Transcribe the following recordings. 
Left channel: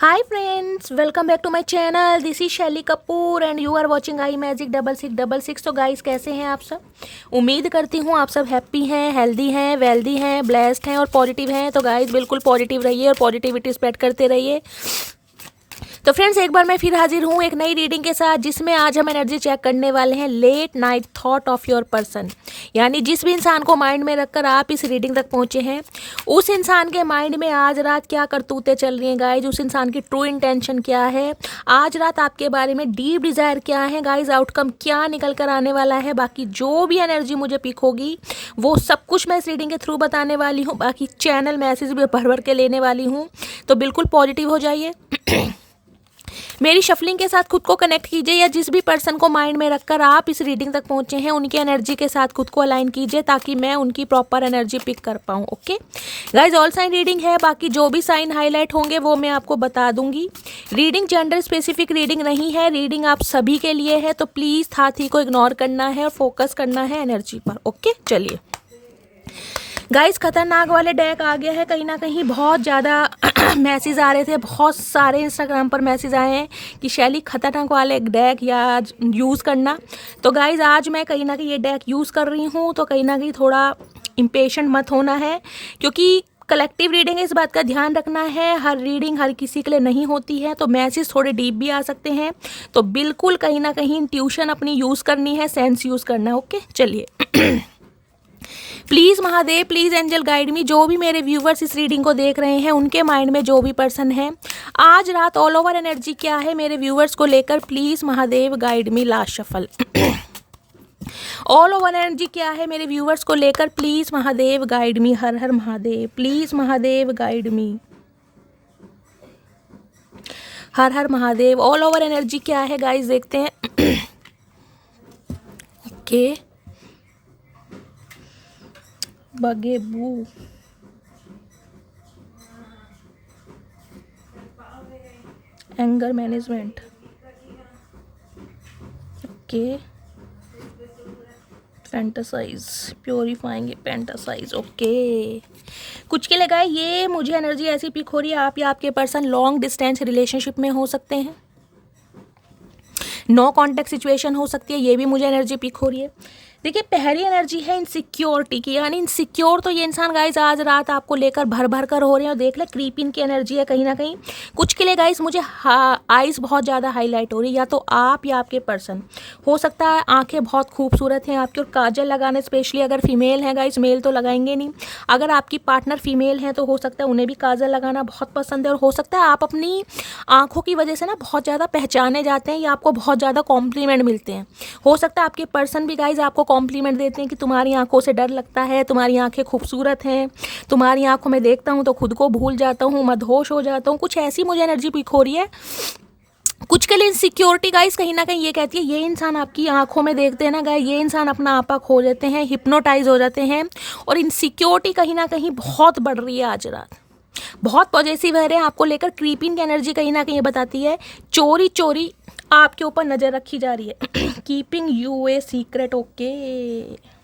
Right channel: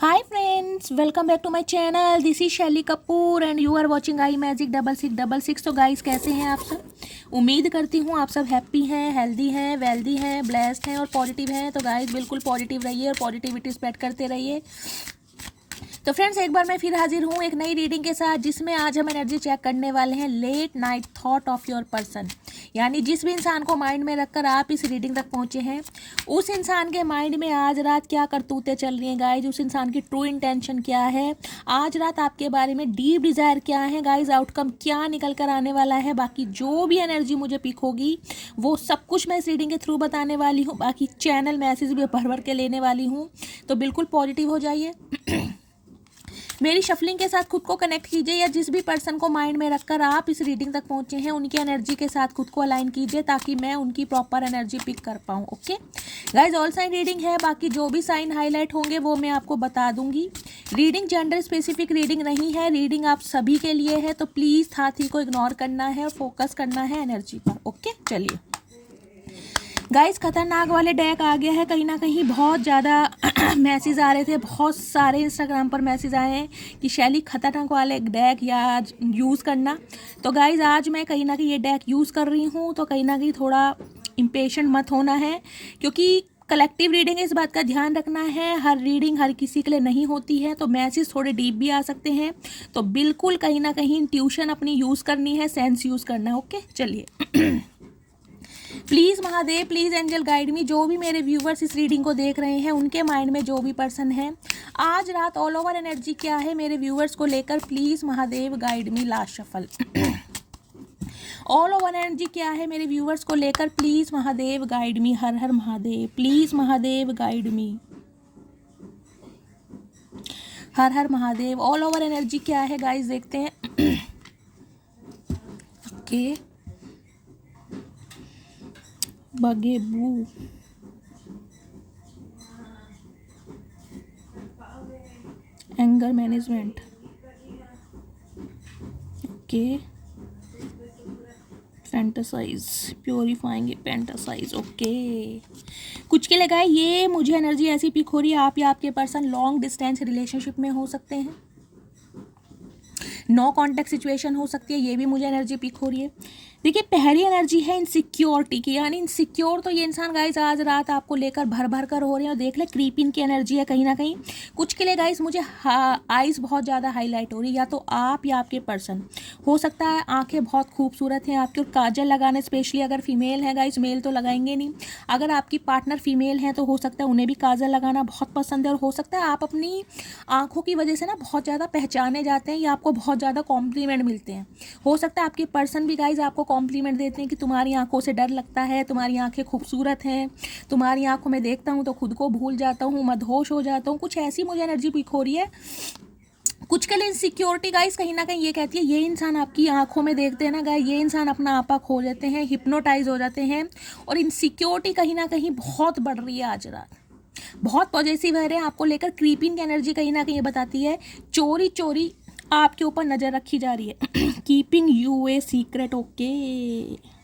Hi friends, welcome back to my channel. This is शैली Kapoor and you are watching I magic 6666। तो guys कैसे हैं आप सब? उम्मीद करती हूँ आप सब हैप्पी हैं, हेल्दी हैं, वेल्दी हैं, ब्लेस्ड हैं और पॉजिटिव हैं। तो गाइस बिल्कुल पॉजिटिव रहिए और पॉजिटिविटी स्प्रेड करते रहिए। तो फ्रेंड्स एक बार मैं फिर हाजिर हूँ एक नई रीडिंग के साथ, जिसमें आज हम एनर्जी चेक करने वाले हैं late night thought of your person. यानी जिस भी इंसान को माइंड में रखकर आप इस रीडिंग तक पहुँचे हैं, उस इंसान के माइंड में आज रात क्या करतूतें चल रही हैं गाइज, उस इंसान की ट्रू इंटेंशन क्या है, आज रात आपके बारे में डीप डिज़ायर क्या है गाइज, आउटकम क्या निकल कर आने वाला है। बाकी जो भी एनर्जी मुझे पिक होगी वो सब कुछ मैं इस रीडिंग के थ्रू बताने वाली हूँ। बाकी चैनल मैसेज भी भर भर के लेने वाली हूँ, तो बिल्कुल पॉजिटिव हो जाइए। मेरी शफलिंग के साथ खुद को कनेक्ट कीजिए, या जिस भी पर्सन को माइंड में रखकर आप इस रीडिंग तक पहुंचे हैं उनकी एनर्जी के साथ खुद को अलाइन कीजिए, ताकि मैं उनकी प्रॉपर एनर्जी पिक कर पाऊँ। Okay guys, all sign reading है, बाकी जो भी साइन हाईलाइट होंगे वो मैं आपको बता दूंगी। रीडिंग जेंडर स्पेसिफिक रीडिंग नहीं है, रीडिंग आप सभी के लिए है, तो प्लीज़ हाथी को इग्नोर करना है और फोकस करना है एनर्जी पर। ओके चलिए गाइस, खतरनाक वाले डेक आ गया है। कहीं ना कहीं बहुत ज़्यादा मैसेज आ रहे थे, बहुत सारे इंस्टाग्राम पर मैसेज आए हैं कि शैली खतरनाक वाले डेक या यूज़ करना। तो गाइस आज मैं कहीं ना कहीं ये डेक यूज़ कर रही हूँ, तो कहीं ना कहीं थोड़ा इम्पेशेंट मत होना है, क्योंकि कलेक्टिव रीडिंग इस बात का ध्यान रखना है, हर रीडिंग हर किसी के लिए नहीं होती है, तो मैसेज थोड़े डीप भी आ सकते हैं। तो बिल्कुल कहीं ना कहीं ट्यूशन अपनी यूज़ करनी है, सेंस यूज़ करना है। ओके चलिए please Mahadev, please angel guide me. जो भी मेरे व्यूवर्स इस रीडिंग को देख रहे हैं उनके माइंड में जो भी पर्सन है, आज रात ऑल ओवर एनर्जी क्या है मेरे व्यूवर्स को लेकर, please Mahadev guide me. Last shuffle all over energy क्या है मेरे व्यूवर्स को लेकर, प्लीज़ महादेव गाइड मी। हर हर Mahadev, please Mahadev guide me. हर हर महादेव। ऑल ओवर एनर्जी क्या है गाइस, देखते हैं। ओके बगेबू, anger management, okay fantasize, purifying fantasize. Okay कुछ के लिए गाय ये मुझे एनर्जी ऐसी पिक हो रही है, आप या आपके पर्सन लॉन्ग डिस्टेंस रिलेशनशिप में हो सकते हैं, नो कॉन्टेक्ट सिचुएशन हो सकती है, ये भी मुझे एनर्जी पिक हो रही है। देखिए पहली एनर्जी है इनसिक्योरिटी की, यानी इनसिक्योर तो ये इंसान गाइस आज रात आपको लेकर भर भर कर हो रहे हैं। और देख ले क्रीपिन की एनर्जी है कहीं ना कहीं। कुछ के लिए गाइस मुझे आइज़ बहुत ज़्यादा हाईलाइट हो रही है, या तो आप या आपके पर्सन हो सकता है। आंखें बहुत खूबसूरत हैं आपकी, और काजल लगाना, स्पेशली अगर फीमेल है गाइस, मेल तो लगाएंगे नहीं। अगर आपकी पार्टनर फीमेल है तो हो सकता है उन्हें भी काजल लगाना बहुत पसंद है, और हो सकता है आप अपनी आंखों की वजह से ना बहुत ज़्यादा पहचाने जाते हैं, या आपको बहुत ज़्यादा कॉम्प्लीमेंट मिलते हैं। हो सकता है आपके पर्सन भी गाइज आपको कॉम्प्लीमेंट देते हैं कि तुम्हारी आंखों से डर लगता है, तुम्हारी आंखें खूबसूरत हैं, तुम्हारी आंखों में देखता हूँ तो खुद को भूल जाता हूँ, मदहोश हो जाता हूँ। कुछ ऐसी मुझे एनर्जी पिक हो रही है। कुछ के लिए इनसिक्योरिटी गाइस कहीं ना कहीं ये कहती है, ये इंसान आपकी आंखों में देखते हैं ना गाइस, ये इंसान अपना आपा खो लेते हैं, हिप्नोटाइज हो जाते हैं। और इनसिक्योरिटी कहीं ना कहीं बहुत बढ़ रही है आज रात, बहुत पॉजिटिव है आपको लेकर। क्रीपिंग की एनर्जी कहीं ना कहीं ये बताती है चोरी चोरी आपके ऊपर नज़र रखी जा रही है। Keeping U a secret. Okay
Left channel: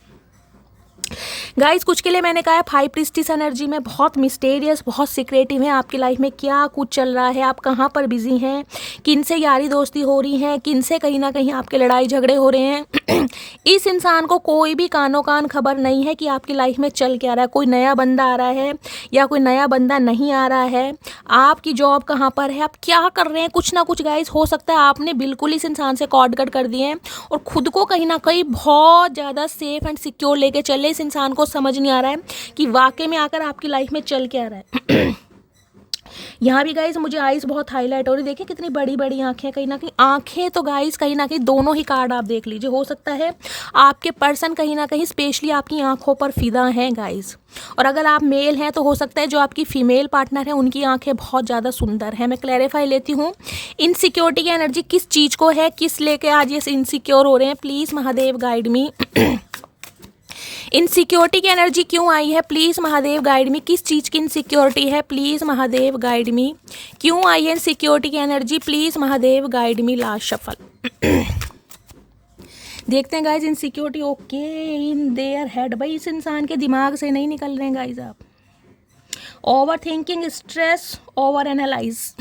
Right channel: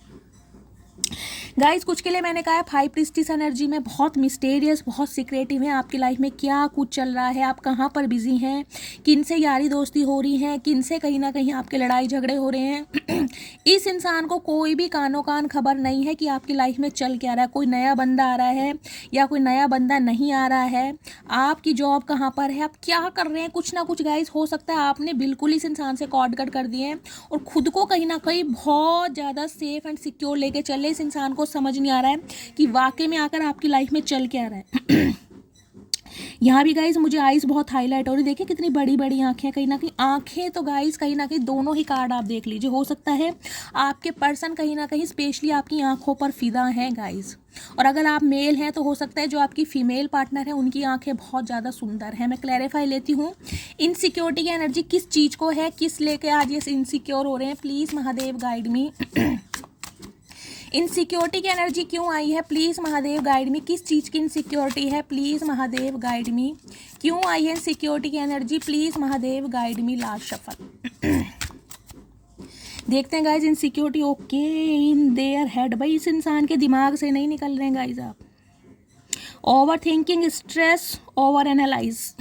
guys, कुछ के लिए मैंने कहा है हाई प्रीस्टिस एनर्जी में, बहुत मिस्टेरियस, बहुत सीक्रेटिव है। आपकी लाइफ में क्या कुछ चल रहा है, आप कहाँ पर बिजी हैं, किन से यारी दोस्ती हो रही है, किन से कहीं ना कहीं आपके लड़ाई झगड़े हो रहे हैं। इस इंसान को कोई भी कानो कान खबर नहीं है कि आपकी लाइफ में चल क्या रहा है। कोई नया बंदा आ रहा है या कोई नया बंदा नहीं आ रहा है, आपकी जॉब कहाँ पर है, आप क्या कर रहे हैं, कुछ ना कुछ गाइस हो सकता है आपने बिल्कुल इस इंसान से कॉर्ड कट कर दिए हैं, और खुद को कहीं ना कहीं बहुत ज़्यादा सेफ एंड सिक्योर लेके चले। इस इंसान को समझ नहीं आ रहा है कि वाकई में आकर आपकी लाइफ में चल क्या रहा है। यहाँ भी गाइस मुझे आइज़ बहुत हाईलाइट हो रही, देखिए कितनी बड़ी बड़ी आंखें, कहीं ना कहीं आंखें तो गाइस कहीं ना कहीं दोनों ही कार्ड आप देख लीजिए। हो सकता है आपके पर्सन कहीं ना कहीं स्पेशली आपकी आंखों पर फिदा हैं गाइस, और अगर आप मेल हैं तो हो सकता है जो आपकी फीमेल पार्टनर है उनकी आंखें बहुत ज़्यादा सुंदर हैं। मैं क्लैरिफाई लेती हूँ, इनसिक्योरिटी की एनर्जी किस चीज़ को है, किस लेके आज ये इनसिक्योर हो रहे हैं, please Mahadev guide me. Insecurity की एनर्जी क्यों आई है, प्लीज़ महादेव गाइड मी। किस चीज़ की इनसिक्योरिटी है, प्लीज़ महादेव गाइड मी। क्यों आई है इनसिक्योरिटी की energy, please Mahadev guide me. Last shuffle देखते हैं guys insecurity. Okay in their head, भाई इस इंसान के दिमाग से नहीं निकल रहे हैं गाइज आप। Over thinking, stress, over analyse.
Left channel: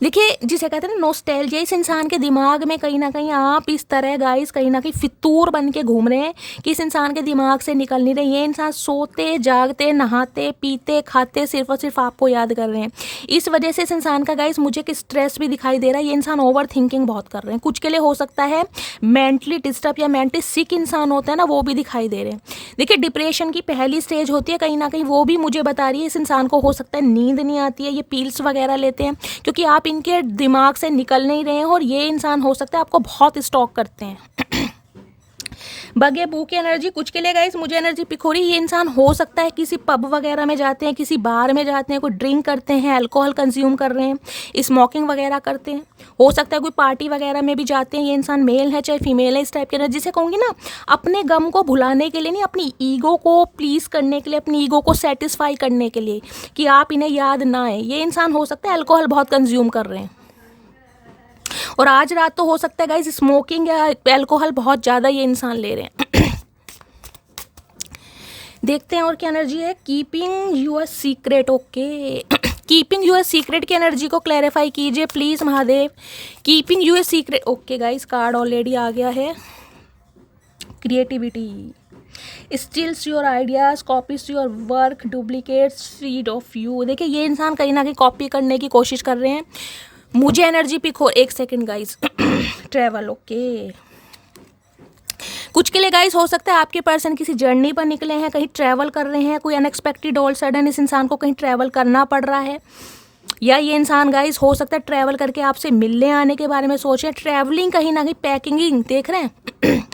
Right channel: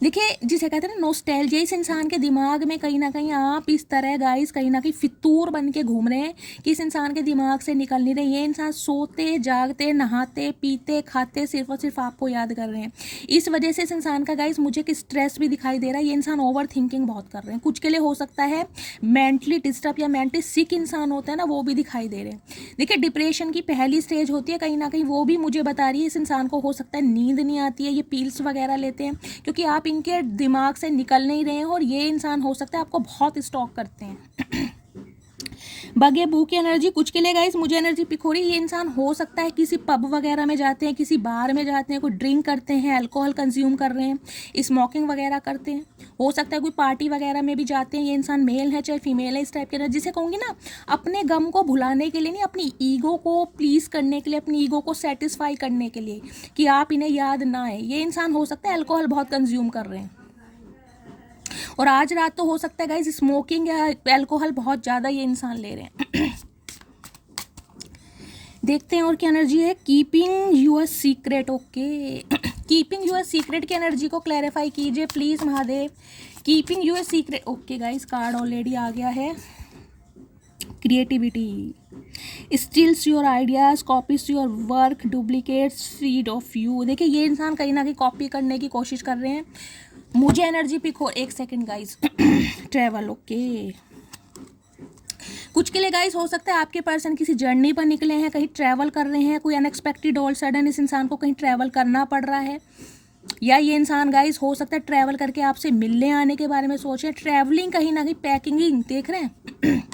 देखिए जिसे कहते हैं ना नॉस्टैल्जिया, इस इंसान के दिमाग में कहीं ना कहीं आप इस तरह गाइस कहीं ना कहीं फितूर बन के घूम रहे हैं कि इस इंसान के दिमाग से निकल नहीं रहे। ये इंसान सोते जागते नहाते पीते खाते सिर्फ और सिर्फ आपको याद कर रहे हैं। इस वजह से इस इंसान का गाइस मुझे एक स्ट्रेस भी दिखाई दे रहा है। ये इंसान ओवर थिंकिंग बहुत कर रहे हैं। कुछ के लिए हो सकता है मेंटली डिस्टर्ब या मेंटली सिक इंसान होता है ना, वो भी दिखाई दे रहे हैं। देखिए डिप्रेशन की पहली स्टेज होती है कहीं ना कहीं, वो भी मुझे बता रही है। इस इंसान को हो सकता है नींद नहीं आती है, ये पील्स वगैरह लेते हैं क्योंकि आप इनके दिमाग से निकल नहीं रहे हैं। और ये इंसान हो सकता है आपको बहुत स्टॉक करते हैं। बगे बू की एनर्जी कुछ के लिए गाइस मुझे एनर्जी पिक हो रही है। ये इंसान हो सकता है किसी पब वगैरह में जाते हैं, किसी बार में जाते हैं, कोई ड्रिंक करते हैं, अल्कोहल कंज्यूम कर रहे हैं, स्मोकिंग वगैरह करते हैं। हो सकता है कोई पार्टी वगैरह में भी जाते हैं। ये इंसान मेल है चाहे फीमेल है, इस टाइप की एनर्जी से कहूँगी ना, अपने गम को भुलाने के लिए नहीं, अपनी ईगो को प्लीज़ करने के लिए, अपनी ईगो को सेटिस्फाई करने के लिए कि आप इन्हें याद ना आए। ये इंसान हो सकता है अल्कोहल बहुत कंज्यूम कर रहे हैं। और आज रात तो हो सकता है गाइस स्मोकिंग या अल्कोहल बहुत ज़्यादा ये इंसान ले रहे हैं। देखते हैं और क्या एनर्जी है। Keeping your secret, okay. Keeping your secret की एनर्जी को क्लैरिफाई कीजिए please Mahadev. Keeping your secret, okay guys card already आ गया है। Creativity, steals your ideas, copies your work, duplicates seed of you. देखिए ये इंसान कहीं ना कहीं कॉपी करने की कोशिश कर रहे हैं। मुझे एनर्जी पिक हो, एक सेकंड गाइस। Travel, okay. कुछ के लिए गाइस हो सकता है आपके पर्सन किसी जर्नी पर निकले हैं, कहीं ट्रैवल कर रहे हैं, कोई अनएक्सपेक्टेड ऑल सडन इस इंसान को कहीं ट्रैवल करना पड़ रहा है। या ये इंसान गाइस हो सकता है ट्रैवल करके आपसे मिलने आने के बारे में सोचें। ट्रैवलिंग कहीं ना कहीं पैकिंग देख रहे हैं।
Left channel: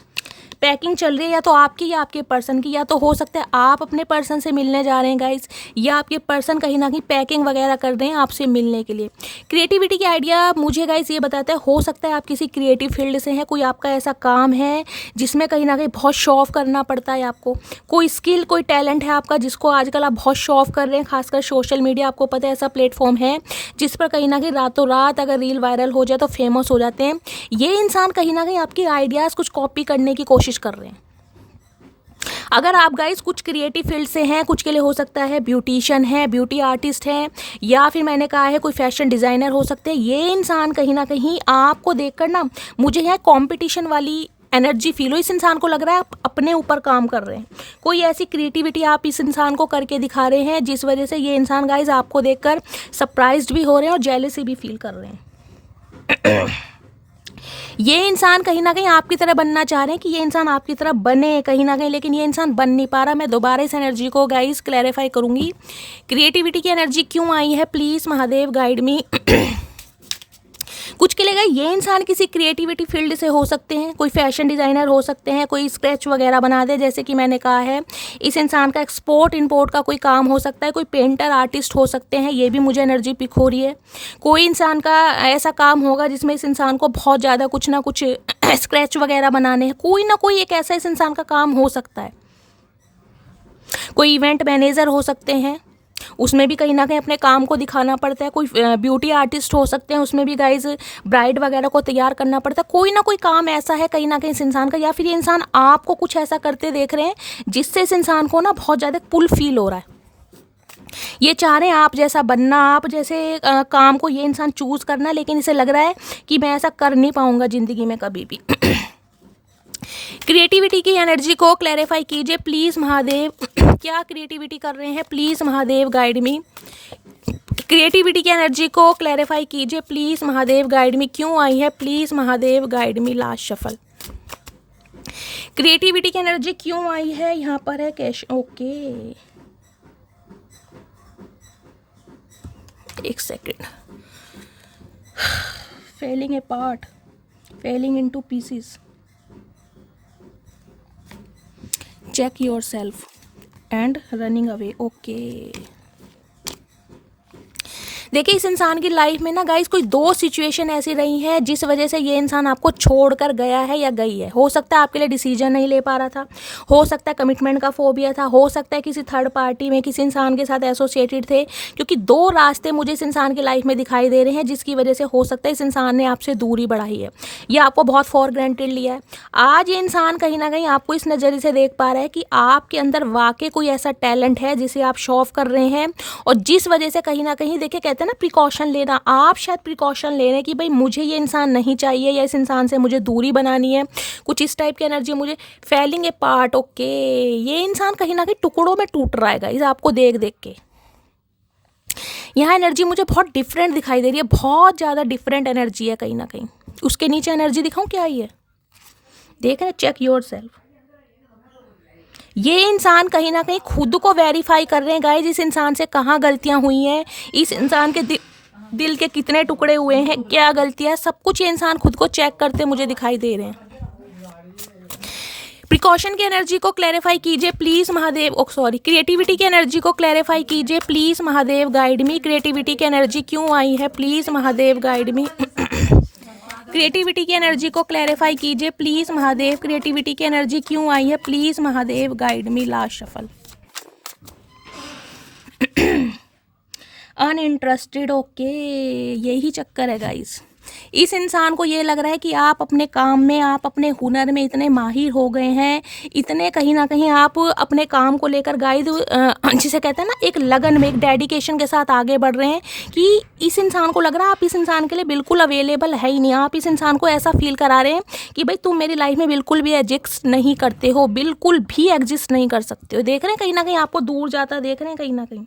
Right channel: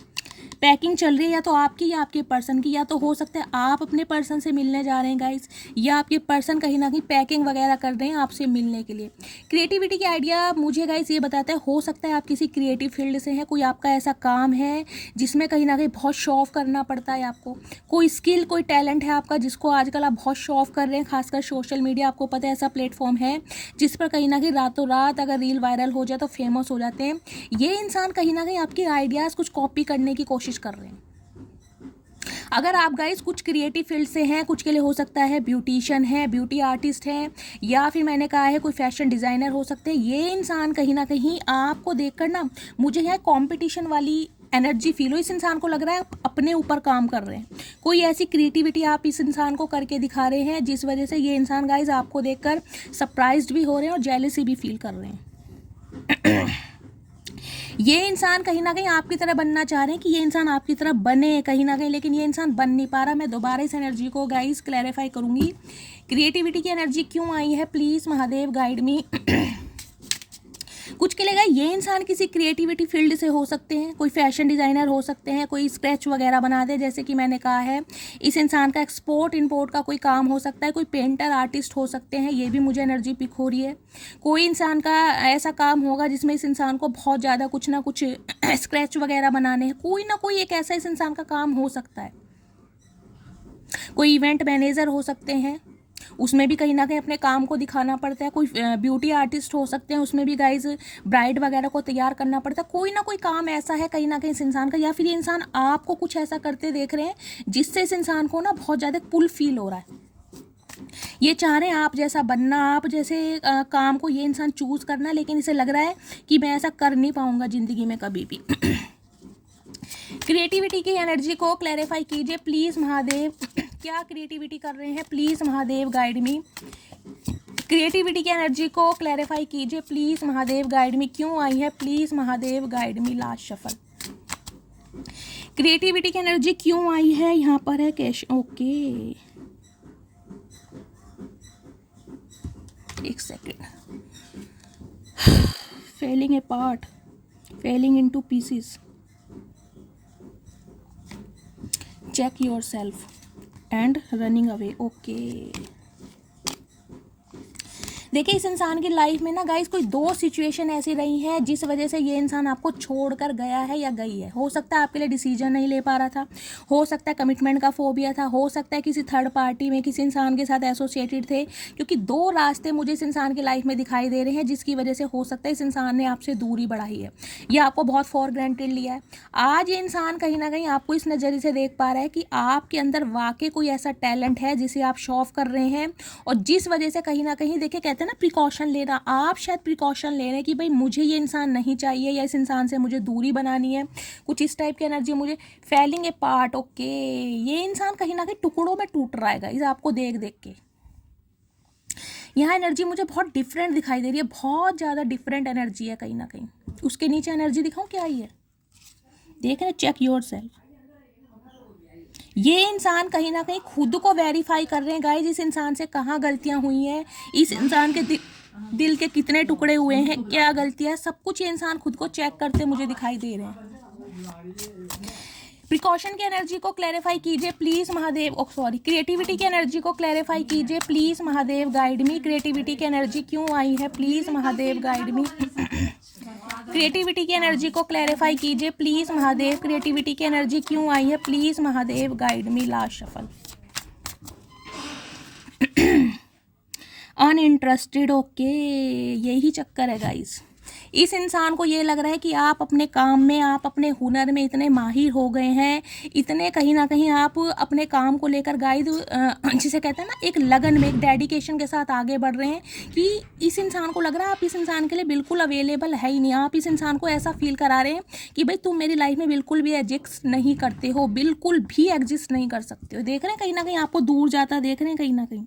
पैकिंग चल रही है या तो आपकी या आपके पर्सन की, या तो हो सकता है आप अपने पर्सन से मिलने जा रहे हैं गाइस, या आपके पर्सन कहीं ना कहीं पैकिंग वगैरह कर रहे हैं आपसे मिलने के लिए। क्रिएटिविटी की आइडिया मुझे गाइस ये बताता है हो सकता है आप किसी क्रिएटिव फील्ड से हैं, कोई आपका ऐसा काम है जिसमें कहीं ना कहीं बहुत शो ऑफ करना पड़ता है आपको। कोई स्किल कोई टैलेंट है आपका जिसको आजकल आप बहुत शो ऑफ कर रहे हैं, खासकर सोशल मीडिया आपको पता है ऐसा प्लेटफॉर्म है जिस पर कहीं ना कहीं रातों रात अगर रील वायरल हो जाए तो फेमस हो जाते हैं। ये इंसान कहीं ना कहीं आपके आइडियाज़ कुछ कॉपी करने की कोशिश कर रहे हैं। अगर आप गाइस कुछ क्रिएटिव फील्ड से हैं, कुछ के लिए हो सकता है ब्यूटिशियन है, ब्यूटी आर्टिस्ट है, या फिर मैंने कहा है कोई फैशन डिज़ाइनर हो सकते हैं। ये इंसान कहीं ना कहीं आपको देखकर ना मुझे यहाँ कंपटीशन वाली एनर्जी फील हो। इस इंसान को लग रहा है आप अपने ऊपर काम कर रहे हैं, कोई ऐसी क्रिएटिविटी आप इस इंसान को करके दिखा रहे हैं जिस वजह से ये इंसान गाइस आपको देखकर सरप्राइज्ड भी हो रहे हैं और जेलसी भी फील कर रहे हैं। ये इंसान कहीं ना कहीं आपकी तरह बनना चाह रहे हैं कि ये इंसान आपकी तरह बने कहीं ना कहीं, लेकिन ये इंसान बन नहीं पा रहा। मैं दोबारा इस एनर्जी को गाइस क्लैरिफाई करूंगी। क्रिएटिविटी की एनर्जी क्यों आई है प्लीज़ महादेव गाइड मी। कुछ के लिए ये इंसान किसी क्रिएटिविटी फील्ड से हो सकते हैं, कोई फैशन डिज़ाइनर हो सकते हैं, कोई स्केच वगैरह बना दे जैसे कि मैंने कहा है। इस इंसान का एक्सपोर्ट इंपोर्ट का कोई काम हो सकता है, कोई पेंटर आर्टिस्ट हो सकते हैं, ये भी मुझे एनर्जी पिक हो रही है। कोई इंसान का ऐसा काम होगा जिसमें इस इंसान को बहुत ज़्यादा कुछ ना कुछ स्केच वगैरह बनाने हैं, कोई ना कोई एक ऐसा इस इंसान का काम हो सकता है। कोई इवेंट मैनेजर हो सकते हैं, उसमें भी कहीं ना कहीं अपने काम को दिखाना पड़ता है। कोई ब्यूटी आर्टिस्ट हो सकते हैं, उसमें भी गाइज ब्राइड वगैरह को तैयार करना पड़ता है। कोई ना कोई काम ऐसा है कहीं ना कहीं इस इंसान का, या फिर ये इंसान आपको कुछ ऐसा करते देख रहे हैं जिससे इस इंसान को ना बहुत ज़्यादा पुल फील हो रहा है। ये चाह रहे हैं आप जैसा बनना, आप जैसे काम को ये इंसान चूज़ करना, लेकिन इसे लग रहा है कि मैं ऐसा कर नहीं पाऊंगा ज़िंदगी में कभी भी। क्रिएटिविटी की एनर्जी को क्लैरिफाई कीजिए प्लीज़ महादेव। क्या क्रिएटिविटी कर रहे हैं please Mahadev guide me. Creativity की एनर्जी को क्लैरिफाई कीजिए प्लीज़ महादेव गाइड मी। क्यों आई है please Mahadev guide me. Last shuffle. Creativity की एनर्जी क्यों आई है, यहाँ पर है कैश, ओके। एक second. Falling apart, falling into pieces, check yourself and running away, okay। देखिए इस इंसान की लाइफ में ना गाइस कोई दो सिचुएशन ऐसी रही हैं जिस वजह से ये इंसान आपको छोड़कर गया है या गई है। हो सकता है आपके लिए डिसीजन नहीं ले पा रहा था, हो सकता है कमिटमेंट का फोबिया था, हो सकता है किसी थर्ड पार्टी में किसी इंसान के साथ एसोसिएटेड थे, क्योंकि दो रास्ते मुझे इस इंसान की लाइफ में दिखाई दे रहे हैं जिसकी वजह से हो सकता है इस इंसान ने आपसे दूरी बढ़ाई है या आपको बहुत फॉर ग्रांटेड लिया है। आज ये इंसान कहीं ना कहीं आपको इस नज़रिए से देख पा रहा है कि आपके अंदर वाकई कोई ऐसा टैलेंट है जिसे आप शो ऑफ कर रहे हैं, और जिस वजह से कहीं ना कहीं देखिए कहते हैं हैं ना प्रिकॉशन लेना, आप शायद प्रिकॉशन ले रहे हैं कि भाई मुझे ये इंसान नहीं चाहिए या इस इंसान से मुझे दूरी बनानी है, कुछ इस टाइप की एनर्जी मुझे फैलिंग ए पार्ट। ओके, ये इंसान कहीं ना कहीं टुकड़ों में टूट रहा है गाइस आपको देख देख के। यहाँ एनर्जी मुझे बहुत डिफरेंट दिखाई दे रही है, बहुत ज़्यादा डिफरेंट एनर्जी है कहीं ना कहीं। उसके नीचे एनर्जी दिखाऊं क्या आई है, देख रहे, चेक योर सेल्फ। ये इंसान कहीं ना कहीं खुद को वेरीफाई कर रहे हैं गाइस, इस इंसान से कहाँ गलतियाँ हुई हैं, इस इंसान के दिल के कितने टुकड़े हुए हैं, क्या गलतियाँ, सब कुछ ये इंसान खुद को चेक करते मुझे दिखाई दे रहे हैं। प्रिकॉशन की एनर्जी को क्लैरिफाई कीजिए प्लीज़ महादेव। सॉरी, क्रिएटिविटी की एनर्जी को क्लैरिफाई कीजिए please Mahadev, guide me. Creativity की एनर्जी क्यों आई है, please Mahadev guide me. Creativity की एनर्जी को क्लैरिफाई कीजिए प्लीज़ महादेव। क्रिएटिविटी की एनर्जी क्यों आई है, please Mahadev guide me. Last shuffle. Uninterested, okay, यही चक्कर है गाइस। इस इंसान को ये लग रहा है कि आप अपने काम में, आप अपने हुनर में इतने माहिर हो गए हैं, इतने कहीं ना कहीं आप अपने काम को लेकर गाइड, जिसे कहते हैं ना एक लगन में, एक डेडिकेशन के साथ आगे बढ़ रहे हैं कि इस इंसान को लग रहा है आप इस इंसान के लिए बिल्कुल अवेलेबल है ही नहीं। आप इस इंसान को ऐसा फील करा रहे हैं कि भाई तुम मेरी लाइफ में बिल्कुल भी एग्जिस्ट नहीं करते हो, बिल्कुल भी एग्जिस्ट नहीं कर सकते हो। देख रहे हैं कहीं ना कहीं आपको दूर जाता देख रहे हैं कहीं ना कहीं।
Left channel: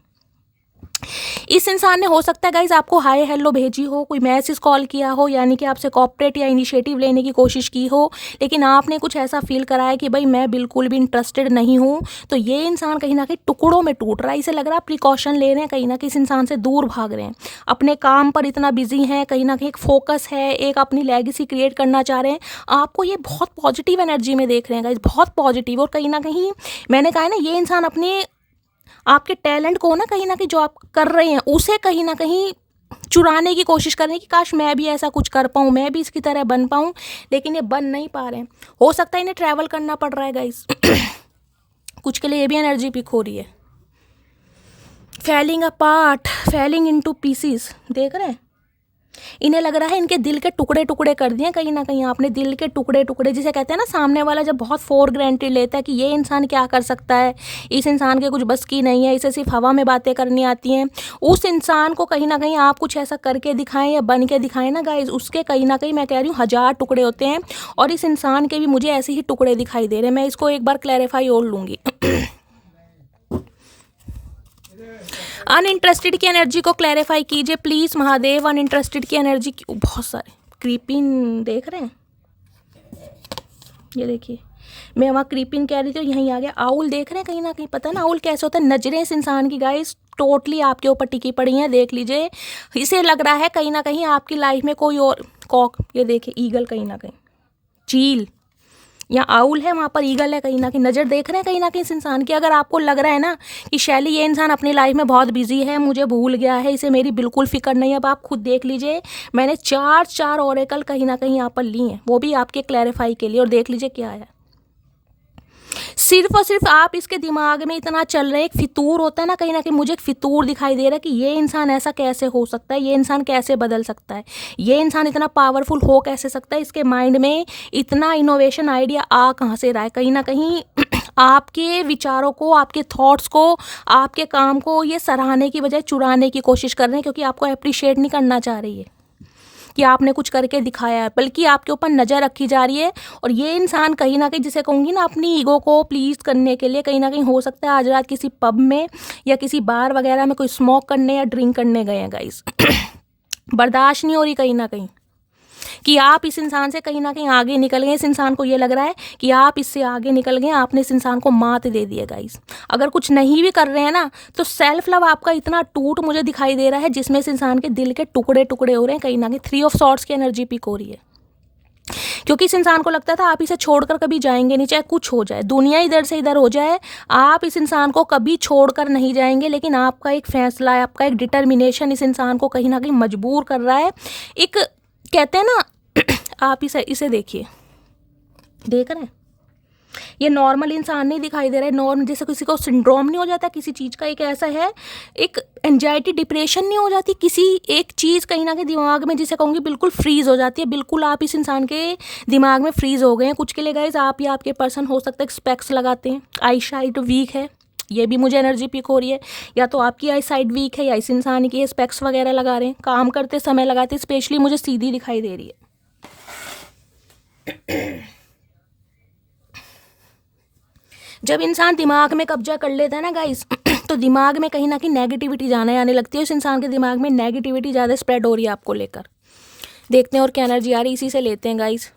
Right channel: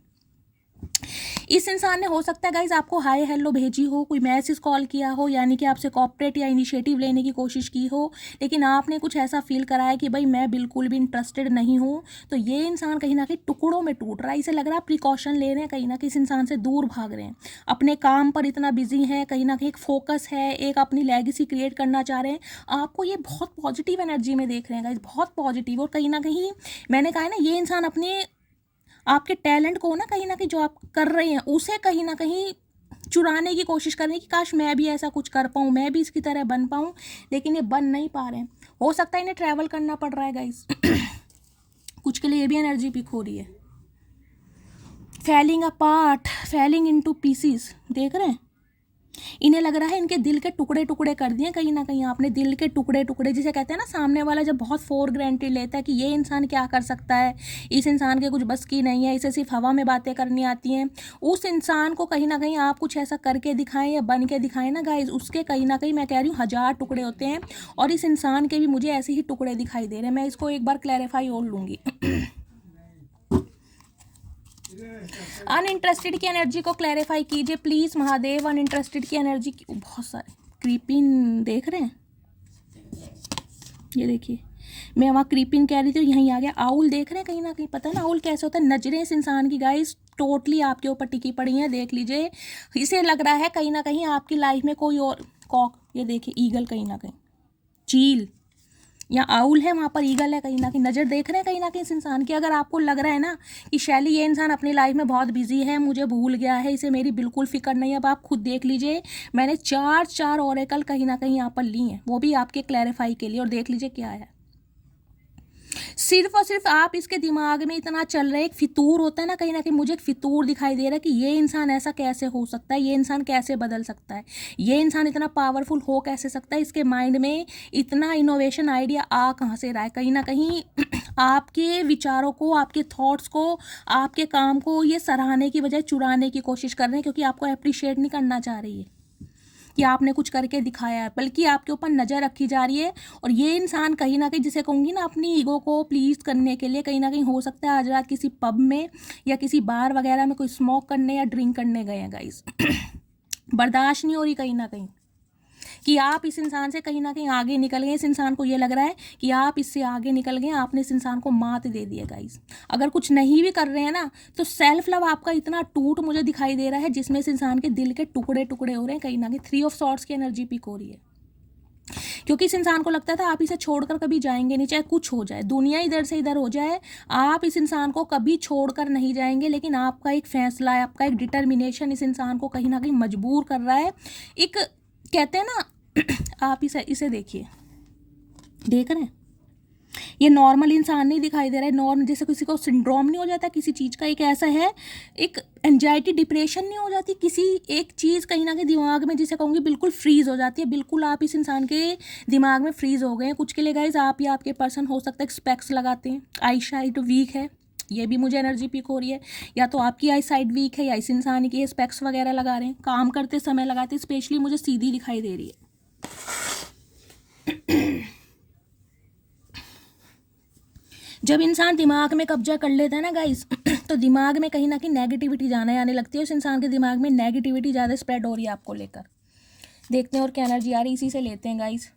इस इंसान ने हो सकता है गाइज आपको हाय हेलो भेजी हो, कोई मैसेज कॉल किया हो, यानी कि आपसे कॉपरेट या इनिशिएटिव लेने की कोशिश की हो, लेकिन आपने कुछ ऐसा फील कराया कि भाई मैं बिल्कुल भी इंटरेस्टेड नहीं हूँ। तो ये इंसान कहीं ना कहीं टुकड़ों में टूट रहा है। इसे लग रहा है प्रिकॉशन ले रहे हैं, कहीं ना कहीं इस इंसान से दूर भाग रहे हैं, अपने काम पर इतना बिजी हैं, कहीं ना कहीं एक फोकस है, एक अपनी लेगेसी क्रिएट करना चाह रहे हैं। आपको ये बहुत पॉजिटिव एनर्जी में देख रहे हैं गाइज, बहुत पॉजिटिव। और कहीं ना कहीं मैंने कहा है ना, ये इंसान अपने आपके टैलेंट को ना कहीं जो आप कर रहे हैं उसे कहीं ना कहीं चुराने की कोशिश कर रहे हैं कि काश मैं भी ऐसा कुछ कर पाऊँ, मैं भी इसकी तरह बन पाऊँ, लेकिन ये बन नहीं पा रहे हैं। हो सकता है इन्हें ट्रैवल करना पड़ रहा है गाइस। कुछ के लिए ये भी एनर्जी पिक हो रही है। Falling apart, falling into pieces, देख रहे हैं, इन्हें लग रहा है इनके दिल के टुकड़े टुकड़े कर दिए कहीं ना कहीं आपने। दिल के टुकड़े टुकड़े, जिसे कहते हैं ना सामने वाला जब बहुत फॉर ग्रांटेड लेता है कि ये इंसान क्या कर सकता है, इस इंसान के कुछ बस की नहीं है, इसे सिर्फ हवा में बातें करनी आती हैं। उस इंसान को कहीं ना कहीं आप कुछ ऐसा करके दिखाएं या बन के दिखाएं ना गाइज, उसके कहीं ना कहीं मैं कह रही हूँ 1000 टुकड़े होते हैं, और इस इंसान के भी मुझे ऐसे ही टुकड़े दिखाई दे रहे हैं। मैं इसको एक बार क्लैरिफाई और लूँगी। अनइंटरेस्टेड की एनर्जी को क्लैरिफाई कीजिए प्लीज़ महादेव। अनइंटरेस्टेड की एनर्जी बहुत सारे क्रीपिंग देख रहे हैं, ये देखिए, मैं वहाँ क्रीपिंग कह रही थी, यहीं आ गया आउल। देख रहे हैं कहीं ना कहीं, पता है ना आउल कैसे होता है, नजरें इस इंसान की गाइस टोटली आपके ऊपर टिकी पड़ी हैं, देख लीजिए। इसे लग रहा है कहीं ना कहीं आपकी लाइफ में कोई और कॉक, ये देखिए ईगल, कहीं ना कहीं चील, या आउल है वहाँ पर ईगल है, कहीं ना कहीं नज़र देख रहे हैं कहीं ना कहीं इस इंसान की। अगर आपको लग रहा है ना कि शैली ये इंसान अपनी लाइफ में बहुत बिजी है, मुझे भूल गया है, इसे मेरी बिल्कुल फिक्र नहीं है, अब आप खुद देख लीजिए, मैंने 4 ऑरेकल कहीं ना कहीं यहाँ पर ली हैं, वो भी आपके क्लैरिफाई के लिए, और देख लीजिए क्या है। सिर्फ और सिर्फ आप इसके दिमाग में इतना चल रहे, एक फितूर होता है ना कहीं ना कहीं, मुझे एक फितूर दिखाई दे रहा है कि ये इंसान ऐसा कैसे हो सकता है, ये इंसान कैसे बदल सकता है, ये इंसान इतना पावरफुल हो कैसे सकता है, इसके माइंड में इतना इनोवेशन आइडिया आ कहाँ से रहा है। कहीं ना कहीं आपके विचारों को, आपके थॉट्स को, आपके काम को ये सराहने की बजाय चुराने की कोशिश कर रहे हैं, क्योंकि आपको अप्रिशिएट नहीं करना चाह रही है कि आपने कुछ करके दिखाया है, बल्कि आपके ऊपर नज़र रखी जा रही है। और ये इंसान कहीं ना कहीं, जिसे कहूँगी ना, अपनी ईगो को प्लीज़ करने के लिए कहीं ना कहीं हो सकता है आज रात किसी पब में या किसी बार वगैरह में कोई स्मोक करने या ड्रिंक करने गए हैं गाइस। बर्दाश्त नहीं हो रही कहीं ना कहीं कि आप इस इंसान से कहीं ना कहीं आगे निकल गए। इस इंसान को ये लग रहा है कि आप इससे आगे निकल गए, आपने इस इंसान को मात दे दी है गाइस। अगर कुछ नहीं भी कर रहे हैं ना, तो सेल्फ लव आपका इतना टूट मुझे दिखाई दे रहा है, जिसमें इस इंसान के दिल के टुकड़े टुकड़े हो रहे हैं कहीं ना कहीं। 3 ऑफ सॉर्ड्स की एनर्जी पिक हो रही है, क्योंकि इस इंसान को लगता था आप इसे छोड़कर कभी जाएंगे नहीं, चाहे कुछ हो जाए, दुनिया इधर से इधर हो जाए, आप इस इंसान को कभी छोड़कर नहीं जाएंगे। लेकिन आपका एक फैसला है, आपका एक डिटर्मिनेशन इस इंसान को कहीं ना कहीं मजबूर कर रहा है। एक कहते हैं ना, आप इसे देखिए, देख रहे हैं, ये नॉर्मल इंसान नहीं दिखाई दे रहा है। नॉर्मल जैसे किसी को सिंड्रोम नहीं हो जाता किसी चीज़ का, एक ऐसा है, एक एंजाइटी डिप्रेशन नहीं हो जाती, किसी एक चीज़ कहीं ना कहीं दिमाग में, जिसे कहूँगी बिल्कुल फ्रीज हो जाती है। बिल्कुल आप इस इंसान के दिमाग में फ्रीज हो गए हैं। कुछ के लिए गाइस आप या आपके पर्सन हो सकता है स्पेक्स लगाते हैं, आई साइट वीक है, ये भी मुझे एनर्जी पिक हो रही है। या तो आपकी आई साइड वीक है या इस इंसान की स्पेक्स वगैरह लगा रहे हैं, काम करते समय लगाते, स्पेशली मुझे सीधी दिखाई दे रही है। जब इंसान दिमाग में कब्जा कर लेता है ना गाइस तो दिमाग में कहीं ना कहीं नेगेटिविटी जाने आने लगती है। उस इंसान के दिमाग में नेगेटिविटी ज़्यादा स्प्रेड हो रही है आपको लेकर। देखते हैं और क्या एनर्जी आ रही है, इसी से लेते हैं गाइस।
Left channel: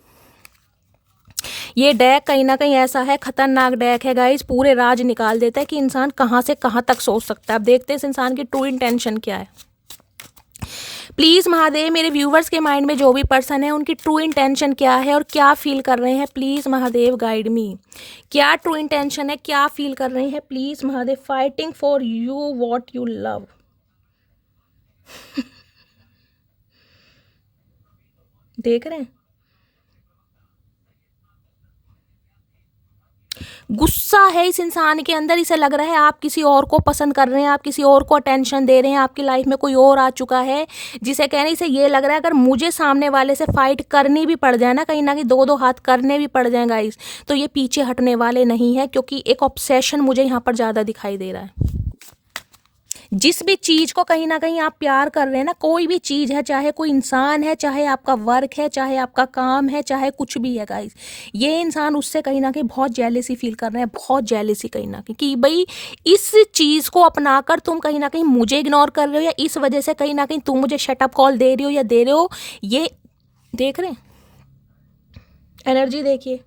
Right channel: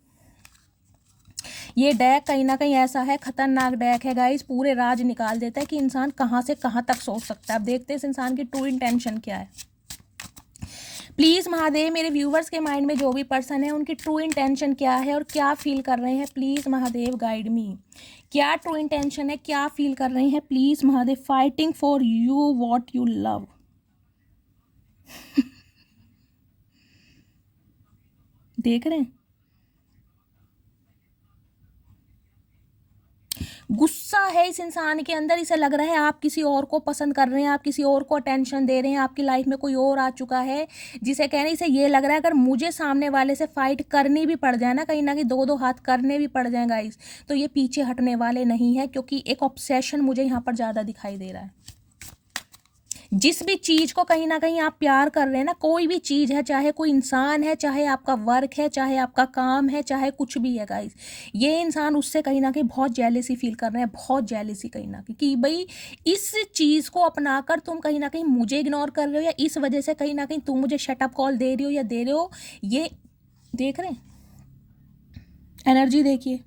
ये डेक कहीं ना कहीं ऐसा है, खतरनाक डेक है गाइस, पूरे राज निकाल देता है कि इंसान कहाँ से कहाँ तक सोच सकता है। अब देखते हैं इस इंसान की ट्रू इंटेंशन क्या है। प्लीज़ महादेव, मेरे व्यूवर्स के माइंड में जो भी पर्सन है उनकी ट्रू इंटेंशन क्या है और क्या फील कर रहे हैं, प्लीज़ महादेव गाइड मी। क्या ट्रू इंटेंशन है, क्या फील कर रहे हैं, please Mahadev. Fighting for you what you love. देख रहे हैं, गुस्सा है इस इंसान के अंदर। इसे लग रहा है आप किसी और को पसंद कर रहे हैं, आप किसी और को अटेंशन दे रहे हैं, आपकी लाइफ में कोई और आ चुका है जिसे कहने से ये लग रहा है अगर मुझे सामने वाले से फाइट करनी भी पड़ जाए ना, कहीं ना कहीं दो दो हाथ करने भी पड़ जाए गाइस, तो ये पीछे हटने वाले नहीं है, क्योंकि एक ऑब्सेशन मुझे यहाँ पर ज़्यादा दिखाई दे रहा है। जिस भी चीज़ को कहीं ना कहीं आप प्यार कर रहे हैं ना, कोई भी चीज़ है, चाहे कोई इंसान है, चाहे आपका वर्क है, चाहे आपका काम है, चाहे कुछ भी है गाइस, ये इंसान उससे कहीं ना कहीं बहुत जेलेसी फील कर रहे हैं, बहुत जेलेसी कहीं ना कहीं कि भाई इस चीज़ को अपनाकर तुम कहीं ना कहीं मुझे इग्नोर कर रहे हो, या इस वजह से कहीं ना कहीं तुम मुझे शटअप कॉल दे रही हो या दे रहे हो। ये देख रहे हैं, एनर्जी देखिए।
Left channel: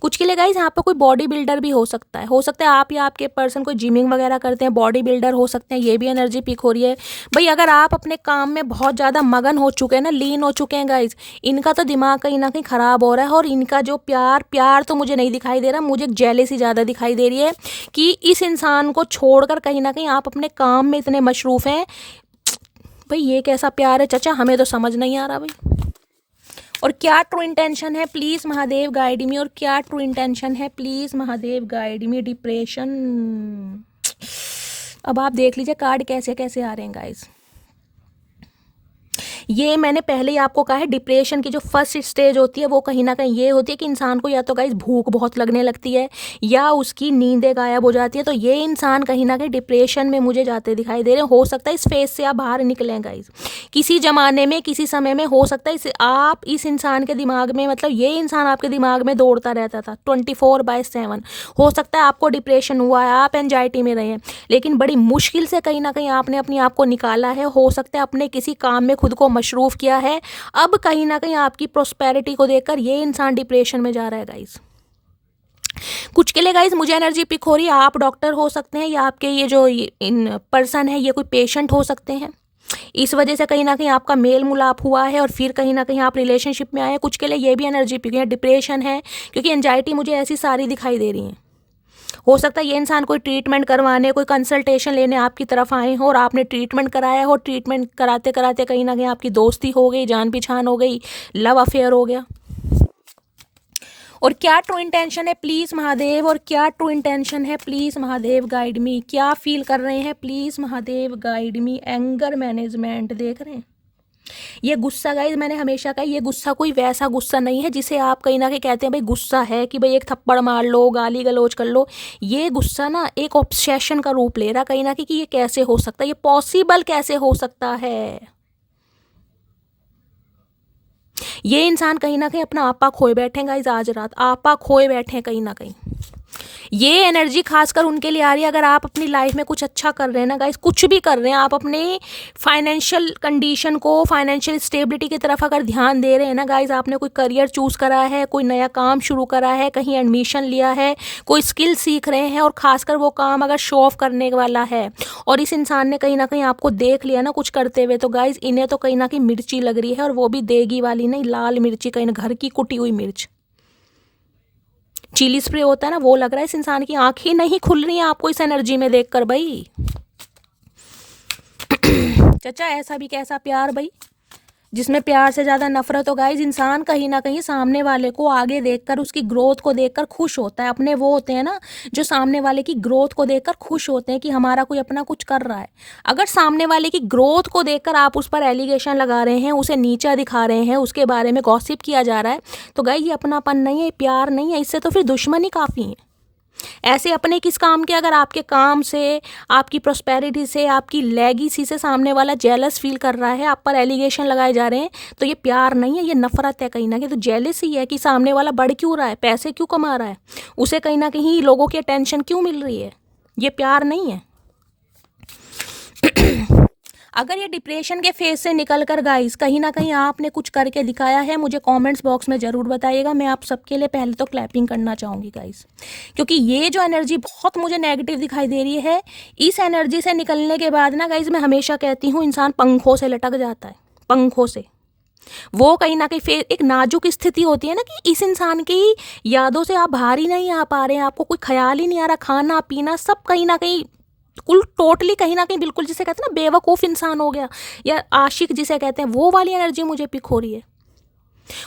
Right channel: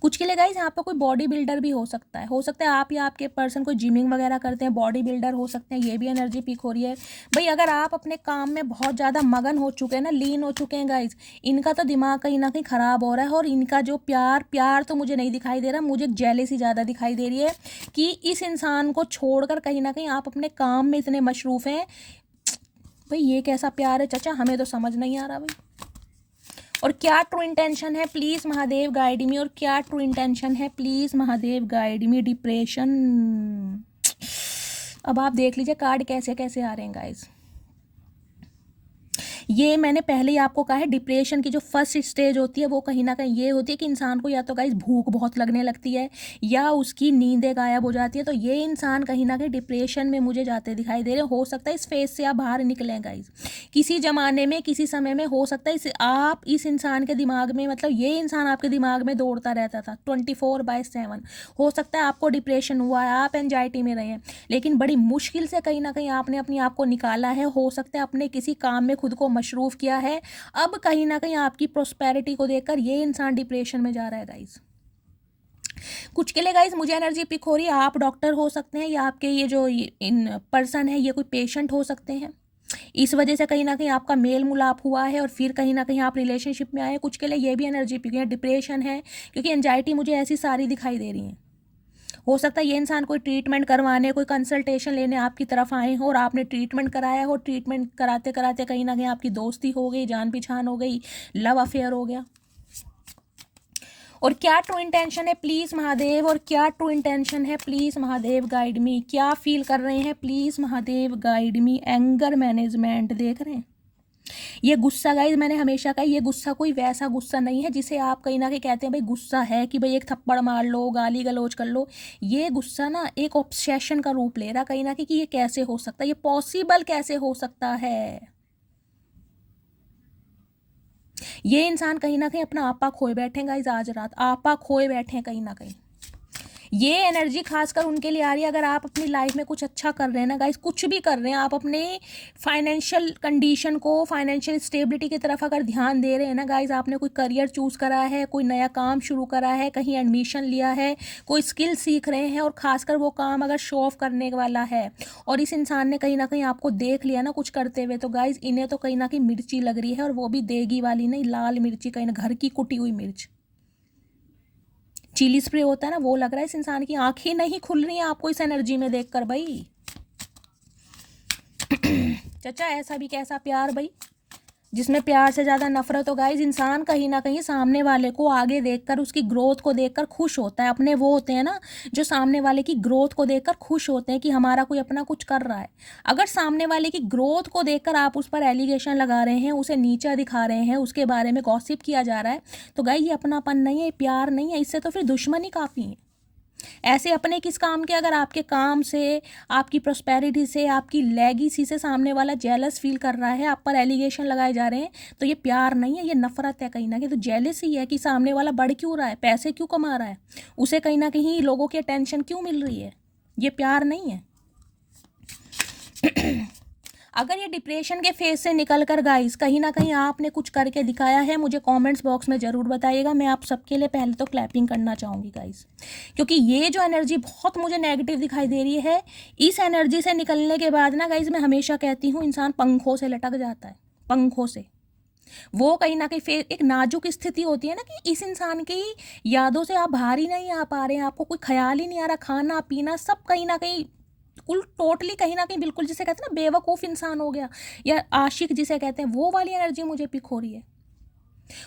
कुछ के लिए गाइस यहाँ पे कोई बॉडी बिल्डर भी हो सकता है आप या आपके पर्सन कोई जिमिंग वगैरह करते हैं, बॉडी बिल्डर हो सकते हैं, ये भी एनर्जी पिक हो रही है। भाई अगर आप अपने काम में बहुत ज़्यादा मगन हो चुके हैं ना, लीन हो चुके हैं गाइस, इनका तो दिमाग कहीं ना कहीं ख़राब हो रहा है। और इनका जो प्यार तो मुझे नहीं दिखाई दे रहा, मुझे जेलेसी ज़्यादा दिखाई दे रही है कि इस इंसान को छोड़कर कहीं ना कहीं आप अपने काम में इतने मशरूफ़ हैं। भाई ये कैसा प्यार है चाचा, हमें तो समझ नहीं आ रहा भाई। और क्या ट्रू इंटेंशन है, प्लीज़ महादेव गाइड मी। और क्या ट्रू इंटेंशन है, please Mahadev guide me. Depression, अब आप देख लीजिए कार्ड कैसे कैसे आ रहे हैं गाइस। ये मैंने पहले ही आपको कहा है, डिप्रेशन की जो फर्स्ट स्टेज होती है वो कहीं ना कहीं ये होती है कि इंसान को या तो गाइस भूख बहुत लगने लगती है या उसकी नींदें गायब हो जाती है। तो ये इंसान कहीं ना कहीं डिप्रेशन में मुझे जाते दिखाई दे रहे हैं। हो सकता है इस फेज से आप बाहर निकलें गाइस, किसी ज़माने में किसी समय में हो सकता है आप इस इंसान के दिमाग में, मतलब ये इंसान आपके दिमाग में दौड़ता रहता था 24/7। हो सकता है आपको डिप्रेशन हुआ है, आप एंजाइटी में रहे हैं, लेकिन बड़ी मुश्किल से कहीं ना कहीं आपने अपने आप को निकाला है। हो सकता है अपने किसी काम में खुद को मशरूफ़ किया है। अब कहीं ना कहीं आपकी प्रोस्पेरिटी को देखकर ये इंसान डिप्रेशन में जा रहा है गाइस। कुछ के लिए गाइस मुझे एनर्जी पिक हो रही है, आप डॉक्टर हो सकते हैं या आपके ये जो इन पर्सन है ये कोई पेशेंट हो सकते हैं। इस वजह से कहीं ना कहीं आपका मेल मुलाप हुआ है और फिर कहीं ना कहीं आप रिलेशनशिप में आए हैं। कुछ के लिए ये भी एनर्जी पिक है, डिप्रेशन है, क्योंकि एंजाइटी मुझे ऐसी सारी दिखाई दे रही है। हो सकता है ये इंसान कोई ट्रीटमेंट करवाने, कोई कंसल्टेशन लेने आपकी तरफ आए हो और आपने ट्रीटमेंट कराया हो। ट्रीटमेंट कराते कराते कहीं ना कहीं आपकी दोस्ती हो गई, जान पहचान हो गई, लव अफेयर हो गया। और क्या ट्रू इंटेंशन है, प्लीज़ महादेव। और क्या ट्रू इंटेंशन है, प्लीज़ महादेव गाइड मी। क्या फील कर रहे हैं, please Mahadev guide me. Anger management देख रहे हैं, ये गुस्सा गाइस, मैंने हमेशा कहा ये गुस्सा कोई वैसा गुस्सा नहीं है जिसे आप कहीं ना कहीं कहते हैं भाई गुस्सा है कि भाई एक थप्पड़ मार लो, गाली गलौज कर लो। ये गुस्सा ना एक ऑब्सेशन का रूप ले रहा कहीं ना कहीं कि ये कैसे हो सकता है, ये पॉसिबल कैसे हो सकता है। ये इंसान कहीं ना कहीं अपना आपा खोए बैठे हैं गाइस, आज रात आपा खोए बैठे हैं कहीं ना कहीं। ये एनर्जी खासकर उनके लिए आ रही है अगर आप अपनी लाइफ में कुछ अच्छा कर रहे हैं ना गाइस, कुछ भी कर रहे हैं, आप अपने फाइनेंशियल कंडीशन को, फाइनेंशियल स्टेबिलिटी की तरफ अगर ध्यान दे रहे हैं ना गाइस, आपने कोई करियर चूज़ करा है, कोई नया काम शुरू करा है, कहीं एडमिशन लिया है, कोई स्किल सीख रहे हैं, और खासकर वो काम अगर शो ऑफ करने वाला है और इस इंसान ने कहीं ना कहीं आपको देख लिया ना कुछ करते हुए, तो गाइस इन्हें तो कहीं ना कहीं मिर्ची लग रही है, और वो भी देगी वाली नहीं, लाल मिर्ची, कहीं ना घर की कुटी हुई मिर्च, चिली स्प्रे होता है ना, वो लग रहा है। इस इंसान की आंखें नहीं खुल रही हैं आपको इस एनर्जी में देखकर भाई। चाचा ऐसा भी कैसा प्यार भाई, जिसमें प्यार से ज़्यादा नफरत हो गाइज, इंसान कहीं ना कहीं सामने वाले को आगे देखकर, उसकी ग्रोथ को देखकर खुश होता है। अपने वो होते हैं ना जो सामने वाले की ग्रोथ को देखकर खुश होते हैं कि हमारा कोई अपना कुछ कर रहा है। अगर सामने वाले की ग्रोथ को देखकर आप उस पर एलिगेशन लगा रहे हैं, उसे नीचा दिखा रहे हैं, उसके बारे में गॉसिप किया जा रहा है, तो गाइज ये अपनापन नहीं है, प्यार नहीं है, इससे तो फिर दुश्मनी काफ़ी है। ऐसे अपने किस काम के, अगर आपके काम से, आपकी प्रॉस्पेरिटी से, आपकी लेगेसी से सामने वाला जेलस फील कर रहा है, आप पर एलिगेशन लगाए जा रहे हैं, तो ये प्यार नहीं है, ये नफरत है कहीं ना कहीं। तो जेलस ही है कि सामने वाला बढ़ क्यों रहा है, पैसे क्यों कमा रहा है, उसे कहीं ना कहीं लोगों की अटेंशन क्यों मिल रही है, ये प्यार नहीं है। अगर ये डिप्रेशन के फेज से निकल कर गाइस कहीं ना कहीं आपने कुछ करके दिखाया है, मुझे कमेंट्स बॉक्स में ज़रूर बताइएगा। मैं आप सबके लिए पहले तो क्लैपिंग करना चाहूँगी गाइस, क्योंकि ये जो एनर्जी बहुत मुझे नेगेटिव दिखाई दे रही है, इस एनर्जी से निकलने के बाद ना गाइस, मैं हमेशा कहती हूँ इंसान पंखों से लटक जाता है, पंखों से। वो कहीं ना कहीं एक नाजुक स्थिति होती है ना कि इस इंसान की यादों से आप बाहर ही नहीं आ पा रहे हैं, आपको कोई ख्याल ही नहीं आ रहा, खाना पीना सब कहीं ना कहीं कुल टोटली कहीं ना कहीं बिल्कुल जिसे कहते हैं ना बेवकूफ़ इंसान हो गया, या आशिक जिसे कहते हैं, वो वाली एनर्जी मुझे पिक हो रही है।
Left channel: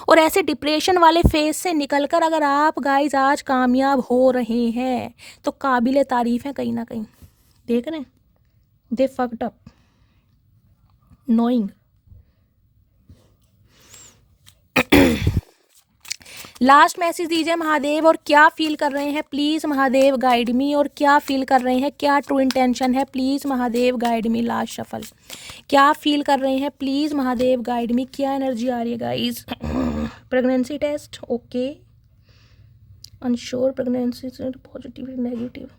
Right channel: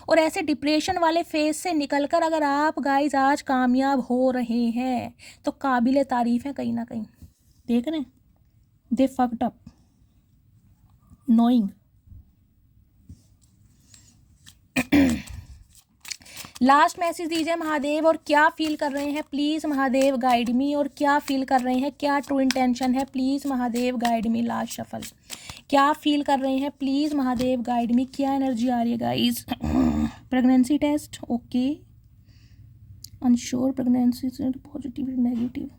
और ऐसे डिप्रेशन वाले फेज से निकलकर अगर आप गाइज आज कामयाब हो रहे हैं तो काबिले तारीफ है कहीं ना कहीं। देख रहे हैं, they fucked up knowing. Last message दीजिए महादेव, और क्या फील कर रहे हैं प्लीज़ महादेव गाइड मी, और क्या फील कर रहे हैं, क्या ट्रू इंटेंशन है please Mahadev guide me. Last shuffle, क्या फील कर रहे हैं प्लीज़ महादेव गाइड मी, क्या एनर्जी आ रही है guys. Pregnancy test, okay, unsure pregnancy से पॉजिटिव नेगेटिव।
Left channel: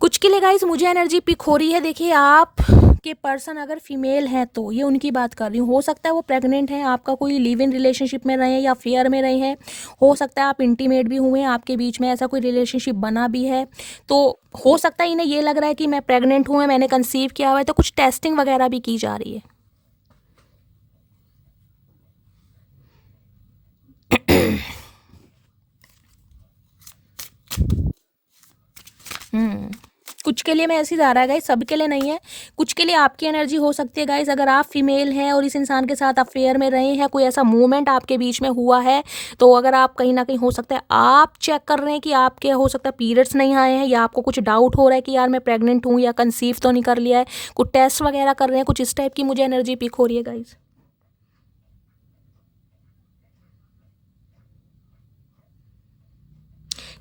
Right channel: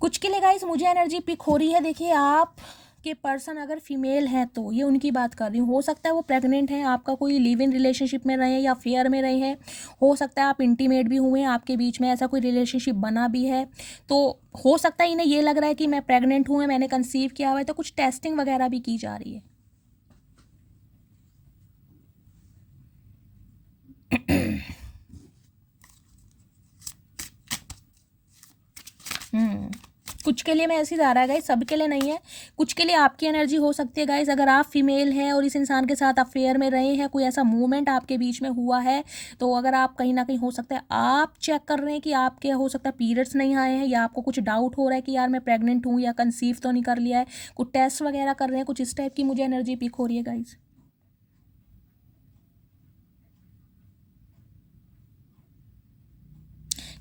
कुछ के लिए गाइस मुझे एनर्जी पिक हो रही है। देखिए, आप के पर्सन अगर फीमेल हैं तो ये उनकी बात कर रही हूँ, हो सकता है वो प्रेग्नेंट हैं, आपका कोई लिव इन रिलेशनशिप में रहे हैं या फेयर में रहे हैं, हो सकता है आप इंटीमेट भी हुए हैं, आपके बीच में ऐसा कोई रिलेशनशिप बना भी है, तो हो सकता है इन्हें ये लग रहा है कि मैं प्रेग्नेंट हूँ, मैंने कंसीव किया हुआ है, तो कुछ टेस्टिंग वगैरह भी की जा रही है। कुछ के लिए मैं ऐसे ही जा रहा है गाइस, सबके लिए नहीं है, कुछ के लिए आपकी एनर्जी हो सकती है गाइस। अगर आप फीमेल हैं और इस इंसान के साथ अफेयर में रहे हैं, कोई ऐसा मूवमेंट आपके बीच में हुआ है, तो अगर आप कहीं ना कहीं हो सकता है आप चेक कर रहे हैं कि आपके हो सकता है पीरियड्स नहीं आए हैं, या आपको कुछ डाउट हो रहा है कि यार मैं प्रेग्नेंट हूँ या कंसीव तो नहीं कर लिया है, कुछ टेस्ट वगैरह कर रहे हैं, कुछ इस टाइप की मुझे एनर्जी पिक हो रही है गाइस।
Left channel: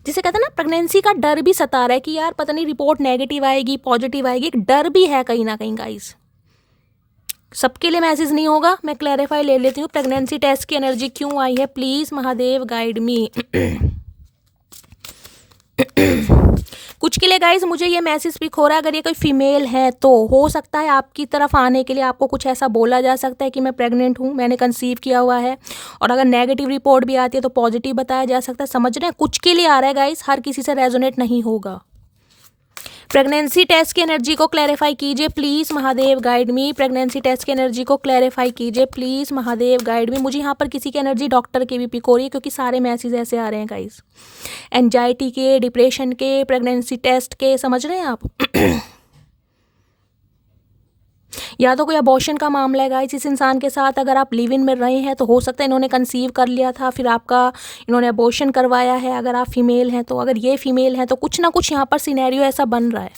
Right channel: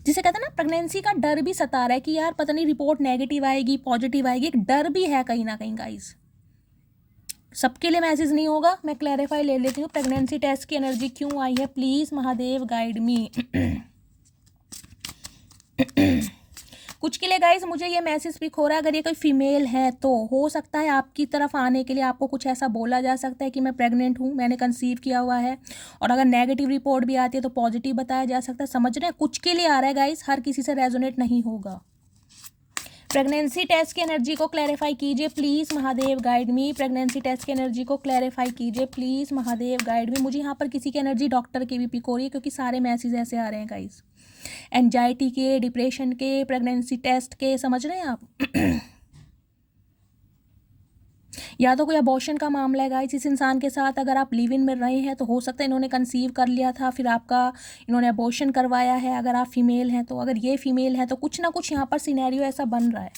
जिसे कहते हैं ना प्रेगनेंसी का डर भी सता रहा है कि यार पता नहीं रिपोर्ट नेगेटिव आएगी पॉजिटिव आएगी, एक डर भी है कहीं ना कहीं गाइस। सबके लिए मैसेज नहीं होगा, मैं क्लैरिफाई ले लेती हूँ। प्रेगनेंसी टेस्ट की एनर्जी क्यों आई है प्लीज महादेव गाइड मी। कुछ के लिए गाइज मुझे ये मैसेज पिक हो रहा है, अगर ये कोई फीमेल है तो हो सकता है आपकी तरफ आने के लिए आपको कुछ ऐसा बोला जा सकता है कि मैं प्रेग्नेंट हूँ, मैंने कंसीव किया हुआ है, और अगर नेगेटिव रिपोर्ट भी आती है तो पॉजिटिव बताया जा सकता है। समझ रहे हैं, कुछ के लिए आ रहा है गाइज, हर किसी से रेजोनेट नहीं होगा। प्रेगनेंसी टेस्ट की एनर्जी को क्लैरिफाई कीजिए please Mahadev guide me. Pregnancy test की एनर्जी को क्लैरिफाई कीजिए प्लीज़ महादेव गाइड मी। मुझे यहाँ पर किसी की एनर्जी डॉक्टर की भी पिक हो रही है, क्योंकि सारे मैसेज ऐसे आ रहे हैं गाइस, एंजाइटी के, डिप्रेशन के, प्रेगनेंसी टेस्ट के, समझ रहे हैं आप। या तो कोई अबॉर्शन का मामला है गाइस इस इंसान के साथ, अगर आप लिव इन में रहे हैं तो हो सकता है इन्होंने कंसीव कर लिया था, फिर आपका इन्होंने अबॉर्शन करवाया है। अगर आप फीमेल हैं तो, अगर ये फीमेल हैं तो कुछ ना कुछ यहाँ पर सिनेरियो ऐसा बन रहा है।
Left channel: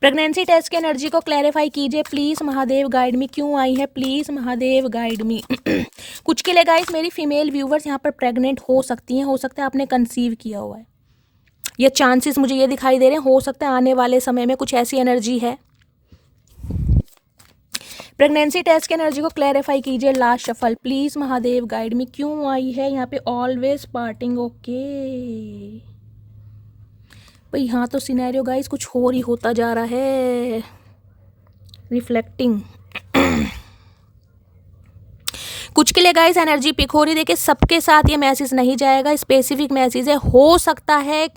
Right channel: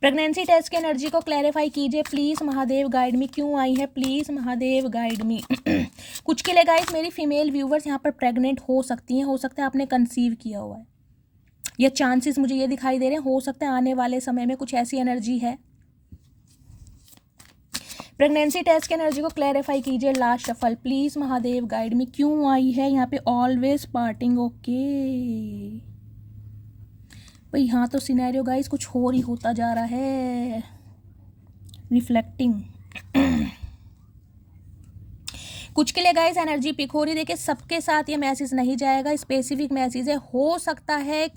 प्रेगनेंसी टेस्ट की एनर्जी को क्लैरिफाई कीजिए प्लीज़ महादेव गाइड मी, क्यों आई है प्लीज़ महादेव गाइड मी। कुछ के लिए गाइस मेरी फीमेल व्यूवर्स यहाँ पर प्रेग्नेंट हो सकती हैं, हो सकता है आपने कंसीव किया हुआ है, ये चांसेस मुझे ये दिखाई दे रहे हैं। हो सकता है आने वाले समय में कुछ ऐसी एनर्जी है। प्रेगनेंसी टेस्ट की एनर्जी को क्लैरिफाई कीजिए last shuffle please Mahadev guide me, क्यों आई है यहाँ पे ऑलवेज पार्टिंग। ओके भाई, हाँ तो सिनेरियो गाइस कुछ और ही होता जा रहा है। रिफ्लेक्टिंग कुछ के लिए गाइस एनर्जी पिक हो रही है। देखिए, सबके साथ ये मैसेज नहीं जाएगा, स्पेसिफिक मैसेज है। हो सकता है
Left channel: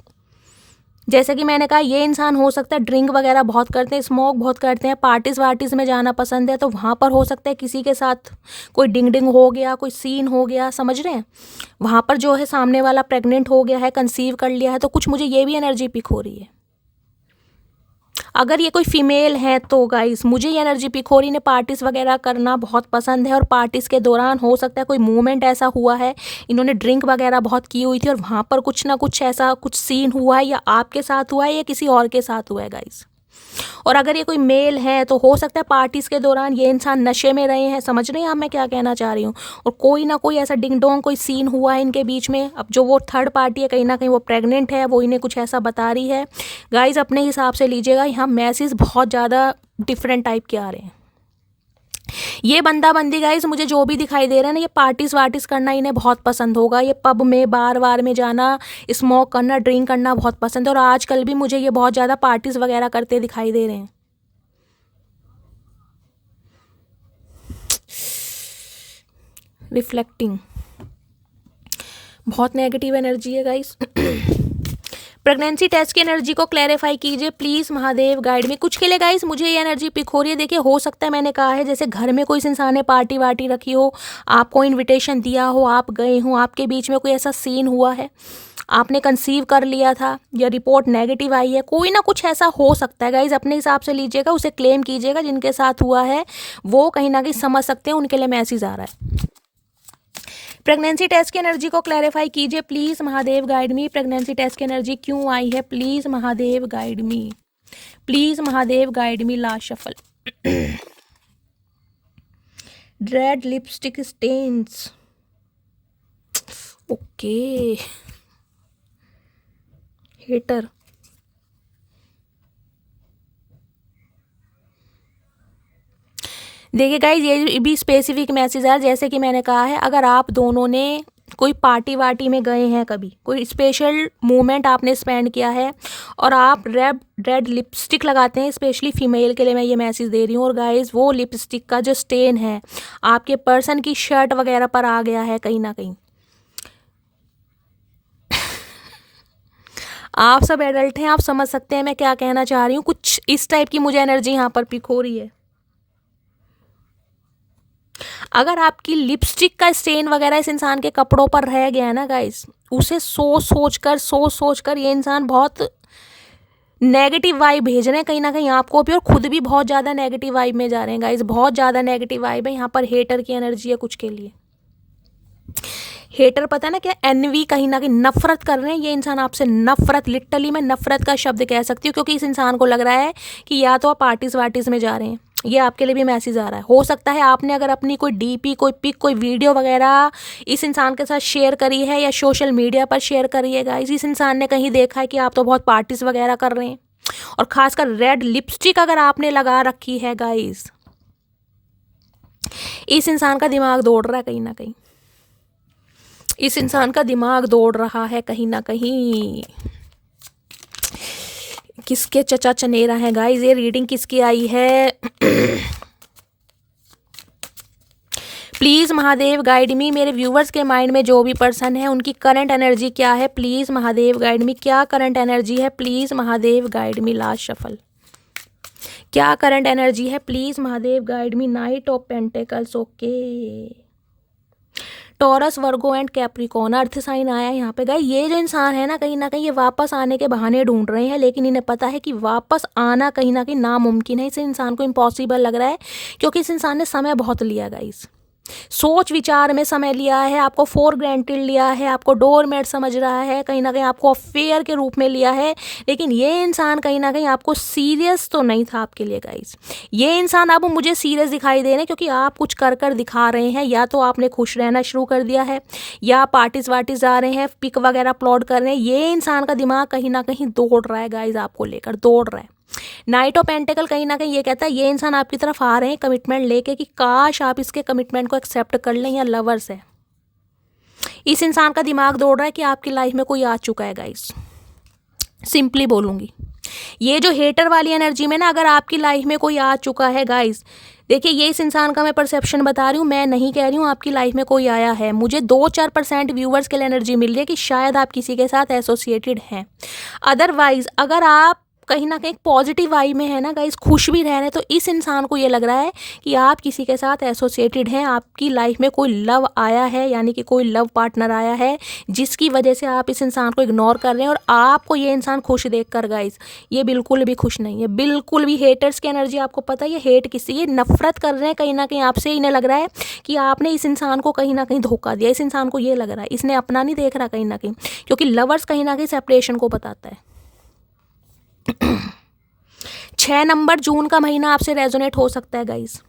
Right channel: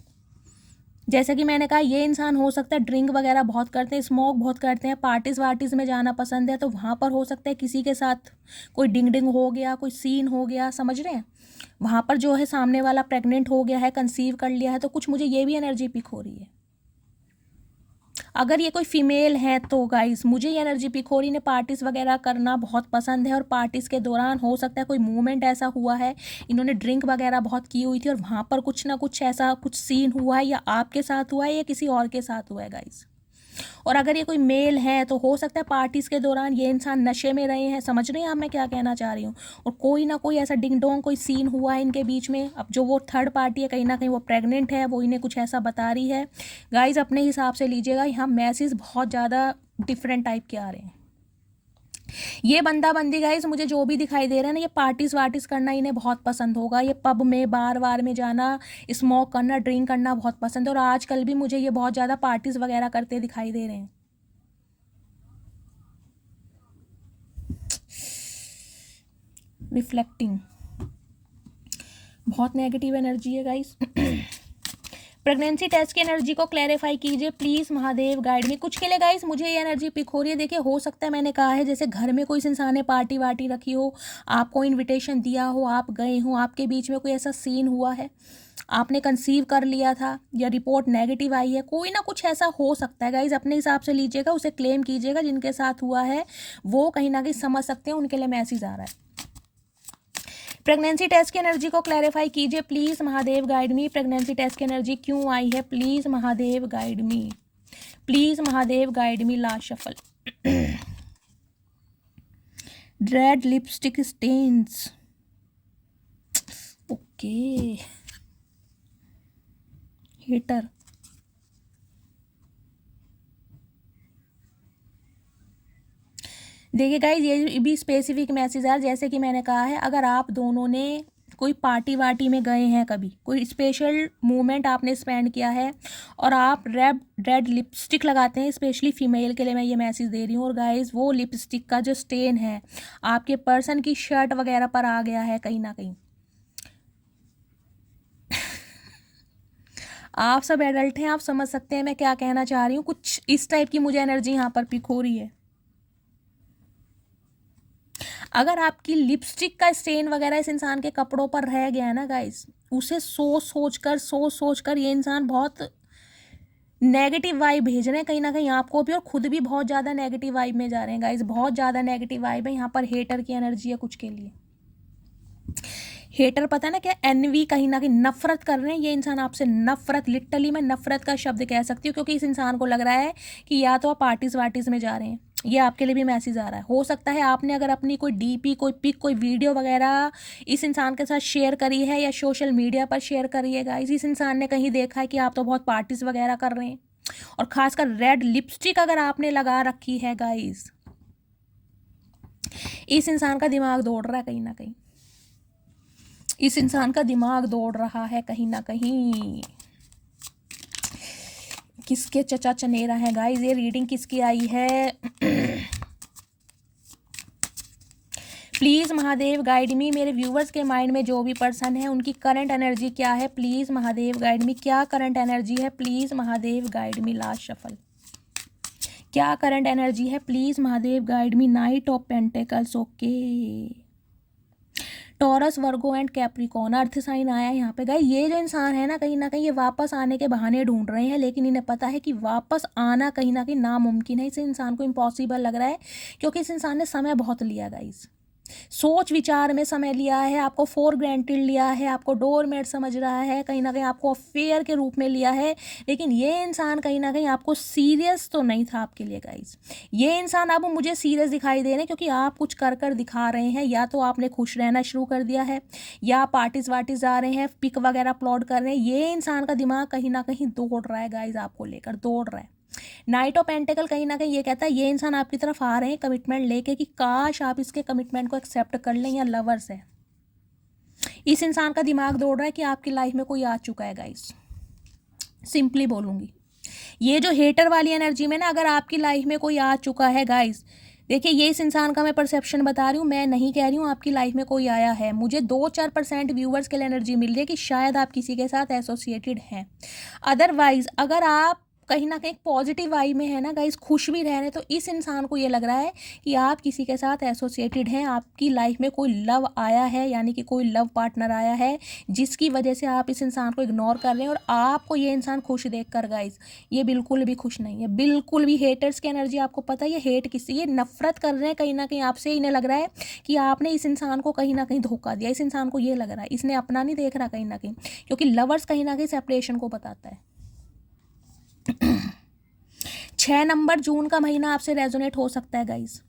जैसे कि मैंने कहा, ये इंसान हो सकता है ड्रिंक वगैरह बहुत करते हैं, स्मोक बहुत करते हैं, पार्टीज वार्टीज में जाना पसंद है, तो वहाँ पर हो सकता है किसी के साथ कोई डिंग डिंग हो गया, कोई सीन हो गया, समझ रहे हैं। वहाँ पर जो है सामने वाला प्रेग्नेंट हो गया है, कंसीव कर लिया है, तो कुछ मुझे ये भी एनर्जी पिक हो रही है। अगर ये कोई फीमेल है तो गाइस मुझे ये एनर्जी पिक हो रही है, पार्टीज़ वगैरह करना बहुत पसंद है, और पार्टीज़ के दौरान हो सकता है कोई मूवमेंट ऐसा हुआ है, इन्होंने ड्रिंक वगैरह बहुत की हुई थी और वहाँ पर कुछ ना कुछ ऐसा कुछ सीन हुआ है, या आपके साथ हुआ है या किसी और के साथ हुआ है गाइस। और अगर ये कोई मेल है तो हो सकता है पार्टीज़ के दौरान ये इंसान नशे में रहे हैं, समझ रहे हैं आप मैं क्या कहना चाह रही हूँ, और कोई ना कोई ऐसा डिंग डोंग कोई सीन हुआ है इनके बीच में। अब जो वो थर्ड पार्टी है कहीं ना कहीं वो प्रेग्नेंट है, वो इन्हें कुछ ऐसा बता रही है। गाइज अपने हिसाब से लीजिएगा, यहाँ मैसेज बहुत ज़्यादा डिफरेंट टाइप के आ रहे हैं। ये बंदा बंदी गाइस मुझे जो भी दिखाई दे रहा है ना, ये पार्टीज वार्टीज करना इन्हें बहुत पसंद होगा, ये पब में बार वार में जाना, स्मोक करना, ड्रिंक करना बहुत पसंद है, और आजकल भी मुझे ये बहुत ज़्यादा पार्टीज वगैरह करते दिखाई दे रहे हैं। रिफ्लेक्टिंग बहुत नेगेटिव एनर्जी है गाइस। प्रेगनेंसी टेस्ट की एनर्जी को क्लैरिफाई कीजिए प्लीज़, महादेव गाइड में। कुछ के लिए गाइस मुझे ये एनर्जी पिक हो रही है, देखिए हो सकता है मैंने कहा है जैसे घर में कोई इंसान ने पार्टी वार्टी रखी हो, आपको इनविटेशन दिया हो, आप गए हो, आपके बीच में कोई ऐसा सीन हुआ है, आपने कंसीव कर लिया था या रिपोर्ट नेगेटिव आई है, कोई ना कुछ ऐसा हो सकता है गाइज, अपने हिसाब से लीजिएगा, उसे क्लेम कीजिएगा, जिनके साथ हुआ है वो कहीं ना कहीं समझ सकते हैं, उनके लिए मैसेज आ रहा है। प्रेगनेंसी टेस्ट की एनर्जी को क्लैरिफाई कीजिए please, Mahadev guide me. Pregnancy test की एनर्जी क्यों आई है, please Mahadev guide me, please Mahadev guide me. Last shuffle. Red lipstick stains, okay, hater, देखिए गाइज ये भी स्पेसिफिक मैसेज है, जैसे कि मैंने कहा है, अगर आप दोनों ने कोई पार्टी वार्टी में गए हैं, कभी कोई स्पेशल मोमेंट आपने स्पेंड किया है, और आप रेड लिपस्टिक लगाते हैं, स्पेशली फीमेल के लिए मैं ये मैसेज दे रही हूँ, और गाइज वो लिपस्टिक का जो स्टेन है आपके पर्सन की शर्ट वगैरह पर आ गया है कहीं ना कहीं। आप सब एडल्ट हैं, आप समझ सकते हैं मैं क्या कहना चाह रही हूँ, कुछ इस टाइप की मुझे एनर्जी यहाँ पर पिक हो रही है। अगर आपकी लिपस्टिक का स्टेन वगैरह इस इंसान के कपड़ों पर रह गया है ना गाइस, उसे सोच सोच कर ये इंसान बहुत नेगेटिव वाइब भेज रहे हैं कहीं ना कहीं आपको भी, और खुद भी बहुत ज़्यादा नेगेटिव वाइब में जा रहे हैं गाइस, बहुत ज़्यादा नेगेटिव वाइब है यहाँ पर। हेटर की एनर्जी है कुछ के लिए। हेटर पता है ना क्या, एनवी, कहीं ना कहीं नफरत कर रहे हैं ये इंसान आपसे, नफरत, लिटरली मैं नफरत का शब्द कह सकती हूँ, क्योंकि इस इंसान को लग रहा है कि या तो आप पार्टीज वार्टीज में जा रहे हैं, ये आपके लिए भी मैसेज आ रहा है। हो सकता है आपने अगर अपनी कोई डीपी, कोई पिक, कोई वीडियो वगैरह इस इंसान के साथ शेयर करी है या सोशल मीडिया पर शेयर करी है गाइस, इस इंसान ने कहीं देखा है कि आप तो बहुत पार्टीज वगैरह कर रहे हैं, और खासकर रेड लिपस्टिक अगर आपने लगा रखी है गाइस, इस इंसान का दिमाग दौड़ रहा है कहीं ना कहीं, इस इंसान का दिमाग दौड़ रहा है कहीं ना कहीं। किसके चचा चनेरा है गाइस, ये रीडिंग किसकी आई है? प्लीज़ महादेव गाइड मी, मेरे व्यूवर्स के माइंड में जो भी पर्सन है उनकी करंट एनर्जी क्या है, प्लीज़ महादेव गाइड मी, क्या करंट एनर्जी है, please Mahadev guide me. Last shuffle, क्या करंट एनर्जी है, please Mahadev guide me. Knight of pentacles, okay, Taurus, Virgo and Capricorn, earth sign आया यहाँ पे। गए ये जो इंसान है ना कहीं ये वापस आने के बहाने ढूंढ रहे हैं, लेकिन इन्हें पता है कि वापस आना कहीं ना कहीं नामुमकिन है, इस इंसान को इम्पॉसिबल लग रहा है, क्योंकि इस इंसान ने समय बहुत लिया गाइस, सोच विचार में समय लिया है, आपको फॉर ग्रांटेड लिया है, आपको डोरमेट समझ रहा है, कहीं ना कहीं आपको अफेयर के रूप में लिया है, लेकिन ये इंसान कहीं ना कहीं आपको सीरियस तो नहीं था आपके लिए गाइस। ये इंसान अब मुझे सीरियस दिखाई दे रहे हैं, क्योंकि आप कुछ कर दिखा रहे हैं, या तो आपने खुश रहना शुरू कर दिया है, या पार्टीज वार्टीज जा रहे हैं, पिक वगैरह अपलोड कर रहे हैं, ये इंसान का दिमाग कहीं ना कहीं दौड़ रहा है गाइज, आपको लेकर दौड़ रहा है। नाइट ऑफ पेंटिकल कहीं ना कहीं ये कहता है ये इंसान आपकी तरफ आ रहे हैं कमिटमेंट लेके, कि काश आप इसके कमिटमेंट को एक्सेप्ट कर लें, या लवर्स है। इस इंसान का दिमाग दौड़ रहा है कि आपकी लाइफ में कोई आ चुका है गाइस, सिंपली बोलूँगी। ये जो हेटर वाली एनर्जी में ना, अगर आपकी लाइफ में कोई आ चुका है गाइस, देखिए ये इस इंसान का मैं परसेप्शन बता रही हूँ, मैं नहीं कह रही हूँ आपकी लाइफ में कोई आया है। मुझे 2-4% व्यूवर्स के लिए एनर्जी मिल रही है कि शायद आप किसी के साथ एसोसिएटेड हैं। अदरवाइज अगर आप कहीं ना कहीं पॉजिटिव वाइब में है ना गाइस, खुश भी रह रहे हैं, तो इस इंसान को ये लग रहा है कि आप किसी के साथ एसोसिएटेड हैं, आपकी लाइफ में कोई लव आया है, यानी कि कोई लव पार्टनर आया है, जिसकी वजह से आप इस इंसान को इग्नोर कर रहे हैं। और आपको ये इंसान खुश देख कर गाइस ये बिल्कुल भी खुश नहीं है, बिल्कुल भी। हेटर्स की एनर्जी आपको पता है, ये हेट किसी, ये नफरत कर रहे हैं कहीं ना कहीं आपसे। इन्हें लग रहा है कि आपने इस इंसान को कहीं ना कहीं धोखा दिया। इस इंसान को ये लग रहा है इसने अपना नहीं देख रहा कहीं ना कहीं, क्योंकि लवर्स कहीं ना कहीं सेपरेशन को बताता है। 6 नंबर जून का महीना आपसे रेजोनेट हो सकता है गाइस।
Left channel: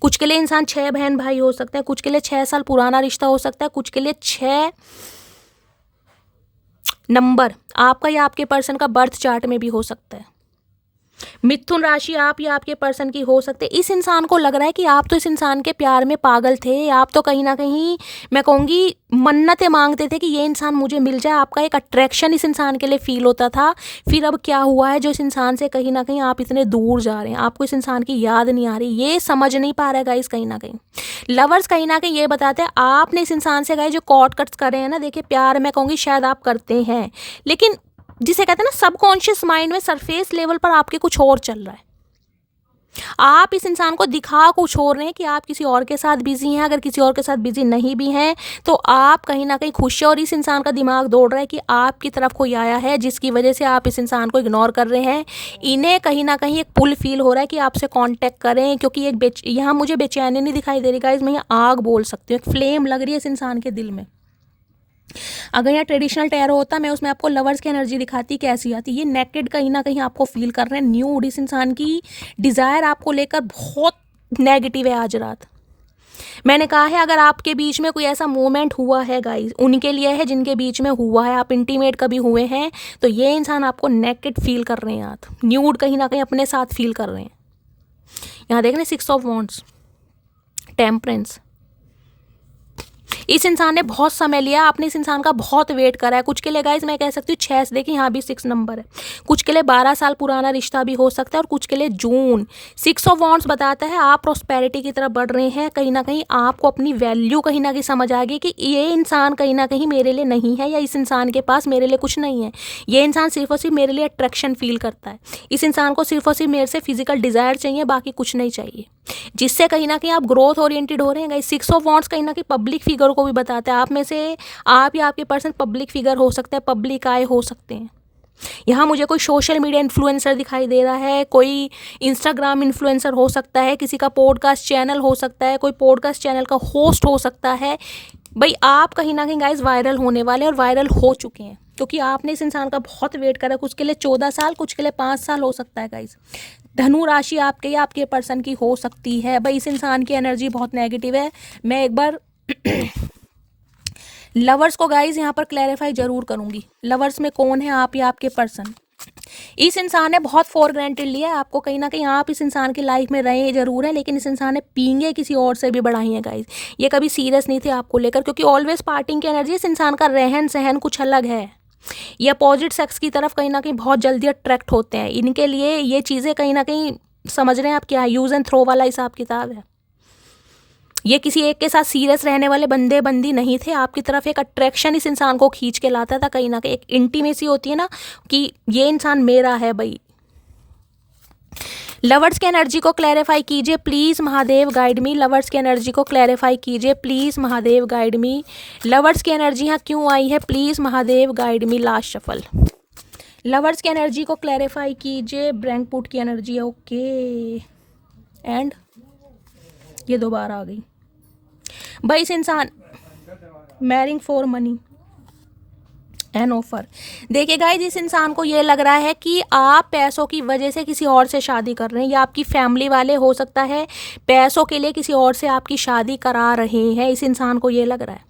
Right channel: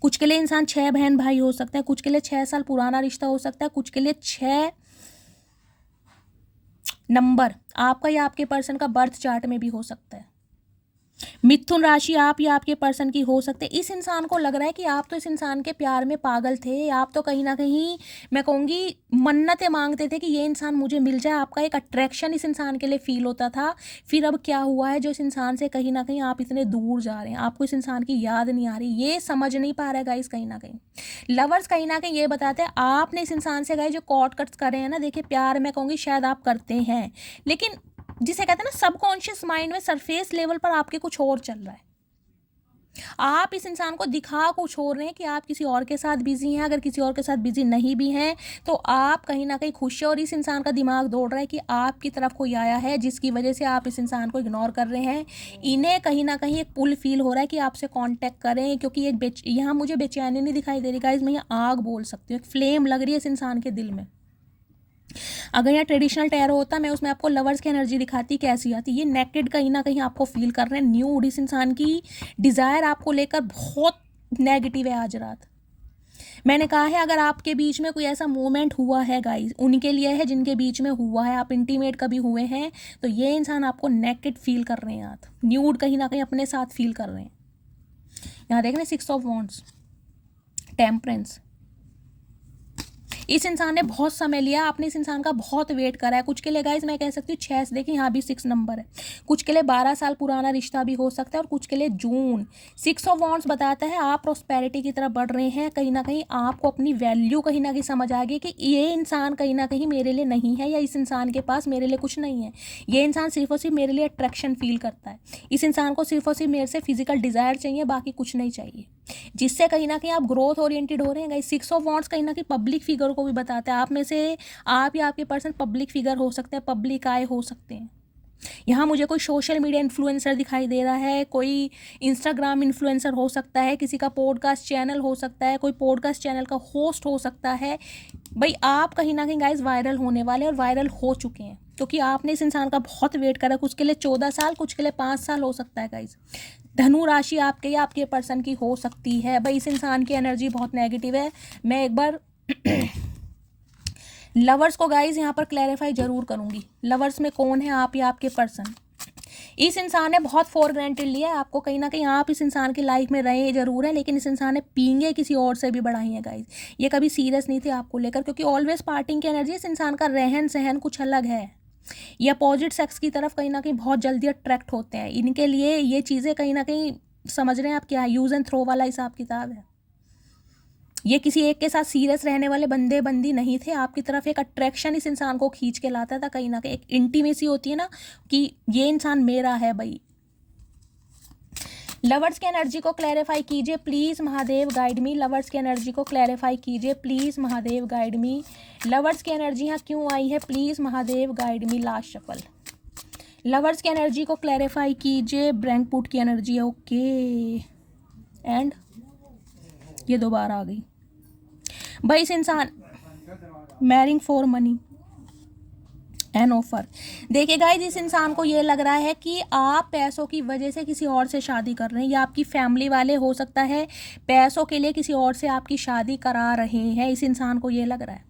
कुछ के लिए इंसान 6 बहन भाई हो सकता है, कुछ के लिए 6 साल पुराना रिश्ता हो सकता है, कुछ के लिए 6 नंबर आपका या आपके पर्सन का बर्थ चार्ट में भी हो सकता है। मिथुन राशि आप या आपके पर्सन की हो सकते हैं। इस इंसान को लग रहा है कि आप तो इस इंसान के प्यार में पागल थे, आप तो कहीं ना कहीं मैं कहूँगी मन्नतें मांगते थे कि ये इंसान मुझे मिल जाए। आपका एक अट्रैक्शन इस इंसान के लिए फील होता था। फिर अब क्या हुआ है जो इस इंसान से कहीं ना कहीं आप इतने दूर जा रहे हैं, आपको इस इंसान की याद नहीं आ रही, ये समझ नहीं पा रहा है गाइस। कहीं ना कहीं लवर्स कहीं ना कहीं ये बताते हैं आपने इस इंसान से गाइस जो कॉर्ड कट्स कर रहे हैं ना, देखिए प्यार मैं कहूँगी शायद आप करते हैं, लेकिन जिसे कहते हैं ना सबकॉन्शियस माइंड में सरफेस लेवल पर आपके कुछ और चल रहा है। आप इस इंसान को दिखा कुछ और रहे हैं कि आप किसी और के साथ बिजी हैं। अगर किसी और के साथ बिजी नहीं भी हैं तो आप कहीं ना कहीं खुश हैं, और इस इंसान का दिमाग दौड़ रहा है कि आपकी तरफ कोई आया है जिसकी वजह से आप इस इंसान को इग्नोर कर रहे हैं। इन्हें कहीं ना कहीं एक पुल फील हो रहा है कि आपसे कांटेक्ट करें, क्योंकि एक यहाँ मुझे बेचैनी नहीं दिखाई दे रही गाइस, मैं यहाँ आग बोल सकती हूँ, एक फ्लेम लग रही है इस इंसान के दिल में। अगर यहाँ ट्रेडिशनल टैरो होता मैं उसमें आपको लवर्स की एनर्जी दिखाती कैसी आती। ये नेकेड कहीं ना कहीं आपको फील कर रहे हैं, न्यूड। इस इंसान की डिज़ायर आपको लेकर बहुत नेगेटिव है आज रात। मैंने कहा है अगर आपके बीच में कोई ऐसा मोमेंट हुआ है गाइस, उनके लिए है जिनके बीच में हुआ है, आप इंटीमेट कभी हुए हैं, तो ये इंसान आपको नेकेड फील कर रहे हैं, आप न्यूड कहीं ना कहीं अपने साथ फील कर रहे हैं। यहाँ देख रहे हैं 6 ऑफ वॉन्ड्स, टेम्परेंस। इस इंसान ने बहुत समय लिया, आपने इस इंसान का बहुत वेट करा है। कुछ के लिए गाइज मैं कह सकती हूँ 6 से, देखिए यहाँ भी 6 नंबर है। कुछ के लिए 12 साल पुराना रिश्ता भी हो सकता है, और कुछ के लिए जून। 6 ऑफ वॉन्ड्स बताता है आप प्रॉस्पेरिटी की तरफ बढ़ रहे हैं। कहीं ना कहीं आपको अपनी वैल्यू कहीं ना कहीं समझ आ गई कि ये इंसान कहीं ना कहीं मेरे लिए नहीं है, या इस इंसान के पास मेरे लिए कुछ नहीं है। ये इंसान सिर्फ और सिर्फ मेरे लिए अट्रैक्शन फील करता है। इस इंसान को सिर्फ और सिर्फ मेरे से फिजिकल डिजायर चाहिए, बाकी कुछ नहीं चाहिए, जिससे कहीं ना कहीं आप ग्रोथ ओरिएंटेड हो रहे हैं गाइस। 6 ऑफ वॉन्ड्स कहीं ना कहीं पब्लिक फिगर को भी बताते हैं। आप में से आप या आपके पर्सन पब्लिक फिगर हो सकते हैं, पब्लिक आए हो सकते हैं। यहाँ मुझे कोई सोशल मीडिया इन्फ्लुएंसर दिखाई दे रहा है, कोई इंस्टाग्राम इन्फ्लुएंसर हो सकता है, किसी का पॉडकास्ट चैनल हो सकता है, कोई पॉडकास्ट चैनल का होस्ट हो सकता है। भाई आप कहीं ना कहीं गाइस वायरल होने वाले और वायरल हो चुके हैं, क्योंकि आपने इस इंसान का बहुत वेट करा। कुछ के लिए 14 साल, कुछ के लिए 5 साल हो सकता है गाइस। धनु राशि आपके या आपके पर्सन की हो सकती है। भाई इस इंसान की एनर्जी बहुत नेगेटिव है। मैं एक बार लवर्स को गाइज यहाँ पर क्लैरिफाई जरूर करूंगी, लवर्स में कौन है, आप या आपके पर्सन। इस इंसान ने बहुत फॉर ग्रांटेड लिया है आपको, कहीं ना कहीं आप इस इंसान की लाइफ में रहे जरूर है, लेकिन इस इंसान ने पींगे किसी और से भी बढ़ाई है गाइज। ये कभी सीरियस नहीं थे आपको लेकर, क्योंकि ऑलवेज पार्टिंग की एनर्जी। इस इंसान का रहन सहन कुछ अलग है। ये अपोजिट सेक्स की तरफ कहीं ना कहीं बहुत जल्दी अट्रैक्ट होते हैं। इनके लिए ये चीज़ें कहीं ना कहीं समझ रहे हैं आप क्या, यूज़ एंड थ्रो वाला हिसाब किताब है। ये किसी एक के साथ सीरियस रहने वाले बंदे बंदी नहीं थे। आपकी तरफ एक अट्रैक्शन इस इंसान को खींच के लाता था, कहीं ना कहीं एक इंटीमेसी होती है ना कि ये इंसान मेरा है। भाई लवर्स की एनर्जी को क्लैरिफाई कीजिए please, Mahadev guide me. Lovers की एनर्जी को क्लैरिफाई कीजिए please, Mahadev guide me. Lovers की एनर्जी यहाँ क्यों आई है, please Mahadev guide me. Last shuffle. Lovers की एनर्जी को क्लैरिफाई कीजिए। ब्रैंकपुट की एनर्जी है, ओके। एंड ये दोबारा आ गई। भाई इस इंसान marrying for money an offer. देखिए गाइस इस इंसान को ये लग रहा है कि आप पैसों की वजह से किसी और से शादी कर रहे हैं, या आपकी फैमिली वाले हो सकता है पैसों के लिए किसी और से आपकी शादी करा रहे हैं। इस इंसान को ये लग रहा है।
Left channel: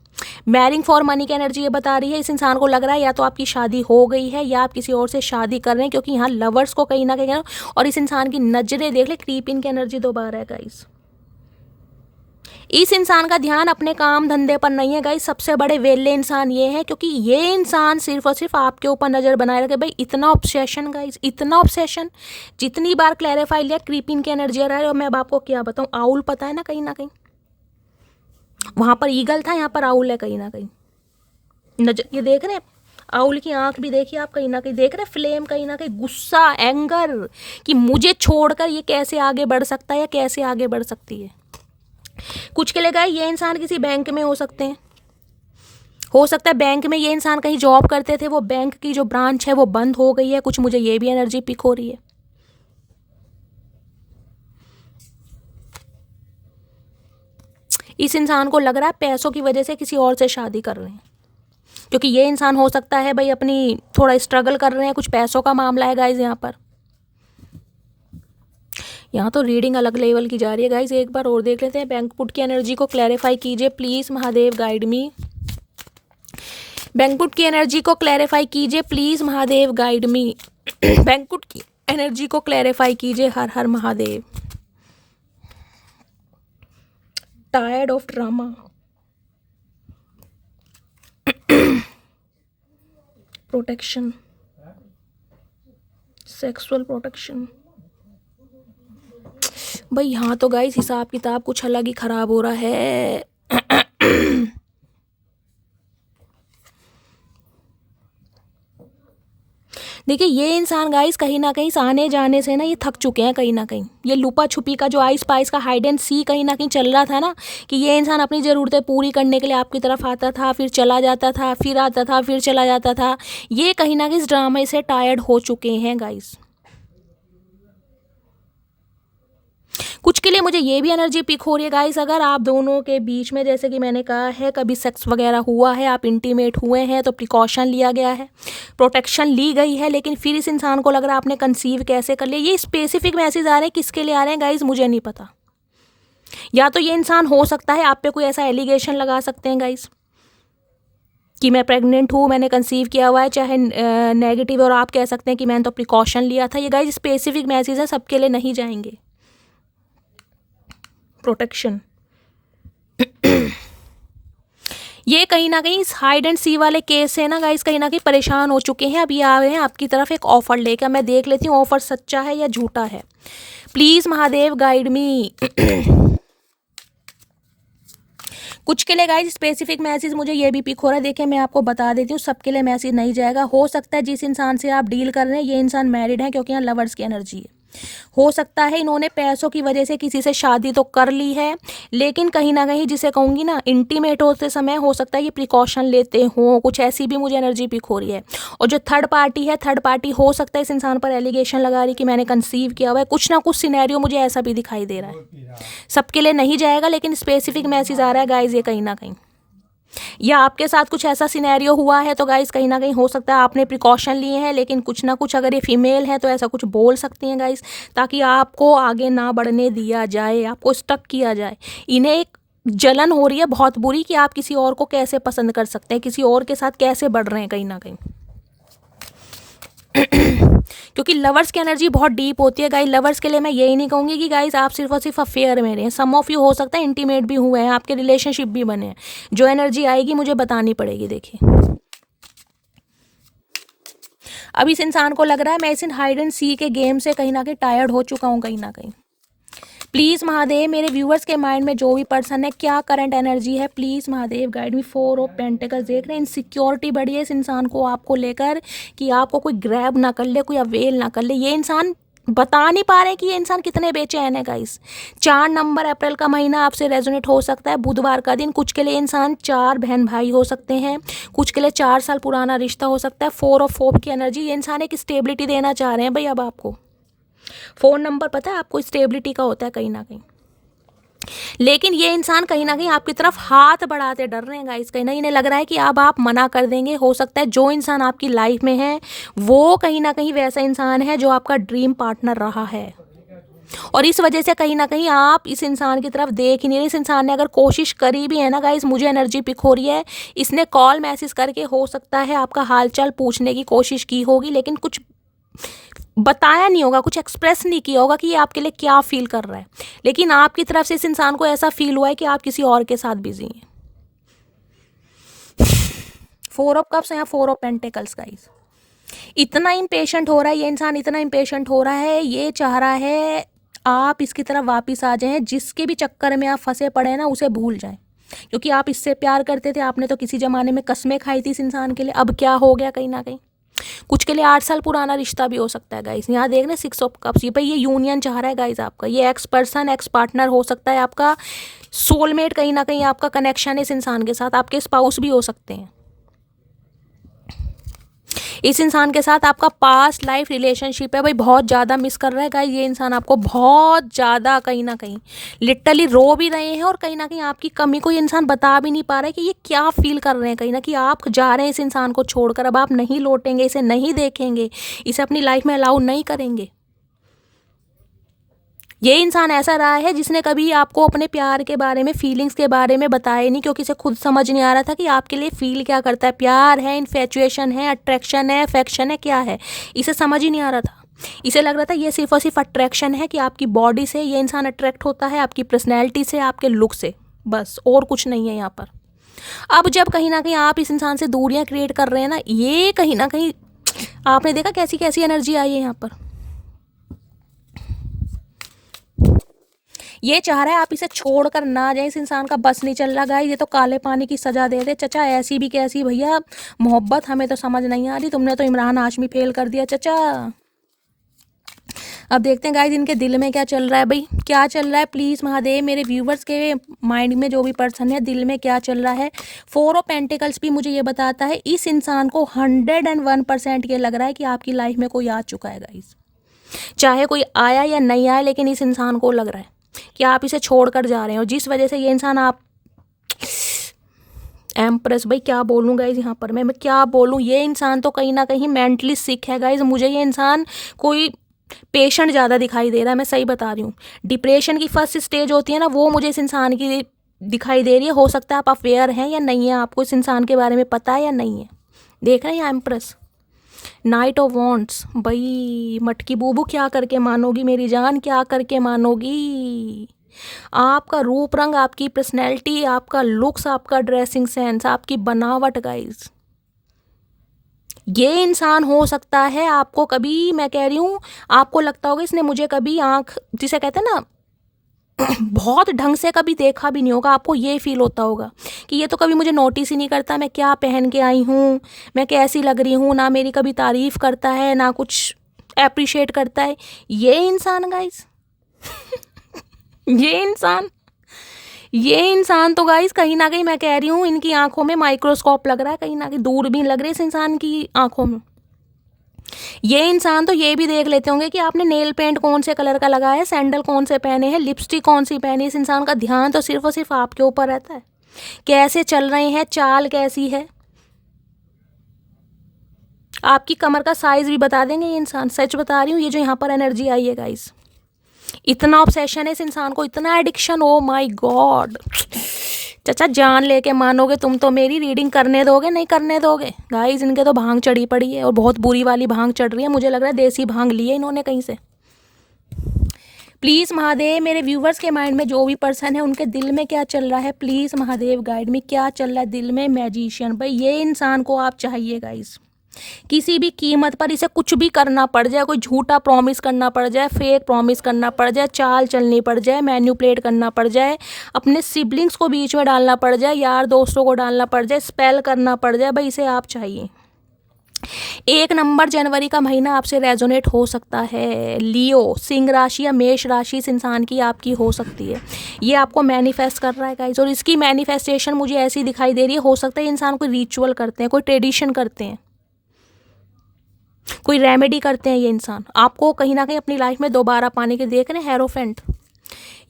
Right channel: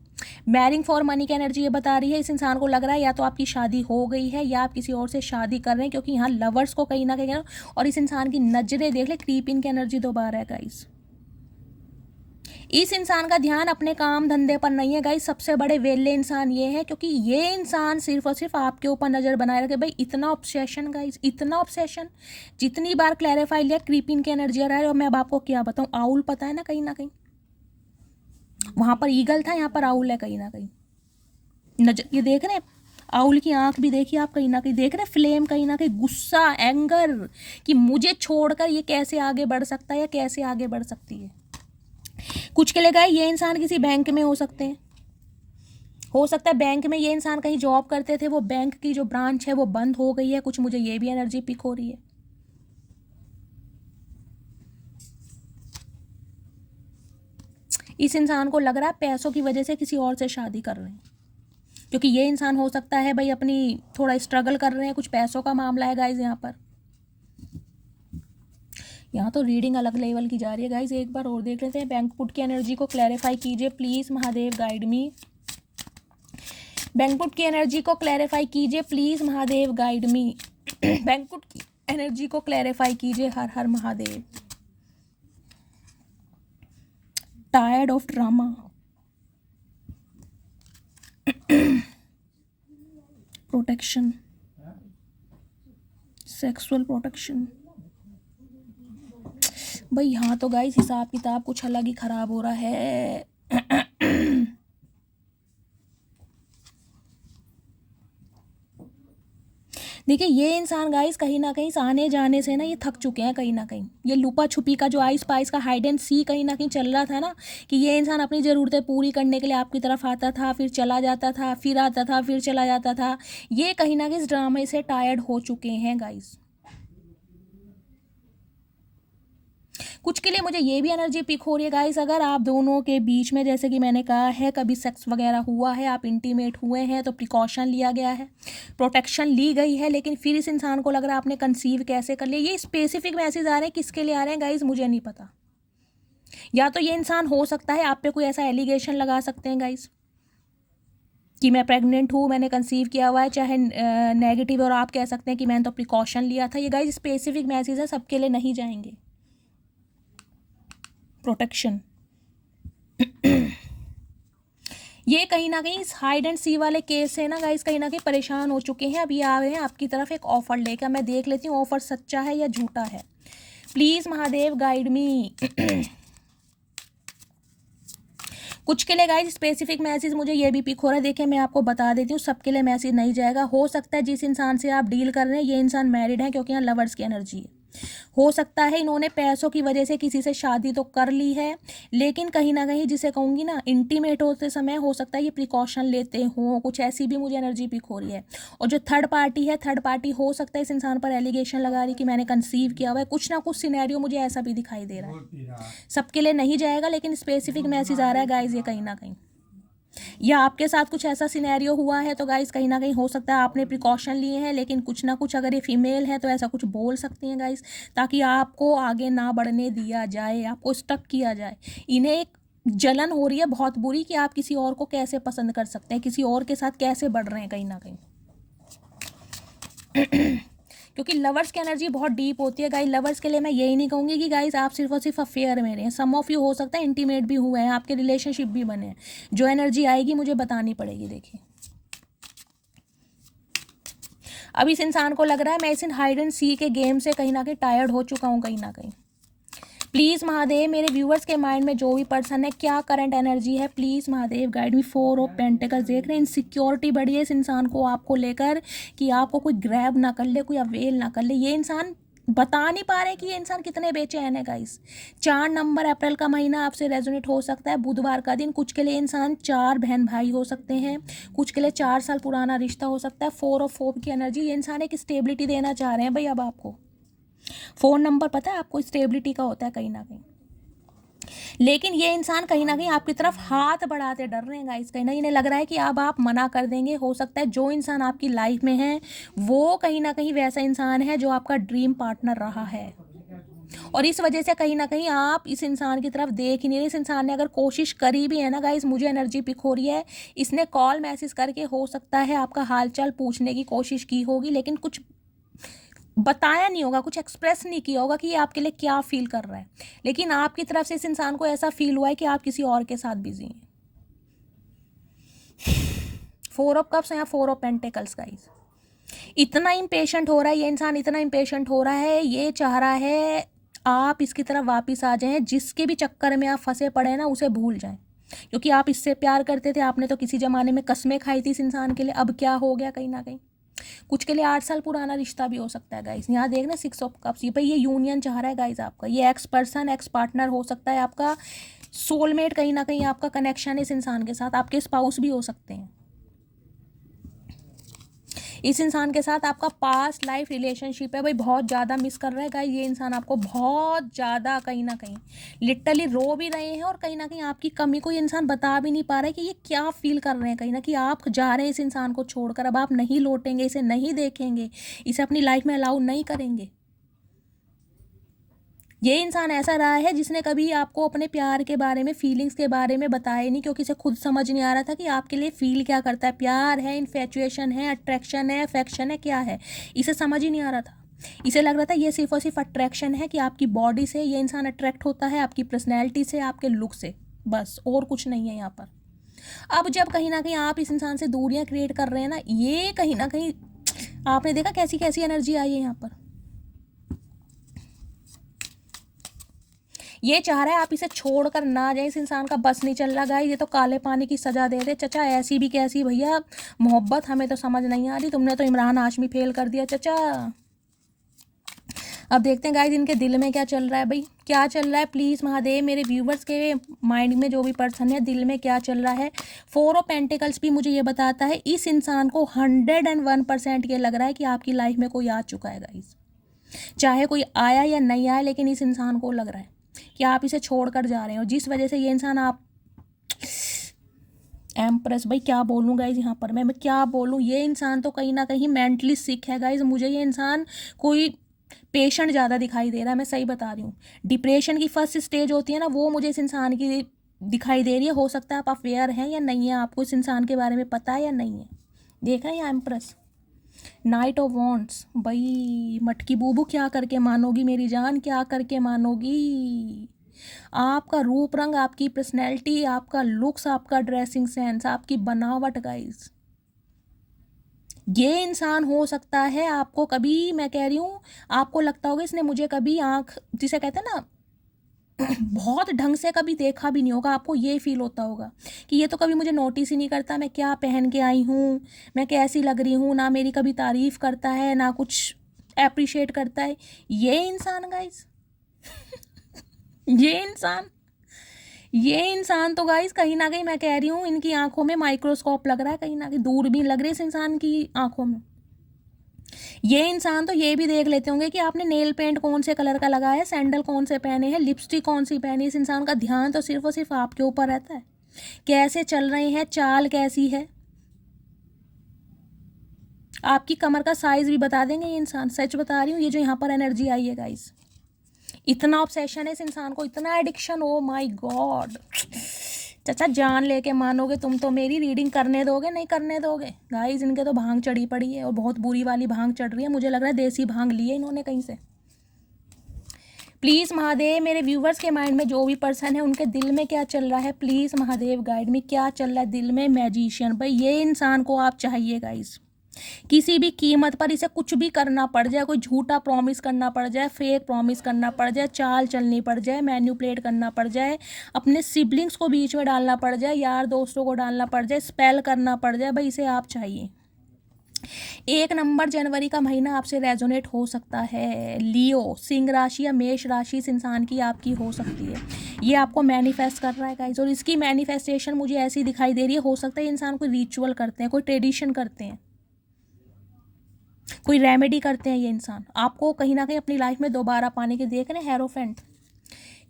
मैरिंग फॉर मनी की एनर्जी ये बता रही है इस इंसान को लग रहा है या तो आपकी शादी हो गई है या आप किसी और से शादी कर रहे हैं, क्योंकि यहाँ लवर्स को कहीं ना कहीं, और इस इंसान की नजरें देख ले, क्रीप इन की एनर्जी दोबारा है गाइस। इस इंसान का ध्यान अपने काम धंधे पर नहीं है गाइस। सबसे बड़े वेले इंसान ये है, क्योंकि ये इंसान सिर्फ और सिर्फ आपके ऊपर नज़र बनाए रखे। भाई इतना ऑब्सेशन गाइस, इतना ऑब्सेशन। जितनी बार क्लैरिफाई लिया क्रीपिंग की एनर्जी आ रहा है। और मैं अब आपको क्या बताऊँ, आउल पता है ना कहीं वहाँ पर ईगल था, यहाँ पर आउल है कहीं ना कहीं। नजर ये देख रहे हैं, आउल की आंख भी देखिए आप, कहीं ना कहीं देख रहे हैं फ्लेम, कहीं ना कहीं गुस्सा, एंगर, कि मुझे छोड़कर ये कैसे आगे बढ़ सकता है या कैसे आगे बढ़ सकती है। कुछ के लिए गाइस ये इंसान किसी बैंक में हो सकते हैं, हो सकता है बैंक में ये इंसान कहीं जॉब करते थे, वो बैंक की जो ब्रांच है वो बंद हो गई है। कुछ मुझे ये भी एनर्जी पिक हो रही है। इस इंसान को लग रहा है पैसों की वजह से किसी और से शादी कर रहे हैं, क्योंकि ये इंसान हो सकता है भाई अपनी थोड़ा स्ट्रगल कर रहे हैं, कुछ पैसों का मामला है गाइज। यहाँ तो रीडिंग अलग लेवल की जा रही है गाइज। एक बार और देख लेते हैं। बैंक पुट की एनर्जी को क्लैरिफाई कीजिए please, Mahadev guide me. Bankrupt की एनर्जी को क्लैरिफाई कीजिए please, Mahadev guide me. Bankrupt की एनर्जी को क्लैरिफाई कीजिए, हर हर Mahadev. Tired of drama, protection, sexual protection. भाई यहाँ तो गाइस हिसाब किताब कुछ अलग ही खराब हो रहा है। देखिए ये इंसान गाइस कहीं ना कहीं आने जाने से ना ये थक चुके हैं कहीं ना कहीं। ये लुपा छुपी का जो आइस पाइस का हाइड एंड सी कहीं ना कहीं चल रहा था ना, कि ये इंसान अपनी ज़रूरतें पूरी करने के लिए आपकी तरफ आता था, फिर चला जाता था, फिर आता था, फिर चला जाता था। ये कहीं ना कहीं इस ड्रामे से टायर्ड हो चुके हैं गाइस। कुछ के लिए मुझे ये भी एनर्जी पिक हो रही है गाइस, अगर आप दोनों के बीच में जैसे कि मैंने कहा है कभी सेक्स वगैरह हुआ है, आप इंटीमेट हुए हैं, तो प्रिकॉशन लिया गया है, प्रोटेक्शन ली गई है, लेकिन फिर इस इंसान को लग रहा है आपने कंसीव कैसे कर लिया। ये स्पेसिफिक मैसेज आ रहे हैं, किसके लिए आ रहे हैं गाइस मुझे नहीं पता। या तो ये इंसान हो सकता है आप पे कोई ऐसा एलिगेशन लगा सकते हैं गाइस कि मैं प्रेग्नेंट हूँ, मैंने कंसीव किया हुआ है, चाहे नेगेटिव, और आप कह सकते हैं कि मैंने तो प्रिकॉशन लिया था। ये गाइस स्पेसिफिक मैसेज है, सबके लिए नहीं जाएंगे। प्रोटेक्शन ये कहीं ना कहीं इस हाइड एंड सी वाले केस से ना गाइस कहीं ना कहीं परेशान हो चुके हैं। अभी आ रहे हैं आपकी तरफ एक ऑफर लेकर, मैं देख लेती हूँ ऑफर सच्चा है या झूठा है। प्लीज महादेव गाइड मी। कुछ के लिए गाइस स्पेसिफिक मैसेज मुझे ये भी पिक हो रहा है। देखिए मैं आपको बता देती हूँ, सबके लिए मैसेज नहीं जाएगा। हो सकता है जिस इंसान से आप डील कर रहे हैं ये इंसान मैरिड है, क्योंकि यहाँ लवर्स की एनर्जी है। हो सकता है इन्होंने पैसों की वजह से किसी से शादी तो कर ली है, लेकिन कहीं ना कहीं जिसे कहूँगी ना इंटीमेट होते समय हो सकता है ये प्रिकॉशन लेते हों, कुछ ऐसी भी मुझे एनर्जी पिक हो रही है। और जो थर्ड पार्टी है, थर्ड पार्टी हो सकता है इस इंसान पर एलिगेशन लगा रही कि मैंने कंसीव किया हुआ है। कुछ ना कुछ सिनेरियो मुझे ऐसा भी दिखाई दे रहा है। सबके लिए नहीं जाएगा, लेकिन स्पेसिफिक मैसेज आ रहा है गाइज ये कहीं ना कहीं। या आपके साथ कुछ ऐसा सिनेरियो हुआ है तो गाइस कहीं ना कहीं हो सकता है आपने प्रिकॉशन लिए हैं, लेकिन कुछ ना कुछ अगर ये फीमेल है तो ऐसा कुछ बोल सकती हैं गाइस, ताकि आपको आगे ना बढ़ने दिया जाए, आपको स्टक किया जाए। इन्हें एक जलन हो रही है बहुत बुरी कि आप किसी और को कैसे पसंद कर सकते हैं, किसी और के साथ कैसे बढ़ रहे हैं कहीं ना कहीं। क्योंकि लवर्स की एनर्जी बहुत डीप होती है गाइस। लवर्स के लिए मैं यही नहीं कहूँगी कि गाइस आप सिर्फ और सिर्फ अफेयर में रहें। सम ऑफ यू हो सकता है इंटीमेट भी हुए हैं, आपके रिलेशनशिप भी बने हैं। जो एनर्जी आएगी मुझे बतानी पड़ेगी। देखिए अब इस इंसान को लग रहा है मैं इस हाइड एंड सी के गेम से कहीं ना कहीं टायर्ड हो चुका हूँ कहीं ना कहीं। प्लीज़ महादेव मेरे व्यूअर्स के माइंड में जो भी पर्सन है क्या करंट एनर्जी है, please Mahadev guide me. 4 of pentacles देख रहे हैं, इनसिक्योरिटी बढ़ी है इस इंसान को आपको लेकर, कि आपको कोई ग्रैब ना कर ले, कोई अवेल ना कर ले। ये इंसान बता नहीं पा रहे कि ये इंसान कितने बेचैन है गाइस। 4 नंबर अप्रैल का महीना आपसे रेजोनेट हो सकता है, बुधवार का दिन। कुछ के लिए इंसान 4 बहन भाई हो सकते हैं, कुछ के लिए 4 साल पुराना रिश्ता हो सकता है। 4 ऑफ होप की एनर्जी, ये इंसान एक स्टेबिलिटी देना चाह रहे हैं भाई। अब आपको 4 नंबर पता है आपको स्टेबिलिटी का होता है कहीं ना कहीं, लेकिन ये इंसान कहीं ना कहीं आपकी तरफ हाथ बढ़ाते डर रहे हैं गाइस। कहीं ना इन्हें लग रहा है कि अब आप मना कर देंगे। हो सकता है जो इंसान आपकी लाइफ में है वो कहीं ना कहीं वैसा इंसान है जो आपका ड्रीम पार्टनर रहा है, और इस वजह से कहीं ना कहीं आप इस इंसान की तरफ देख ही नहीं रहे। इस इंसान ने अगर कोशिश करी भी है ना गाइस, मुझे एनर्जी पिक हो रही है, इसने कॉल मैसेज करके हो सकता है आपका हालचाल पूछने की कोशिश की होगी, लेकिन कुछ बताया नहीं होगा, कुछ एक्सप्रेस नहीं किया होगा कि ये आपके लिए क्या फील कर रहा है, लेकिन आपकी तरफ से इस इंसान को ऐसा फील हुआ है कि आप किसी और के साथ बिजी हैं। 4 ऑफ कप्स या 4 ऑफ पेंटिकल्स गाइस। इतना इम्पेशेंट हो रहा है ये इंसान, इतना इम्पेशेंट हो रहा है, ये चाह रहा है आप इसकी तरफ वापस आ जाएं, जिसके भी चक्कर में आप फंसे पड़े हैं ना उसे भूल जाएं, क्योंकि आप इससे प्यार करते थे, आपने तो किसी ज़माने में कस्में खाई थी इस इंसान के लिए। अब क्या हो गया, कहीं ना कहीं कुछ के लिए 8 साल पुराना रिश्ता भी हो सकता है गाइस। यहाँ देख रहे 6 ऑफ कप्स, ये भाई ये यूनियन चाह रहा है गाइस आपका, ये एक्स पर्सन एक्स पार्टनर हो सकता है, आपका सोलमेट, कहीं ना कहीं आपका कनेक्शन है इस इंसान के साथ, आपके स्पाउस भी हो सकते हैं। इस इंसान के साथ आपका पास्ट लाइफ रिलेशनशिप है भाई, बहुत ज़्यादा मिस कर रहा है गाइस ये इंसान आपको, बहुत ज़्यादा, कहीं ना कहीं लिटरली रो भी रहे हैं, और कहीं ना कहीं आपकी कमी को ये इंसान बता भी नहीं पा रहा है कि ये क्या फील कर रहे हैं, कहीं ना कहीं आप जा रहे हैं इस इंसान को छोड़कर, अब आप नहीं लौटेंगे, इसे नहीं देखेंगे, इसे अपनी लाइफ में अलाउ नहीं करेंगे। ये इंसान ऐसा रहा है जिसने कभी आपको अपने प्यार के बारे में, फीलिंग्स के बारे में बताया नहीं, क्योंकि इसे खुद समझ नहीं आ रहा था कि आपके लिए फील क्या करता है, प्यार है, इन्फेचुएशन है, अट्रैक्शन है, अफेक्शन है, क्या है, इसे समझ ही नहीं आ रहा था। इसे लग रहा था ये सिर्फ और सिर्फ अट्रैक्शन है, कि आपकी बॉडी से ये इंसान अट्रैक्ट होता है, आपकी पर्सनैलिटी से, आपके लुक से, बस, और कुछ नहीं है यहाँ पर। अब जब कहीं ना कहीं आप इस इंसान से दूरियाँ क्रिएट कर रहे हैं ना, ये कहीं ना कहीं आपने देखा कैसी कैसी एनर्जी आई है यहाँ पर। ये चाह रहा है आप इसे छोड़कर ना जाए, इस इंसान का बस नहीं चल रहा गाइस, ये तो काले पानी की सजा दे दे चचा, ऐसी भी कैसी भैया मोहब्बत, हमें तो समझ नहीं आ रही, तुमने तो इमरान हाशमी फेल कर दिया चचा। अब देखते हैं गाइस इनके दिल में क्या चल रहा है भाई, क्या चल रहा है, प्लीज़ महादेव मेरे व्यूवर्स के माइंड में जो भी पर्सन है, दिल में क्या चल रहा है। 4 ऑफ पेंटिकल्स भी मुझे ये बताता है इस इंसान को 101% ये लग रहा है कि आपकी लाइफ में कोई आ चुका है गाइस, चाहे कोई आया या नहीं आया, लेकिन इस इंसान को लग रहा है कि आप इसे छोड़कर जा रहे हैं, और जिस वजह से ये इंसान आप एम्प्रेस, भाई क्या बोलूँ गाइज यहाँ पर, मैं क्या बोलूँ, ये इंसान तो कहीं ना कहीं मेंटली सिक है गाइज, मुझे ये इंसान कोई पेशेंट ज़्यादा दिखाई दे रहा है, मैं सही बता रही हूँ। डिप्रेशन की फर्स्ट स्टेज होती है ना, वो मुझे इस इंसान की दिखाई दे रही है। हो सकता है आप अवेयर हैं या नहीं है, आपको इस इंसान के बारे में पता है या नहीं है। देख रहे हैं एम्प्रेस, नाइट ऑफ वॉन्ट्स, भाई मटकी बूबू क्या करके मानोगी मेरी जान, क्या करके मानोगी। आपका रूप रंग, आपकी पर्सनैलिटी, आपका लुक्स, आपका ड्रेसिंग सेंस, आपकी बनावट गाइज, ये इंसान हो सकता है आपको कभी, मैं कह रही हूँ, आपको लगता होगा इसने मुझे कभी आँख जिसे कहते हैं ना बहुत ढंग से कभी देखा भी नहीं होगा, आपको ये फील होता होगा कि ये तो कभी मुझे नोटिस ही नहीं करता, मैं क्या पहन के आई हूँ, मैं कैसी लग रही हूँ, ना मेरी कभी तारीफ़ करता है, ना कुछ अप्रिशिएट करता है ये इंसान गाइस। ये इंसान तो गाइस कहीं ना कहीं मैं कह रही हूँ इनकी आंखों में माइक्रोस्कोप लग रहा है, कहीं ना कहीं दूरबीन लग रही है इस इंसान की आंखों में। ये इंसान तो ये भी देख लेते होंगे कि आपने नेल पेंट कौन से कलर का लगाया है, सैंडल कौन से पहने हैं, लिपस्टिक कौन सी पहनी है। इस इंसान का ध्यान तो सिर्फ और सिर्फ आपके ऊपर रहता है, कैसे चल रहे हैं, चाल कैसी है, आपकी कमर का साइज भी बता देंगे ये इंसान, सच बता रही हूँ। ये जो यहाँ पर एनर्जी आई है गाइस, इतना ऑब्सेशन है इस इंसान को, इतना एडिक्शन, ओ माय गॉड। चाचा जान लेके मानोगे तुम तो मेरी, रीडिंग करने दोगे, नहीं करने दोगे गाइस। इनके तो भांग चढ़ी पड़ी है, और बहुत बुरी वाली भांग चढ़ रही है, मुझे लग रहा है देसी भांग ली है इन्होंने कहीं से। प्लीज़ महादेव मेरे व्यूवर्स के माइंड में जो भी पर्सन है उनके दिल में क्या चल रहा है, प्लीज़ महादेव गाइड में, क्या चल रहा है दिल में। मैजिशियन, भाई ये इंसान को आप चाहिए गाइस, किसी भी कीमत पर, इसे कुछ भी करना पड़ जाए, कोई झूठा प्रॉमिस करना पड़ जाए, फेक प्रॉमिस करना पड़ जाए, चाल चलनी पड़ जाए, मैन्युपुलेट करना पड़ जाए, अपने सिबलिंग्स को बीच में डालना पड़ जाए, यार दोस्तों को डालना पड़ जाए, स्पेल करना पड़ जाए, भाई इसे आप चाहिए। 1 नंबर जनवरी का महीना आपसे रेजोनेट हो सकता है। लियो, सिंह राशि या मेष राशि इस इंसान की आपकी हो सकती है, ये आपको मैनिफेस्ट कर रहा है गाइस, और इसकी मैनिफेस्टेशन मुझे ऐसी दिखाई दे रही है, हो सकता है इंसान कोई रिचुअल करते हैं, कोई ट्रेडिशन करते हैं, कोई रेमेडी करते हैं। ये इंसान आपको कहीं ना कहीं अपनी लाइफ में दोबारा पाने के देख रहे हैं। हेरोफेंट,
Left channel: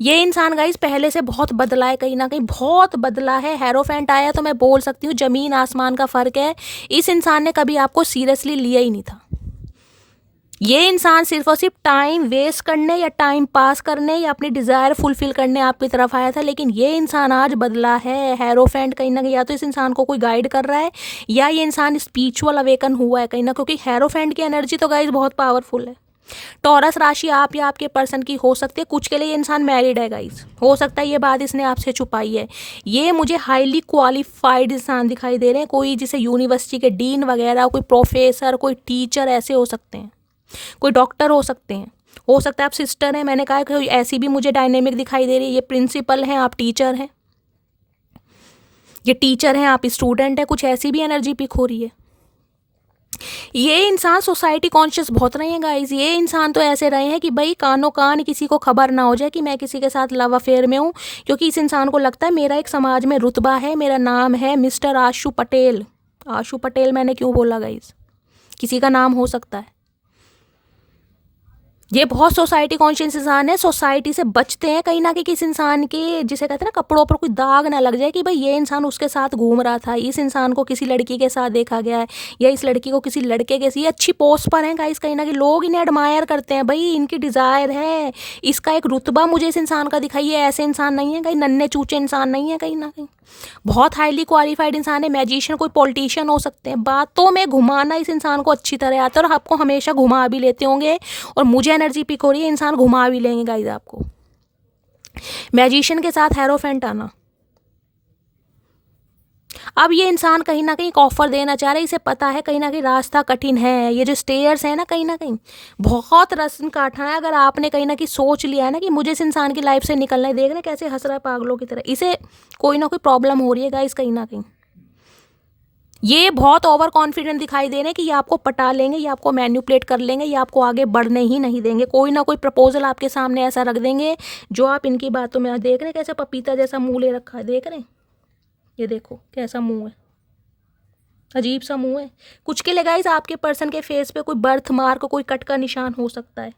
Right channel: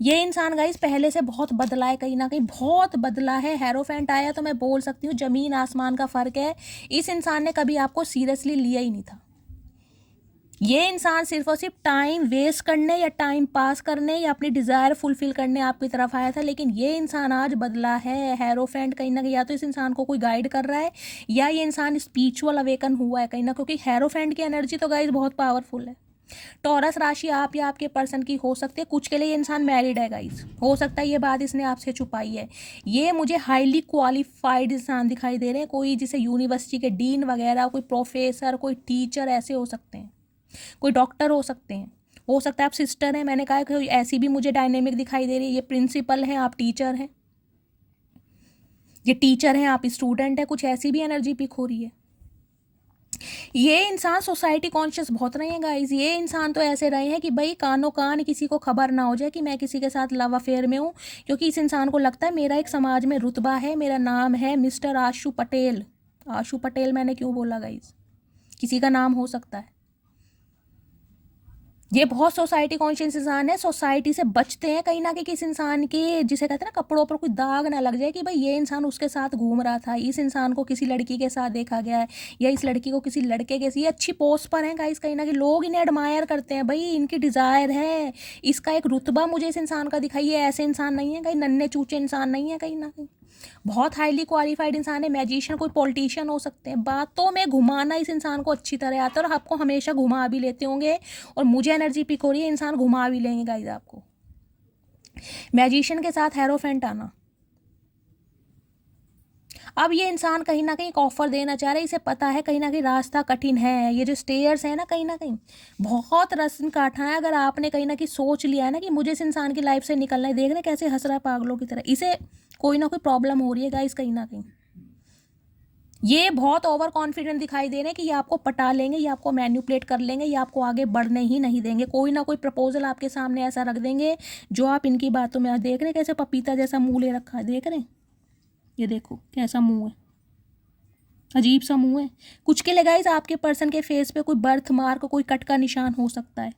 ये इंसान गाइस पहले से बहुत बदला है, कहीं ना कहीं बहुत बदला है। हेरोफेंट आया तो मैं बोल सकती हूँ ज़मीन आसमान का फ़र्क है। इस इंसान ने कभी आपको सीरियसली लिया ही नहीं था। ये इंसान सिर्फ और सिर्फ टाइम वेस्ट करने या टाइम पास करने या अपनी डिज़ायर फुलफिल करने आपकी तरफ आया था, लेकिन ये इंसान आज बदला है। हेरोफेंट कहीं ना कहीं या तो इस इंसान को कोई गाइड कर रहा है, या ये इंसान स्पिरिचुअल अवेकन हुआ है कहीं ना, क्योंकि हेरोफेंट की एनर्जी तो गाइस बहुत पावरफुल है। टॉरस राशि आप या आपके पर्सन की हो सकती है। कुछ के लिए ये इंसान मैरिड है गाइस, हो सकता है ये बात इसने आपसे छुपाई है। ये मुझे हाईली क्वालिफाइड इंसान दिखाई दे रहे हैं, कोई जिसे यूनिवर्सिटी के डीन वगैरह, कोई प्रोफेसर, कोई टीचर ऐसे हो सकते हैं, कोई डॉक्टर हो सकते हैं, हो सकता है आप सिस्टर हैं। मैंने कहा कि ऐसी भी मुझे डायनेमिक दिखाई दे रही है। ये प्रिंसिपल हैं, आप टीचर हैं, ये टीचर हैं, आप स्टूडेंट हैं, कुछ ऐसी भी एनर्जी पिक हो रही है। ये इंसान सोसाइटी कॉन्शियस बहुत रहे हैं गाइज। ये इंसान तो ऐसे रहे हैं कि भाई कानों कान किसी को खबर ना हो जाए कि मैं किसी के साथ लव अफेयर में हूँ, क्योंकि इस इंसान को लगता है मेरा एक समाज में रुतबा है, मेरा नाम है मिस्टर आशु पटेल। आशु पटेल मैंने क्यों बोला गाइज, किसी का नाम हो सकता है। ये बहुत सोसाइटी कॉन्शियस इंसान है, सोसाइटी से बचते हैं कहीं ना कहीं। किस इंसान के, जिसे कहते हैं ना, कपड़ों पर कोई दाग ना लग जाए कि भाई ये इंसान उसके साथ घूम रहा था, इस इंसान को किसी लड़की के साथ देखा गया है, या इस लड़की को किसी लड़के के, ये अच्छी पोस्ट पर हैं गाइस, कहीं ना कहीं लोग इन्हें एडमायर करते हैं, भाई इनकी डिज़ायर है, इसका एक रुतबा मुझे इस इंसान का दिखाइए। ऐसे इंसान नहीं है कहीं, नन्हे चूचे इंसान नहीं है कहीं ना कहीं, बहुत हाईली क्वालिफाइड इंसान है। मैजिशियन, कोई पॉलिटिशियन हो सकते हैं। बातों में घुमाना इस इंसान को अच्छी तरह आता है और आपको हमेशा घुमा भी लेते होंगे, और मुझे एनर्जी पिक हो रही है इंसान घुमा भी लेंगे गाइस आपको। मैजिशियन के साथ हेरोफेंट आना। अब ये इंसान कहीं ना कहीं एक ऑफर देना चाह रहा है, इसे पता है कहीं ना कहीं रास्ता कठिन है, ये जो स्टेयर्स है ना कहीं ना कहीं बहुत रस्म काटना है। अगर आपने कहीं ना कहीं सोच लिया है ना कि मुझे इस इंसान की लाइफ से निकलना है, देखना कैसे हंस रहा है पागलों की तरह, इसे कोई ना कोई प्रॉब्लम हो रही है गाइस कहीं ना कहीं। ये बहुत ओवर कॉन्फिडेंट दिखाई दे रहे हैं कि ये आपको पटा लेंगे, ये आपको मैन्युपुलेट कर लेंगे, ये आपको आगे बढ़ने ही नहीं देंगे। कोई ना कोई प्रपोजल आपके सामने ऐसा रख देंगे जो आप इनकी बातों में, देख रहे हैं कैसे पपीता जैसा मुंह ले रखा है, देख रहे हैं, ये देखो कैसा मुंह है, अजीब सा मुंह है। कुछ के लिए गाइस आपके पर्सन के फेस पे कोई बर्थ मार्क, कोई कट का निशान हो सकता है,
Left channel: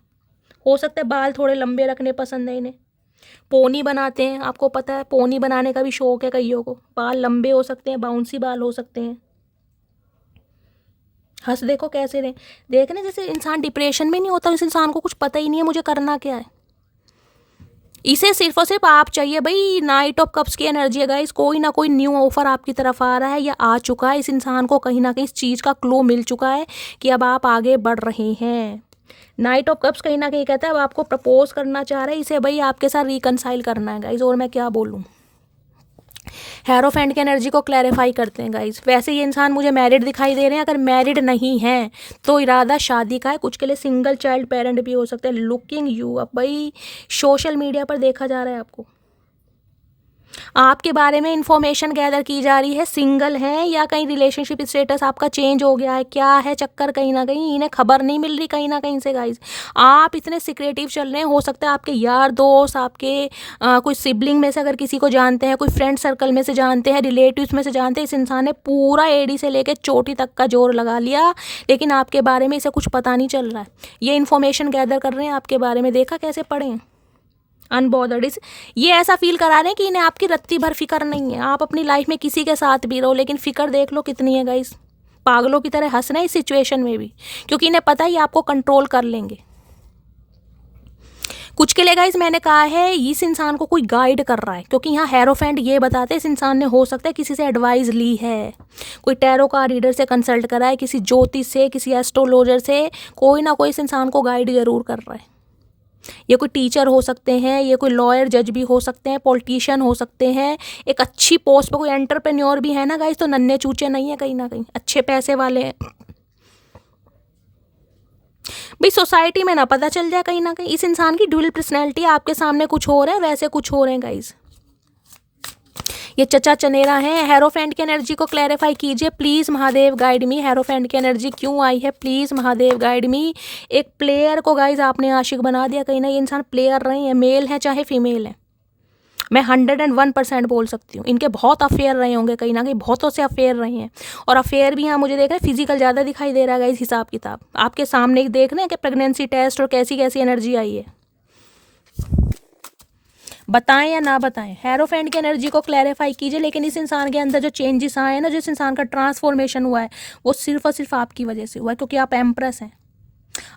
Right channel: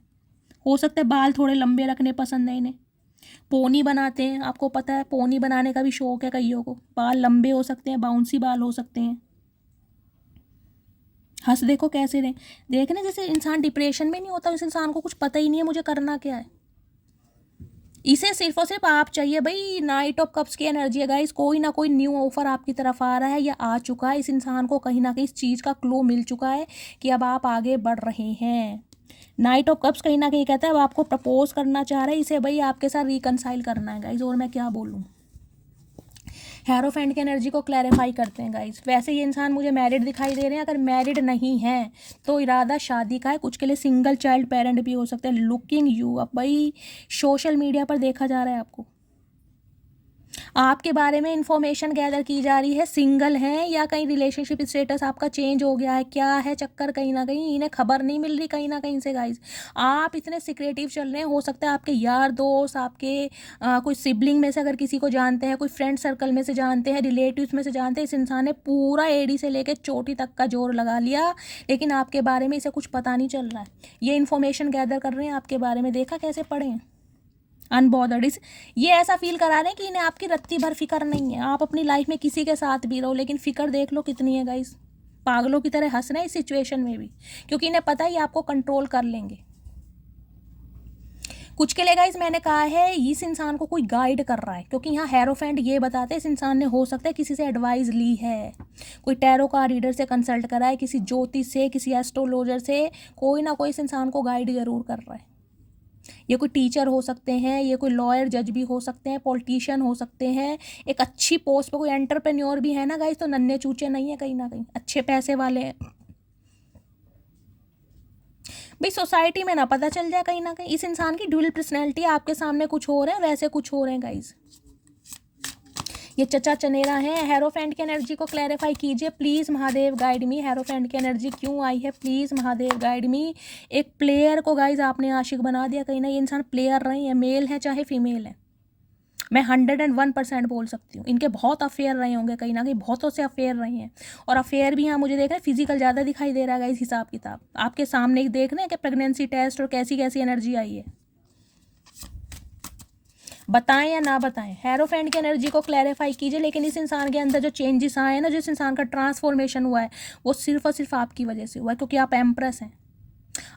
हो सकता है बाल थोड़े लंबे रखने पसंद है इन्हें, पोनी बनाते हैं, आपको पता है पोनी बनाने का भी शौक है कईयों को, बाल लंबे हो सकते हैं, बाउंसी बाल हो सकते हैं। हंस देखो कैसे रहे, देख रहे जैसे इंसान डिप्रेशन में नहीं होता, इस इंसान को कुछ पता ही नहीं है मुझे करना क्या है। इसे सिर्फ और सिर्फ आप चाहिए भाई, नाइट ऑफ कप्स की एनर्जी है गाइस, कोई ना कोई न्यू ऑफर आपकी तरफ आ रहा है या आ चुका है। इस इंसान को कहीं ना कहीं इस चीज़ का क्लू मिल चुका है कि अब आप आगे बढ़ रहे हैं। नाइट ऑफ कप्स कहीं ना कहीं कहता है अब आपको प्रपोज करना चाह रहा है, इसे भाई आपके साथ रिकनसाइल करना है गाइस, और मैं क्या बोलूँ। हेरोफेंट की एनर्जी को क्लैरिफाई करते हैं गाइस। वैसे ये इंसान मुझे मैरिड दिखाई दे रहे हैं, अगर मैरिड नहीं है तो इरादा शादी का है। कुछ के लिए सिंगल चाइल्ड पेरेंट भी हो सकते हैं। लुकिंग यू, अब भाई सोशल मीडिया पर देखा जा रहा है आपको, आपके बारे में इंफॉर्मेशन गैदर की जा रही है, सिंगल है या कहीं रिलेशनशिप स्टेटस आपका चेंज हो गया है, क्या है चक्कर, कहीं ना कहीं इन्हें खबर नहीं मिल रही कहीं ना कहीं से गाइस। आप इतने सिक्रेटिव चल रहे हैं, हो सकता है आपके यार दोस्त, आपके कोई सिबलिंग में से अगर किसी को जानते हैं, कोई फ्रेंड सर्कल में से जानते हैं, रिलेटिव्स में से जानते हैं, इस इंसान ने पूरा एडी से लेकर चोटी तक का जोर लगा लिया, लेकिन आपके बारे में इसे कुछ पता नहीं चल रहा है। ये इन्फॉर्मेशन गैदर कर रहे हैं आपके बारे में, देखा कैसे पढ़े हैं, अनबॉदर्ड। इस ये ऐसा फील करा रहे हैं कि इन्हें आपकी रत्ती भर फिक्र नहीं है। आप अपनी लाइफ में किसी के साथ भी रहो, लेकिन फिक्र देख लो कितनी है गाइस, पागलों की तरह हंस रहे हैं इस सिचुएशन में भी, क्योंकि इन्हें पता है ये आपको कंट्रोल कर लेंगे। कुछ के लिए गाइस मैंने कहा है इस इंसान को कोई गाइड कर रहा है, क्योंकि यहाँ हेरोफेंट ये बताते हैं इस इंसान ने हो सकता है किसी से एडवाइस ली है, कोई टैरो का रीडर से कंसल्ट करा है, किसी ज्योतिष से, किसी एस्ट्रोलॉजर से, कोई ना कोई इस इंसान को गाइड जरूर कर रहा है। ये कोई टीचर हो सकते हैं, ये कोई लॉयर जज भी हो सकते हैं, पॉलिटिशियन हो सकते हैं, एक अच्छी पोस्ट पर कोई एंटरप्रेन्योर भी है ना गाइस, तो नन्हे चूचे नहीं है कहीं ना कहीं, अच्छे पैसे वाले हैं भाई। सोसाइटी में ना पता चल जाए कहीं ना कहीं इस इंसान की ड्यूअल पर्सनैलिटी, आपके सामने कुछ हो रहा है वैसे कुछ हो रहे हैं गाइस। ये चचा चनेरा है। हेरोफेंट की एनर्जी को क्लैरिफाई कीजिए please, Mahadev guide me. Hierophant की एनर्जी क्यों आई है, प्लीज़ महादेव गाइड मी। एक प्लेयर को गाइज आपने आशिक बना दिया कहीं ना, ये इंसान प्लेयर रहे हैं, मेल है चाहे फीमेल है, मैं 101% बोल सकती हूँ। इनके बहुत अफेयर रहे होंगे कहीं ना कहीं, बहुतों से अफेयर रहे हैं, और अफेयर भी यहाँ मुझे देख रहे हैं फिजिकल ज़्यादा दिखाई दे रहा है इस हिसाब किताब। आपके सामने ही देख रहे हैं कि प्रेगनेंसी टेस्ट और कैसी कैसी एनर्जी आई है, बताएं या ना बताएं। हेरोफेंट की एनर्जी को क्लैरिफाई कीजिए। लेकिन इस इंसान के अंदर जो चेंजेस आए हैं ना, जिस इंसान का ट्रांसफॉर्मेशन हुआ है, वो सिर्फ और सिर्फ आपकी वजह से हुआ है, क्योंकि आप एम्प्रेस हैं।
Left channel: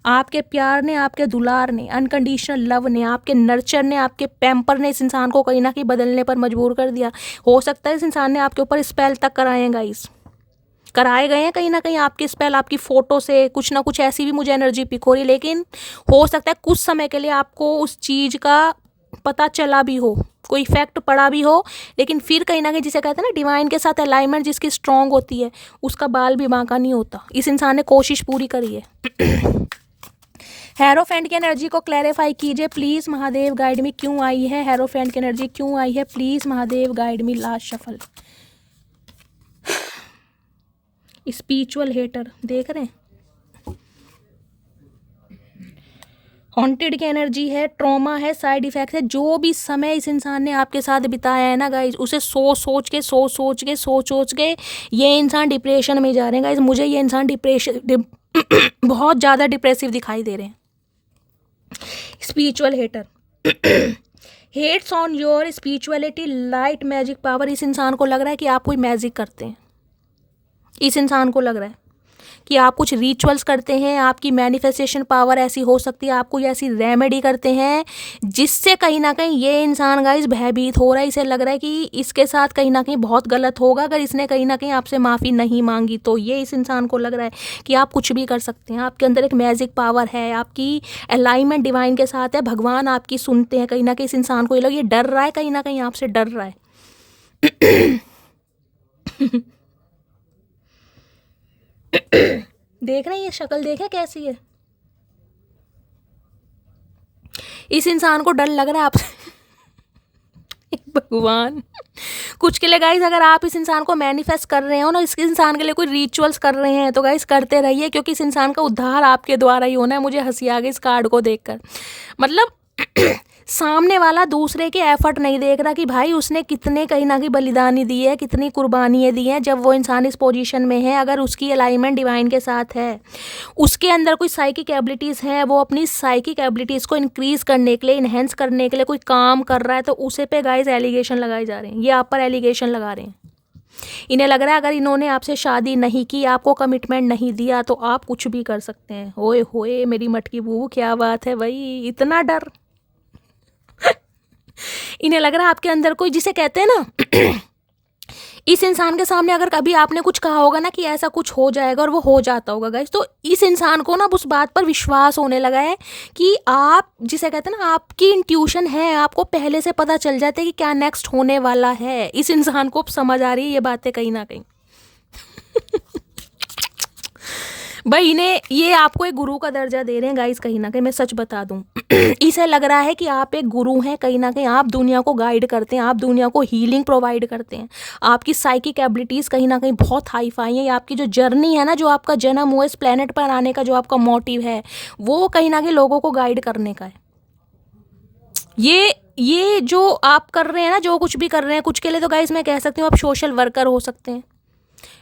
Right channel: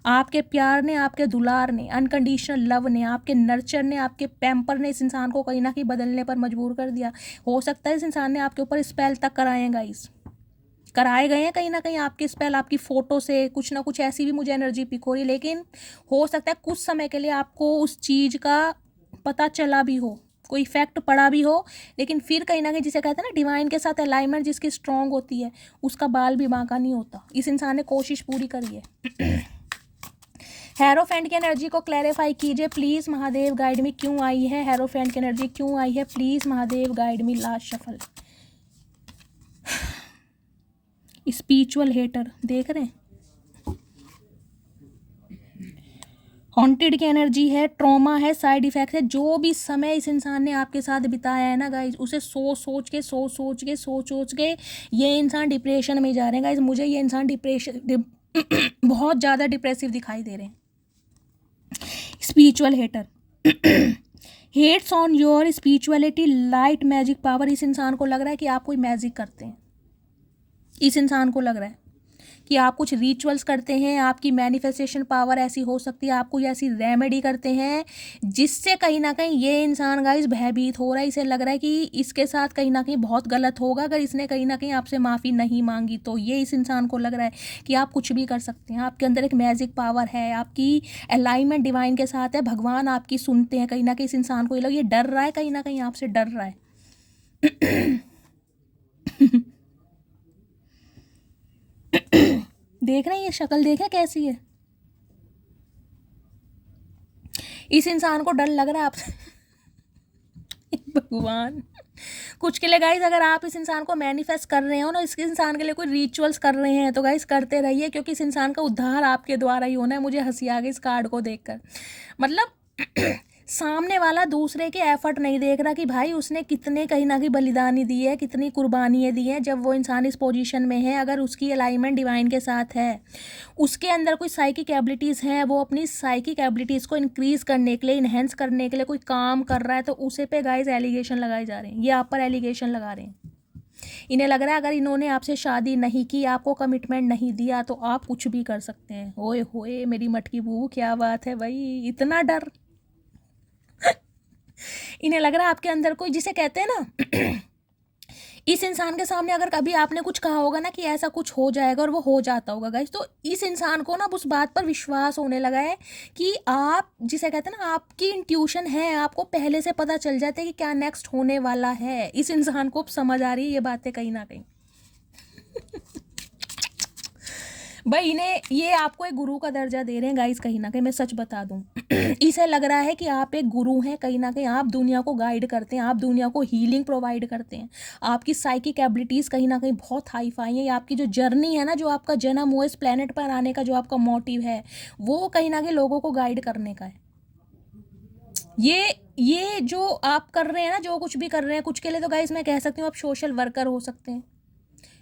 आपके प्यार ने, आपके दुलार ने, अनकंडीशनल लव ने, आपके नर्चर ने, आपके पैम्पर ने इस इंसान को कहीं ना कहीं बदलने पर मजबूर कर दिया। हो सकता है इस इंसान ने आपके ऊपर स्पेल तक कराए हैं गाइस, कराए गए हैं कहीं ना कहीं आपके स्पेल, आपकी फ़ोटो से कुछ ना कुछ ऐसी भी मुझे एनर्जी पिक हो रही है। लेकिन हो सकता है कुछ समय के लिए आपको उस चीज़ का पता चला भी हो, कोई इफेक्ट पड़ा भी हो, लेकिन फिर कहीं ना कहीं जिसे कहते हैं ना डिवाइन के साथ अलाइनमेंट जिसकी स्ट्रांग होती है, उसका बाल भी बांका नहीं होता। इस इंसान ने कोशिश पूरी करी है। हेरोफेंट की एनर्जी को क्लैरिफाई कीजिए प्लीज़ महादेव, गाइड में क्यों आई है हेरोफेंट की एनर्जी, क्यों आई है प्लीज़ महादेव, गाइड में। Last shuffle. स्पिरिचुअल हेटर देख रहे हैं, हॉन्टेड की एनर्जी है, ट्रॉमा है, साइड इफेक्ट है। जो भी समय इस इंसान ने आपके साथ बिताया है ना गाइज, उसे सोच सोच के ये इंसान डिप्रेशन में जा रहे हैं गाइज। मुझे ये इंसान बहुत ज़्यादा डिप्रेसिव दिखाई दे रहे हैं। Spiritual hater hates on your spirituality, light, magic power. इस इंसान को लग रहा है कि आप कोई मैजिक करते हैं। इस इंसान को लग रहा है कि आप कुछ रिचुअल्स करते हैं, आपकी मैनिफेस्टेशन पावर ऐसी हो सकती है, आप कोई ऐसी रेमेडी करते हैं जिससे कहीं ना कहीं ये इंसान गाइस भयभीत हो रहा है। इसे लग रहा है कि इसके साथ कहीं ना कहीं बहुत गलत होगा अगर इसने कहीं ना कहीं आपसे माफ़ी नहीं मांगी तो। ये इस इंसान को लग रहा है कि आप कुछ भी कर सकते हैं, आपके अंदर एक मैजिक पावर है, आपकी अलाइनमेंट डिवाइन के साथ है, भगवान आपकी सुनते हैं। कहीं ना कहीं इस इंसान को ये लग, ये डर रहा है, कहीं ना कहीं आपसे डर रहा है। देख रहे हैं ये शक्ल, देखें कैसी है। इस इंसान को डर लग रहा है आपसे। भगवान, कुछ के लिए गाइस अगर आप इस इंसान को मैनिफेस्ट कर रहे हो ना, इस इंसान के लिए कोई रिचुअल्स कर रहे हैं तो गाइस करते रहिए, क्योंकि इस इंसान का उद्धार आपके द्वारा ही होना है। मुझे हंसी आ गई इस कार्ड को देखकर। मतलब सामने वाला दूसरे के एफर्ट नहीं देख रहा कि भाई उसने कितने कहीं ना कहीं बलिदानी दी है, कितनी कुर्बानियाँ दी हैं। जब वो इंसान इस पोजीशन में है, अगर उसकी अलाइनमेंट डिवाइन के साथ है, उसके अंदर कोई साइकिक एबिलिटीज़ हैं, वो अपनी साइकिक एबिलिटीज़ को इंक्रीज़ करने के लिए, इन्हेंस करने के लिए कोई काम कर रहा है, तो उसे पे गाइस एलिगेशन लगाए जा रहे हैं। ये आप पर एलिगेशन लगा रहे हैं। इन्हें लग रहा है अगर इन्होंने आपसे शादी नहीं की, आपको कमिटमेंट नहीं दिया, तो आप कुछ भी कर सकते हैं। होए होए मेरी मटकी बू, क्या बात है भाई, इतना डर। इन्हें लग रहा है आपके अंदर कोई, जिसे कहते हैं ना, इस इंसान के सामने अगर कभी आपने कुछ कहा होगा ना कि ऐसा कुछ हो जाएगा और वो हो जाता होगा गाइस, तो इस इंसान को ना उस बात पर विश्वास होने लगा है कि आप, जिसे कहते हैं ना, आपकी इंट्यूशन है, आपको पहले से पता चल जाता है कि क्या नेक्स्ट होने वाला है। इस इंसान को समझ आ रही है ये बातें कहीं ना कहीं। भाई इन्हें, ये आपको एक गुरु का दर्जा दे रहे हैं गाइस, कहीं ना कहीं मैं सच बता दूं। इसे लग रहा है कि आप एक गुरु हैं, कहीं ना कहीं आप दुनिया को गाइड करते हैं, आप दुनिया को हीलिंग प्रोवाइड करते हैं, आपकी साइकिक एबिलिटीज़ कहीं ना कहीं बहुत हाई फाई है। आपकी जो जर्नी है ना, जो आपका जन्म हुआ इस प्लेनेट पर आने का, जो आपका मोटिव है, वो कहीं ना कहीं लोगों को गाइड करने का है। ये जो आप कर रहे हैं ना, जो कुछ भी कर रहे हैं, कुछ के लिए तो गाइस मैं कह सकती हूँ आप सोशल वर्कर हो सकते हैं।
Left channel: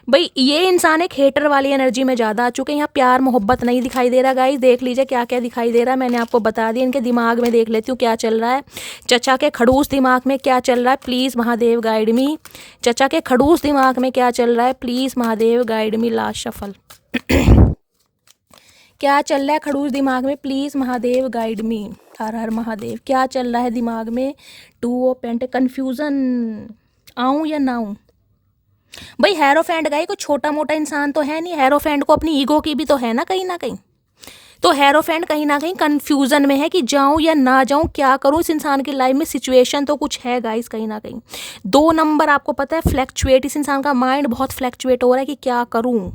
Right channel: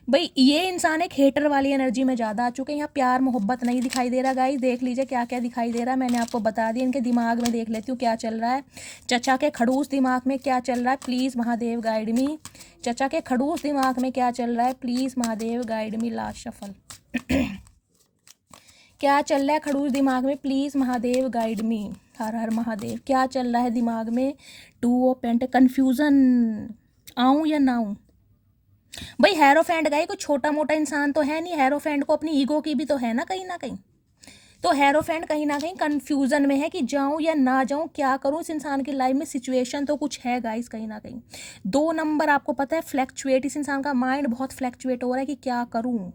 भाई ये इंसान एक हेटर वाली एनर्जी में ज़्यादा आ चुके हैं। यहाँ प्यार मोहब्बत नहीं दिखाई दे रहा गाइस। देख लीजिए क्या क्या दिखाई दे रहा है, मैंने आपको बता दिया। इनके दिमाग में देख लेती हूँ क्या चल रहा है। चचा के खड़ूस दिमाग में क्या चल रहा है, प्लीज़ महादेव गाइड मी। चचा के खड़ूस दिमाग में क्या चल रहा है, please Mahadev guide me. Last shuffle. क्या चल रहा है खड़ूस दिमाग में, प्लीज़ महादेव गाइड मी। हर हर महादेव। क्या चल रहा है दिमाग में, 2 ऑफ पेंट, कन्फ्यूज़न। आऊँ या ना आऊँ भाई। हेरोफेंट गए, कोई छोटा मोटा इंसान तो है नहीं। हेरोफेंट को अपनी ईगो की भी तो है ना कहीं ना कहीं। तो हेरोफेंट कहीं ना कहीं कंफ्यूजन में है कि जाऊं या ना जाऊं, क्या करूं। इस इंसान की लाइफ में सिचुएशन तो कुछ है गाइस कहीं ना कहीं। 2 नंबर आपको पता है फ्लैक्चुएट, इस इंसान का माइंड बहुत फ्लैक्चुएट हो रहा है कि क्या करूं।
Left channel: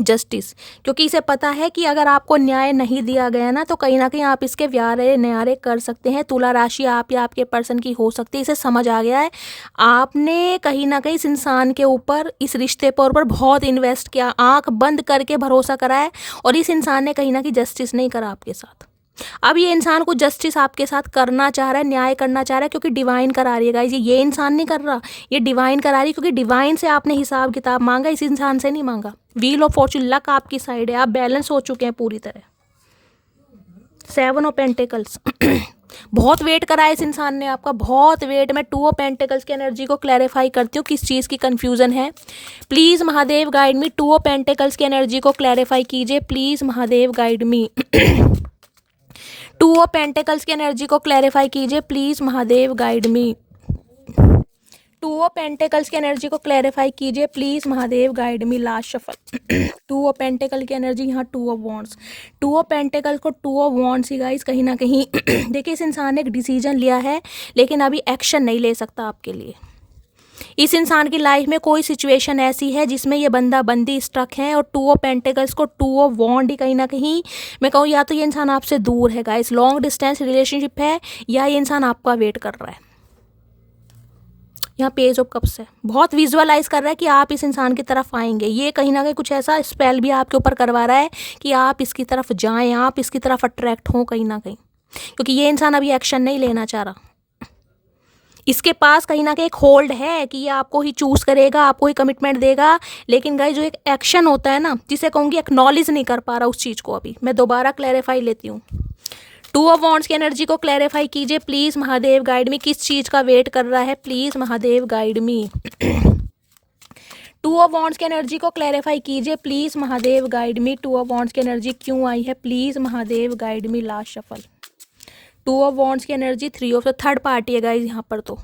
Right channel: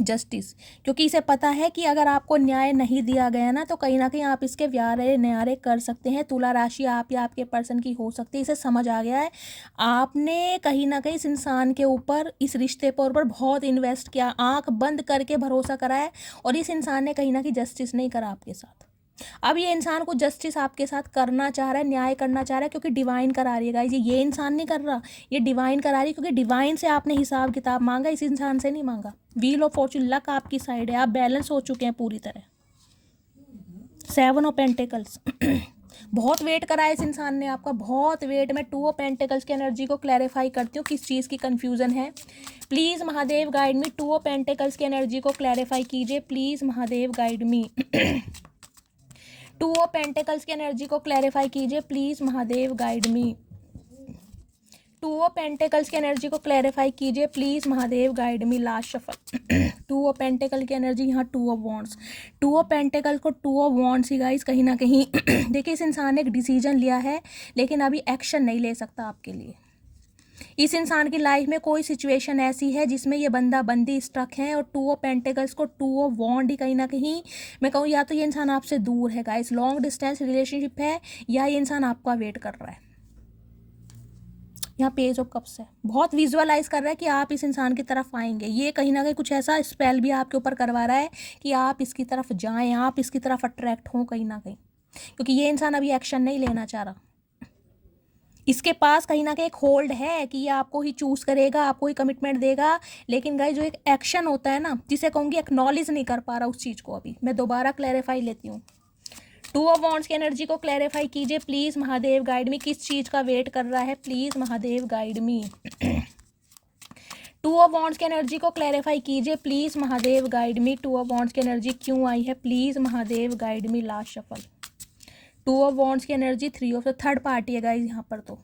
जस्टिस, क्योंकि इसे पता है कि अगर आपको न्याय नहीं दिया गया ना, तो कहीं ना कहीं आप इसके व्यारे न्यारे कर सकते हैं। तुला राशि आप या आपके पर्सन की हो सकती है। इसे समझ आ गया है आपने कहीं ना कहीं इस इंसान के ऊपर, इस रिश्ते पर बहुत इन्वेस्ट किया, आंख बंद करके भरोसा करा है, और इस इंसान ने कहीं ना कहीं जस्टिस नहीं करा आपके साथ। अब ये इंसान को जस्टिस आपके साथ करना चाह रहा है, न्याय करना चाह रहा है, क्योंकि डिवाइन करा रही है गाइस। ये इंसान नहीं कर रहा, ये डिवाइन करा रही है, क्योंकि डिवाइन से आपने हिसाब किताब मांगा, इस इंसान से नहीं मांगा। व्हील ऑफ फॉर्चून, लक आपकी साइड है, आप बैलेंस हो चुके हैं पूरी तरह। 7 ऑफ पेंटिकल्स। बहुत वेट करा है इस इंसान ने आपका, बहुत वेट। मैं 2 ऑफ पेंटिकल्स की एनर्जी को क्लैरिफाई करती हूँ, किस चीज़ की कन्फ्यूज़न है। Please Mahadev guide me. 2 of pentacles की एनर्जी को क्लैरिफाई कीजिए please Mahadev guide me. 2 of pentacles की एनर्जी को क्लैरिफाई कीजिए please Mahadev guide me. 2 two of pentacles की एनर्जी को क्लैरिफाई कीजिए please Mahadev, guide me last shuffle. Two of pentacle की एनर्जी, यहाँ to of wands. Two of pentacle को to of wands he guys कहीं ना कहीं देखिए इस इंसान ने एक डिसीजन लिया है लेकिन अभी एक्शन नहीं ले सकता आपके लिए। इस इंसान की लाइफ में कोई सिचुएशन ऐसी है जिसमें ये बंदा बंदी स्टक है, और टू ऑफ पेंटिकल्स को टू ऑफ वॉन्ड ही कहीं ना कहीं मैं कहूँ या तो ये इंसान आपसे दूर है गाइस, लॉन्ग डिस्टेंस रिलेशनशिप है, या ये इंसान आपका वेट कर रहा है। यहाँ पेज ऑफ कप्स है, बहुत विजुअलाइज कर रहा है कि आप इस इंसान की तरफ आएंगे। ये कहीं ना कहीं कुछ ऐसा स्पेल भी आपके ऊपर करवा रहा है कि आप इसकी तरफ जाएं, आप इसकी तरफ अट्रैक्ट हों कहीं ना कहीं, क्योंकि ये इंसान अभी एक्शन नहीं लेना चाह रहा। इसके पास कहीं ना कहीं एक होल्ड है कि ये आपको ही चूज करेगा, आपको ही कमिटमेंट देगा, लेकिन गाइस जो एक एक्शन होता है ना, जिसे कहूँगी एक्नॉलेज नहीं कर पा रहा उस चीज़ को। अभी मैं दोबारा क्लैरिफाई लेती हूँ। टू ऑफ वॉन्ड्स की एनर्जी को क्लैरिफाई कीजिए प्लीज महादेव, गाइड मी। किस चीज़ का वेट कर रहा है please Mahadev, guide me. Two of wands की एनर्जी को क्लैरिफाई कीजिए please Mahadev, guide me. Two of wands की एनर्जी क्यों आई है please Mahadev, guide me last shuffle. Two of wands की energy three of third party है गाइज यहाँ पर। तो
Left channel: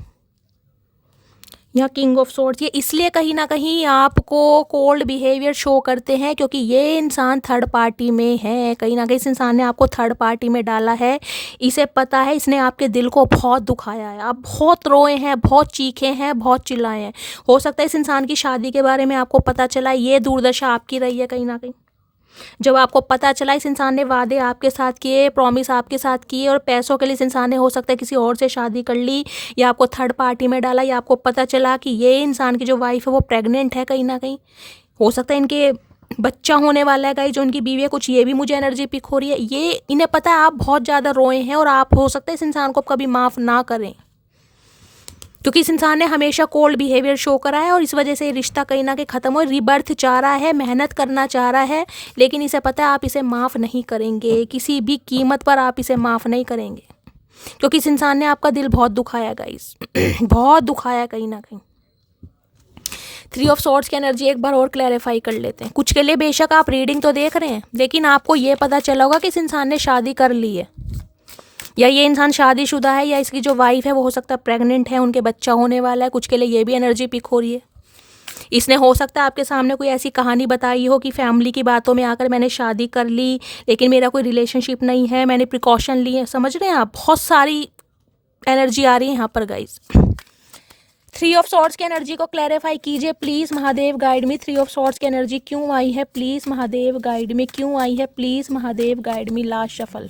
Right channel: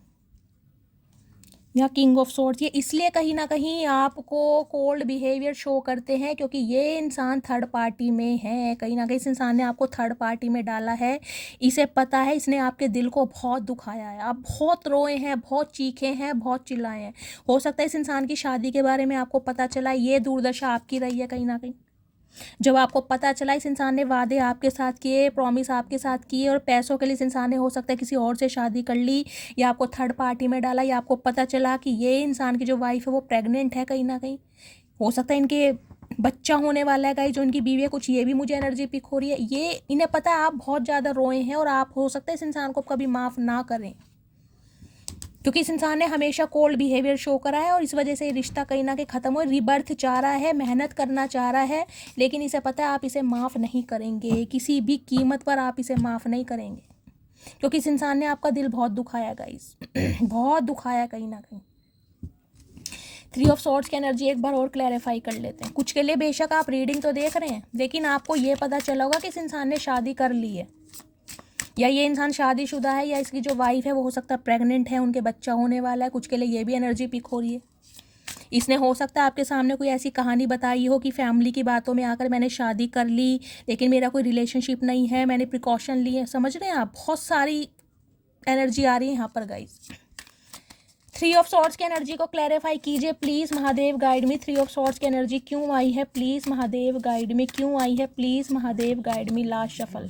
यहाँ किंग ऑफ सोर्ड्स, ये इसलिए कहीं ना कहीं आपको कोल्ड बिहेवियर शो करते हैं क्योंकि ये इंसान थर्ड पार्टी में है। कहीं ना कहीं इस इंसान ने आपको थर्ड पार्टी में डाला है, इसे पता है, इसने आपके दिल को बहुत दुखाया है। आप बहुत रोए हैं, बहुत चीखे हैं, बहुत चिल्लाए हैं। हो सकता है इस इंसान की शादी के बारे में आपको पता चला, ये दुर्दशा आपकी रही है कहीं ना कहीं। जब आपको पता चला इस इंसान ने वादे आपके साथ किए, प्रॉमिस आपके साथ किए, और पैसों के लिए इस इंसान ने हो सकता है किसी और से शादी कर ली, या आपको थर्ड पार्टी में डाला, या आपको पता चला कि ये इंसान की जो वाइफ है वो प्रेग्नेंट है कहीं ना कहीं। हो सकता है इनके बच्चा होने वाला है गाइस, जो उनकी बीवी है, कुछ ये भी मुझे एनर्जी पिक हो रही है। ये इन्हें पता है आप बहुत ज़्यादा रोए हैं, और आप हो सकता है इस इंसान को कभी माफ़ ना करें, क्योंकि इस इंसान ने हमेशा कोल्ड बिहेवियर शो करा है, और इस वजह से ये रिश्ता कहीं ना कहीं ख़त्म हो। रिबर्थ चाह रहा है, मेहनत करना चाह रहा है, लेकिन इसे पता है आप इसे माफ़ नहीं करेंगे, किसी भी कीमत पर आप इसे माफ़ नहीं करेंगे, क्योंकि इस इंसान ने आपका दिल बहुत दुखाया गाइस बहुत दुखाया कहीं ना कहीं। थ्री ऑफ सॉर्ड्स की एनर्जी एक बार और क्लैरिफाई कर लेते हैं। कुछ के लिए बेशक आप रीडिंग तो देख रहे हैं, लेकिन आपको ये पता चला होगा कि इस इंसान ने शादी कर ली है, या ये इंसान शादीशुदा है, या इसकी जो वाइफ है वो हो सकता है प्रेग्नेंट है, उनके बच्चा होने वाला है। कुछ के लिए ये भी एनर्जी पिक हो रही है। इसने हो सकता है आपके सामने कोई ऐसी कहानी बताई हो कि फैमिली की बातों में आकर मैंने शादी कर ली, लेकिन मेरा कोई रिलेशनशिप नहीं है, मैंने प्रिकॉशन लिए। समझ रहे हैं आप, बहुत सारी एनर्जी आ रही है यहाँ पर गाइज। थ्री ऑफ सॉर्ड्स की एनर्जी को क्लैरिफाई कीजिए please Mahadev, guide me. Three of swords की एनर्जी क्यों आई है प्लीज महादेव, गाइड मी। क्यों आई है please Mahadev, guide me last shuffle.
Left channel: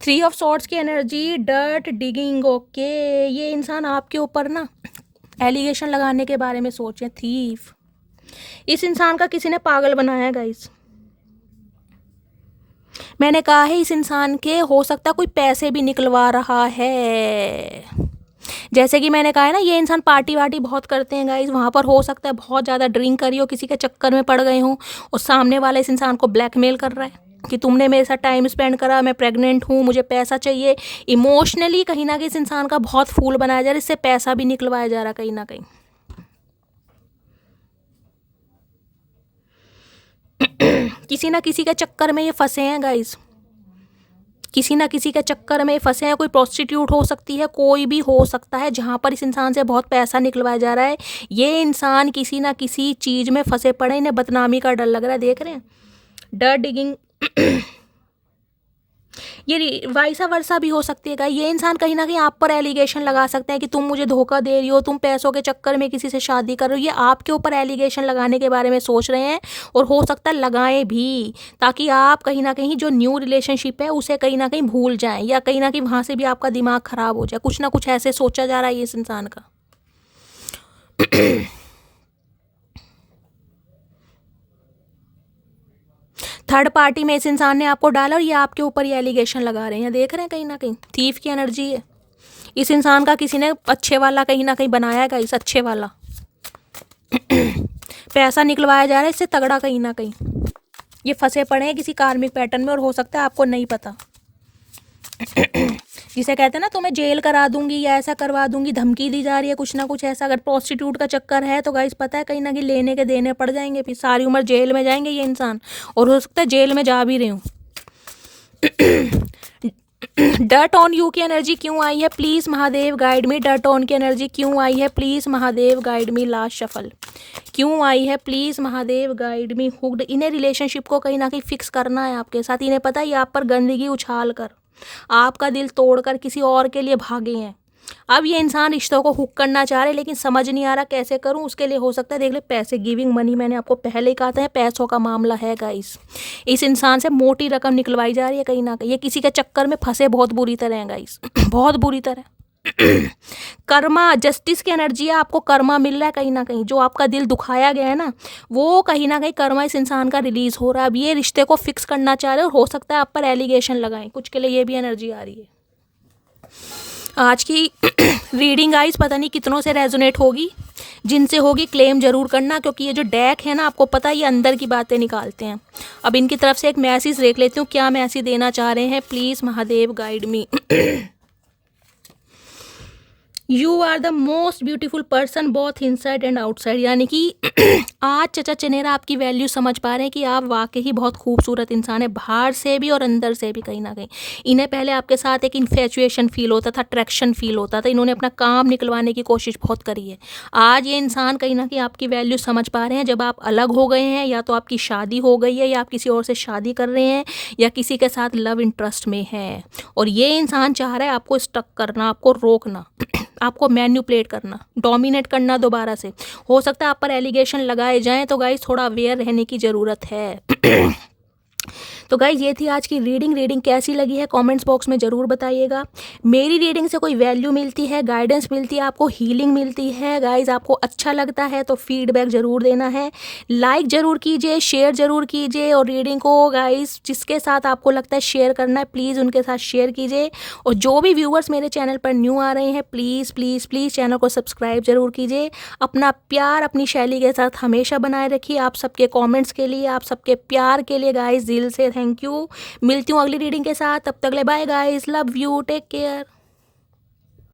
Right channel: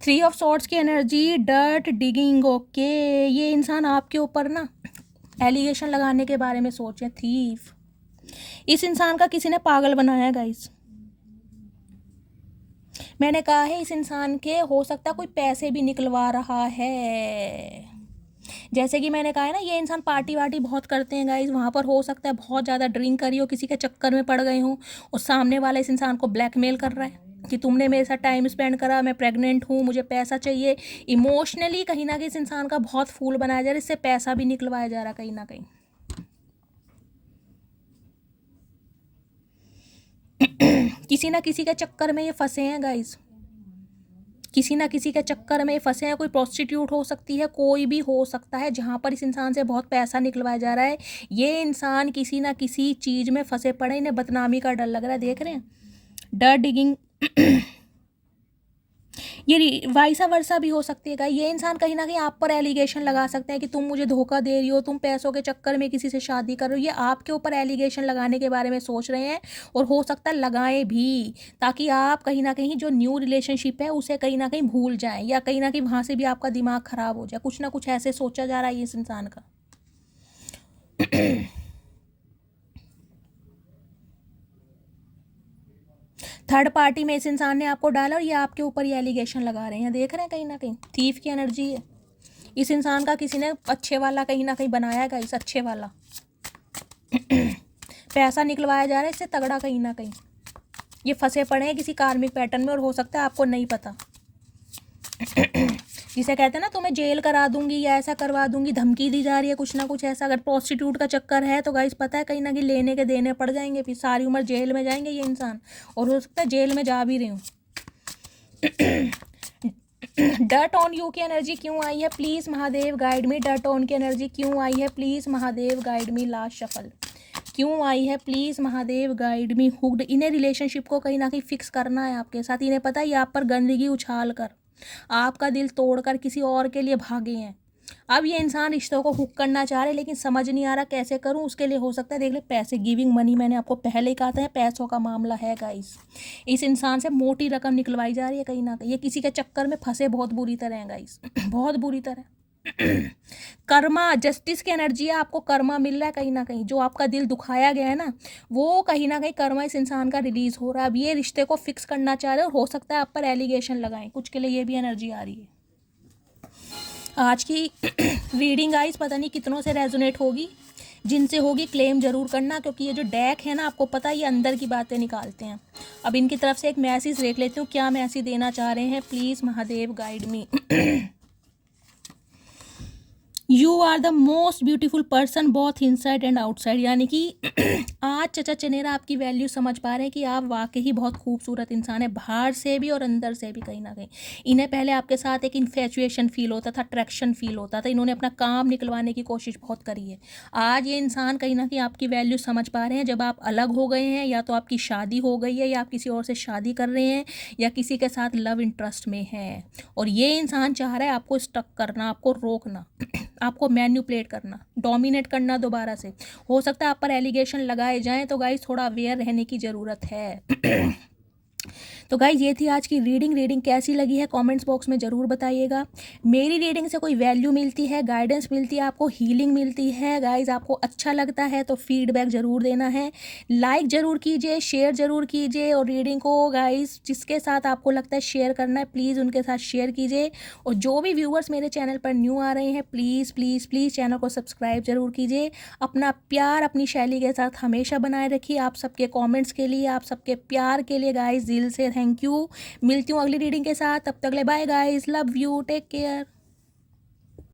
Three of swords की एनर्जी डर्ट डिगिंग। ओके, ये इंसान आपके ऊपर ना एलिगेशन लगाने के बारे में सोचे। थीफ, इस इंसान का किसी ने पागल बनाया गाइस। मैंने कहा है इस इंसान के हो सकता कोई पैसे भी निकलवा रहा है। जैसे कि मैंने कहा है ना, ये इंसान पार्टी वार्टी बहुत करते हैं गाइस, वहाँ पर हो सकता है बहुत ज़्यादा ड्रिंक करी हो, किसी के चक्कर में पड़ गए हों, और सामने वाले इस इंसान को ब्लैकमेल कर रहा है कि तुमने मेरे साथ टाइम स्पेंड करा, मैं प्रेग्नेंट हूँ, मुझे पैसा चाहिए। इमोशनली कहीं ना कहीं इस इंसान का बहुत फूल बनाया जा रहा है, इससे पैसा भी निकलवाया जा रहा है कहीं ना कहीं। किसी ना किसी के चक्कर में ये फंसे हैं गाइस, किसी ना किसी के चक्कर में फंसे हैं। कोई प्रोस्टिट्यूट हो सकती है, कोई भी हो सकता है, जहाँ पर इस इंसान से बहुत पैसा निकलवाया जा रहा है। ये इंसान किसी ना किसी चीज़ में फंसे पड़े, इन्हें बदनामी का डर लग रहा है। देख रहे हैं, डर डिगिंग। ये वाइसा वर्सा भी हो सकती है। ये इंसान कहीं ना कहीं आप पर एलिगेशन लगा सकता है कि तुम मुझे धोखा दे रही हो, तुम पैसों के चक्कर में किसी से शादी कर रहे हो। ये आपके ऊपर एलिगेशन लगाने के बारे में सोच रहे हैं, और हो सकता है लगाएं भी, ताकि आप कहीं ना कहीं जो न्यू रिलेशनशिप है उसे कहीं ना कहीं भूल जाएं, या कहीं ना कहीं वहाँ से भी आपका दिमाग खराब हो जाए। कुछ ना कुछ ऐसे सोचा जा रहा है इस इंसान का। थर्ड पार्टी में इस इंसान ने आपको डाला, और ये आपके ऊपर ये एलिगेशन लगा रहे हैं। देख रहे हैं कहीं ना कहीं थीफ की एनर्जी है। इस इंसान का किसी ने अच्छे वाला कहीं ना कहीं बनाया गया, इस अच्छे वाला पैसा निकलवाया जा रहा है इससे तगड़ा कहीं ना कहीं। ये फंसे पड़े हैं किसी कार्मिक पैटर्न में, और हो सकता है आपको नहीं पता। जिसे कहते हैं ना तुम्हें जेल करा दूंगी या ऐसा करवा दूंगी, धमकी दी जा रही है कुछ ना कुछ ऐसा। अगर प्रोस्टिट्यूट का चक्कर है तो गाइस पता है कहीं ना कहीं लेने के देने पड़ जाएंगे, फिर सारी उम्र जेल में जाएंगे ये इंसान, और हो सकता है जेल में जा भी रहे हूँ। डर्ट ऑन यू की एनर्जी क्यों आई है, please Mahadev guide me. Dirt on की एनर्जी क्यों आई है, please Mahadev guide me. Last shuffle क्यों आई है, please Mahadev guide me. Hooked, इन्हें रिलेशनशिप को कहीं ना कहीं फिक्स करना है आपके साथ। इन्हें पता है ये आप पर गंदगी उछाल कर, आपका दिल तोड़कर किसी और के लिए भागे हैं। अब ये इंसान रिश्तों को हुक करना चाह रहे, लेकिन समझ नहीं आ रहा कैसे करूं। उसके लिए हो सकता है देख ले पैसे, गिविंग मनी, मैंने आपको पहले ही कहा था पैसों का मामला है गाइस। इस इंसान से मोटी रकम निकलवाई जा रही है कहीं ना कहीं। ये किसी के चक्कर में फंसे बहुत बुरी तरह है गाइस, बहुत बुरी तरह। कर्मा, जस्टिस की एनर्जी है, आपको कर्मा मिल रहा है कहीं ना कहीं। जो आपका दिल दुखाया गया है ना, वो कहीं ना कहीं कर्मा इस इंसान का रिलीज हो रहा है। अब ये रिश्ते को फिक्स करना चाह रहे हो, हो सकता है आप पर एलिगेशन लगाएं कुछ के लिए, ये भी एनर्जी आ रही है। आज की रीडिंग गाइस पता नहीं कितनों से रेजोनेट होगी, जिनसे होगी क्लेम जरूर करना, क्योंकि ये जो डेक है ना, आपको पता है ये अंदर की बातें निकालते हैं। अब इनकी तरफ से एक मैसेज देख लेती हूँ, क्या मैसेज देना चाह रहे हैं, please Mahadev guide me. You are the most beautiful person both inside and outside, यानी कि आज चचा चनेरा आपकी वैल्यू समझ पा रहे हैं कि आप वाकई ही बहुत खूबसूरत इंसान है, बाहर से भी और अंदर से भी कहीं ना कहीं। इन्हें पहले आपके साथ एक इन्फेचुएशन फील होता था, अट्रैक्शन फील होता था, इन्होंने अपना काम निकलवाने की कोशिश बहुत करी है। आज ये इंसान कहीं ना कहीं आपकी वैल्यू समझ पा रहे हैं। जब आप अलग हो गए हैं, या तो आपकी शादी हो गई है, या आप किसी और से शादी कर रहे हैं, या किसी के साथ लव इंटरेस्ट में हैं, और ये इंसान चाह रहा है आपको स्टक करना, आपको रोकना, आपको मैन्युपुलेट करना, डोमिनेट करना दोबारा से। हो सकता है आप पर एलिगेशन लगाए जाएं, तो गाइस थोड़ा अवेयर रहने की ज़रूरत है। तो गाइज ये थी आज की रीडिंग कैसी लगी है कमेंट्स बॉक्स में ज़रूर बताइएगा। मेरी रीडिंग से कोई वैल्यू मिलती है, गाइडेंस मिलती है, आपको हीलिंग मिलती है गाइज, आपको अच्छा लगता है तो फीडबैक ज़रूर देना है, लाइक ज़रूर कीजिए, शेयर ज़रूर कीजिए, और रीडिंग को गाइज जिसके साथ आपको लगता है शेयर करना है, प्लीज़ उनके साथ शेयर कीजिए। और जो भी व्यूअर्स मेरे चैनल पर न्यू आ रहे हैं, प्लीज़ प्लीज़ प्लीज़ चैनल को सब्सक्राइब ज़रूर कीजिए। अपना प्यार अपनी शैली के साथ हमेशा बनाए रखिए। आप सबके कॉमेंट्स के लिए, आप सबके प्यार के लिए गाइज दिल से थैंक यू। मिलती हूँ अगली रीडिंग के साथ, तब तक ले bye guys, love you, take care.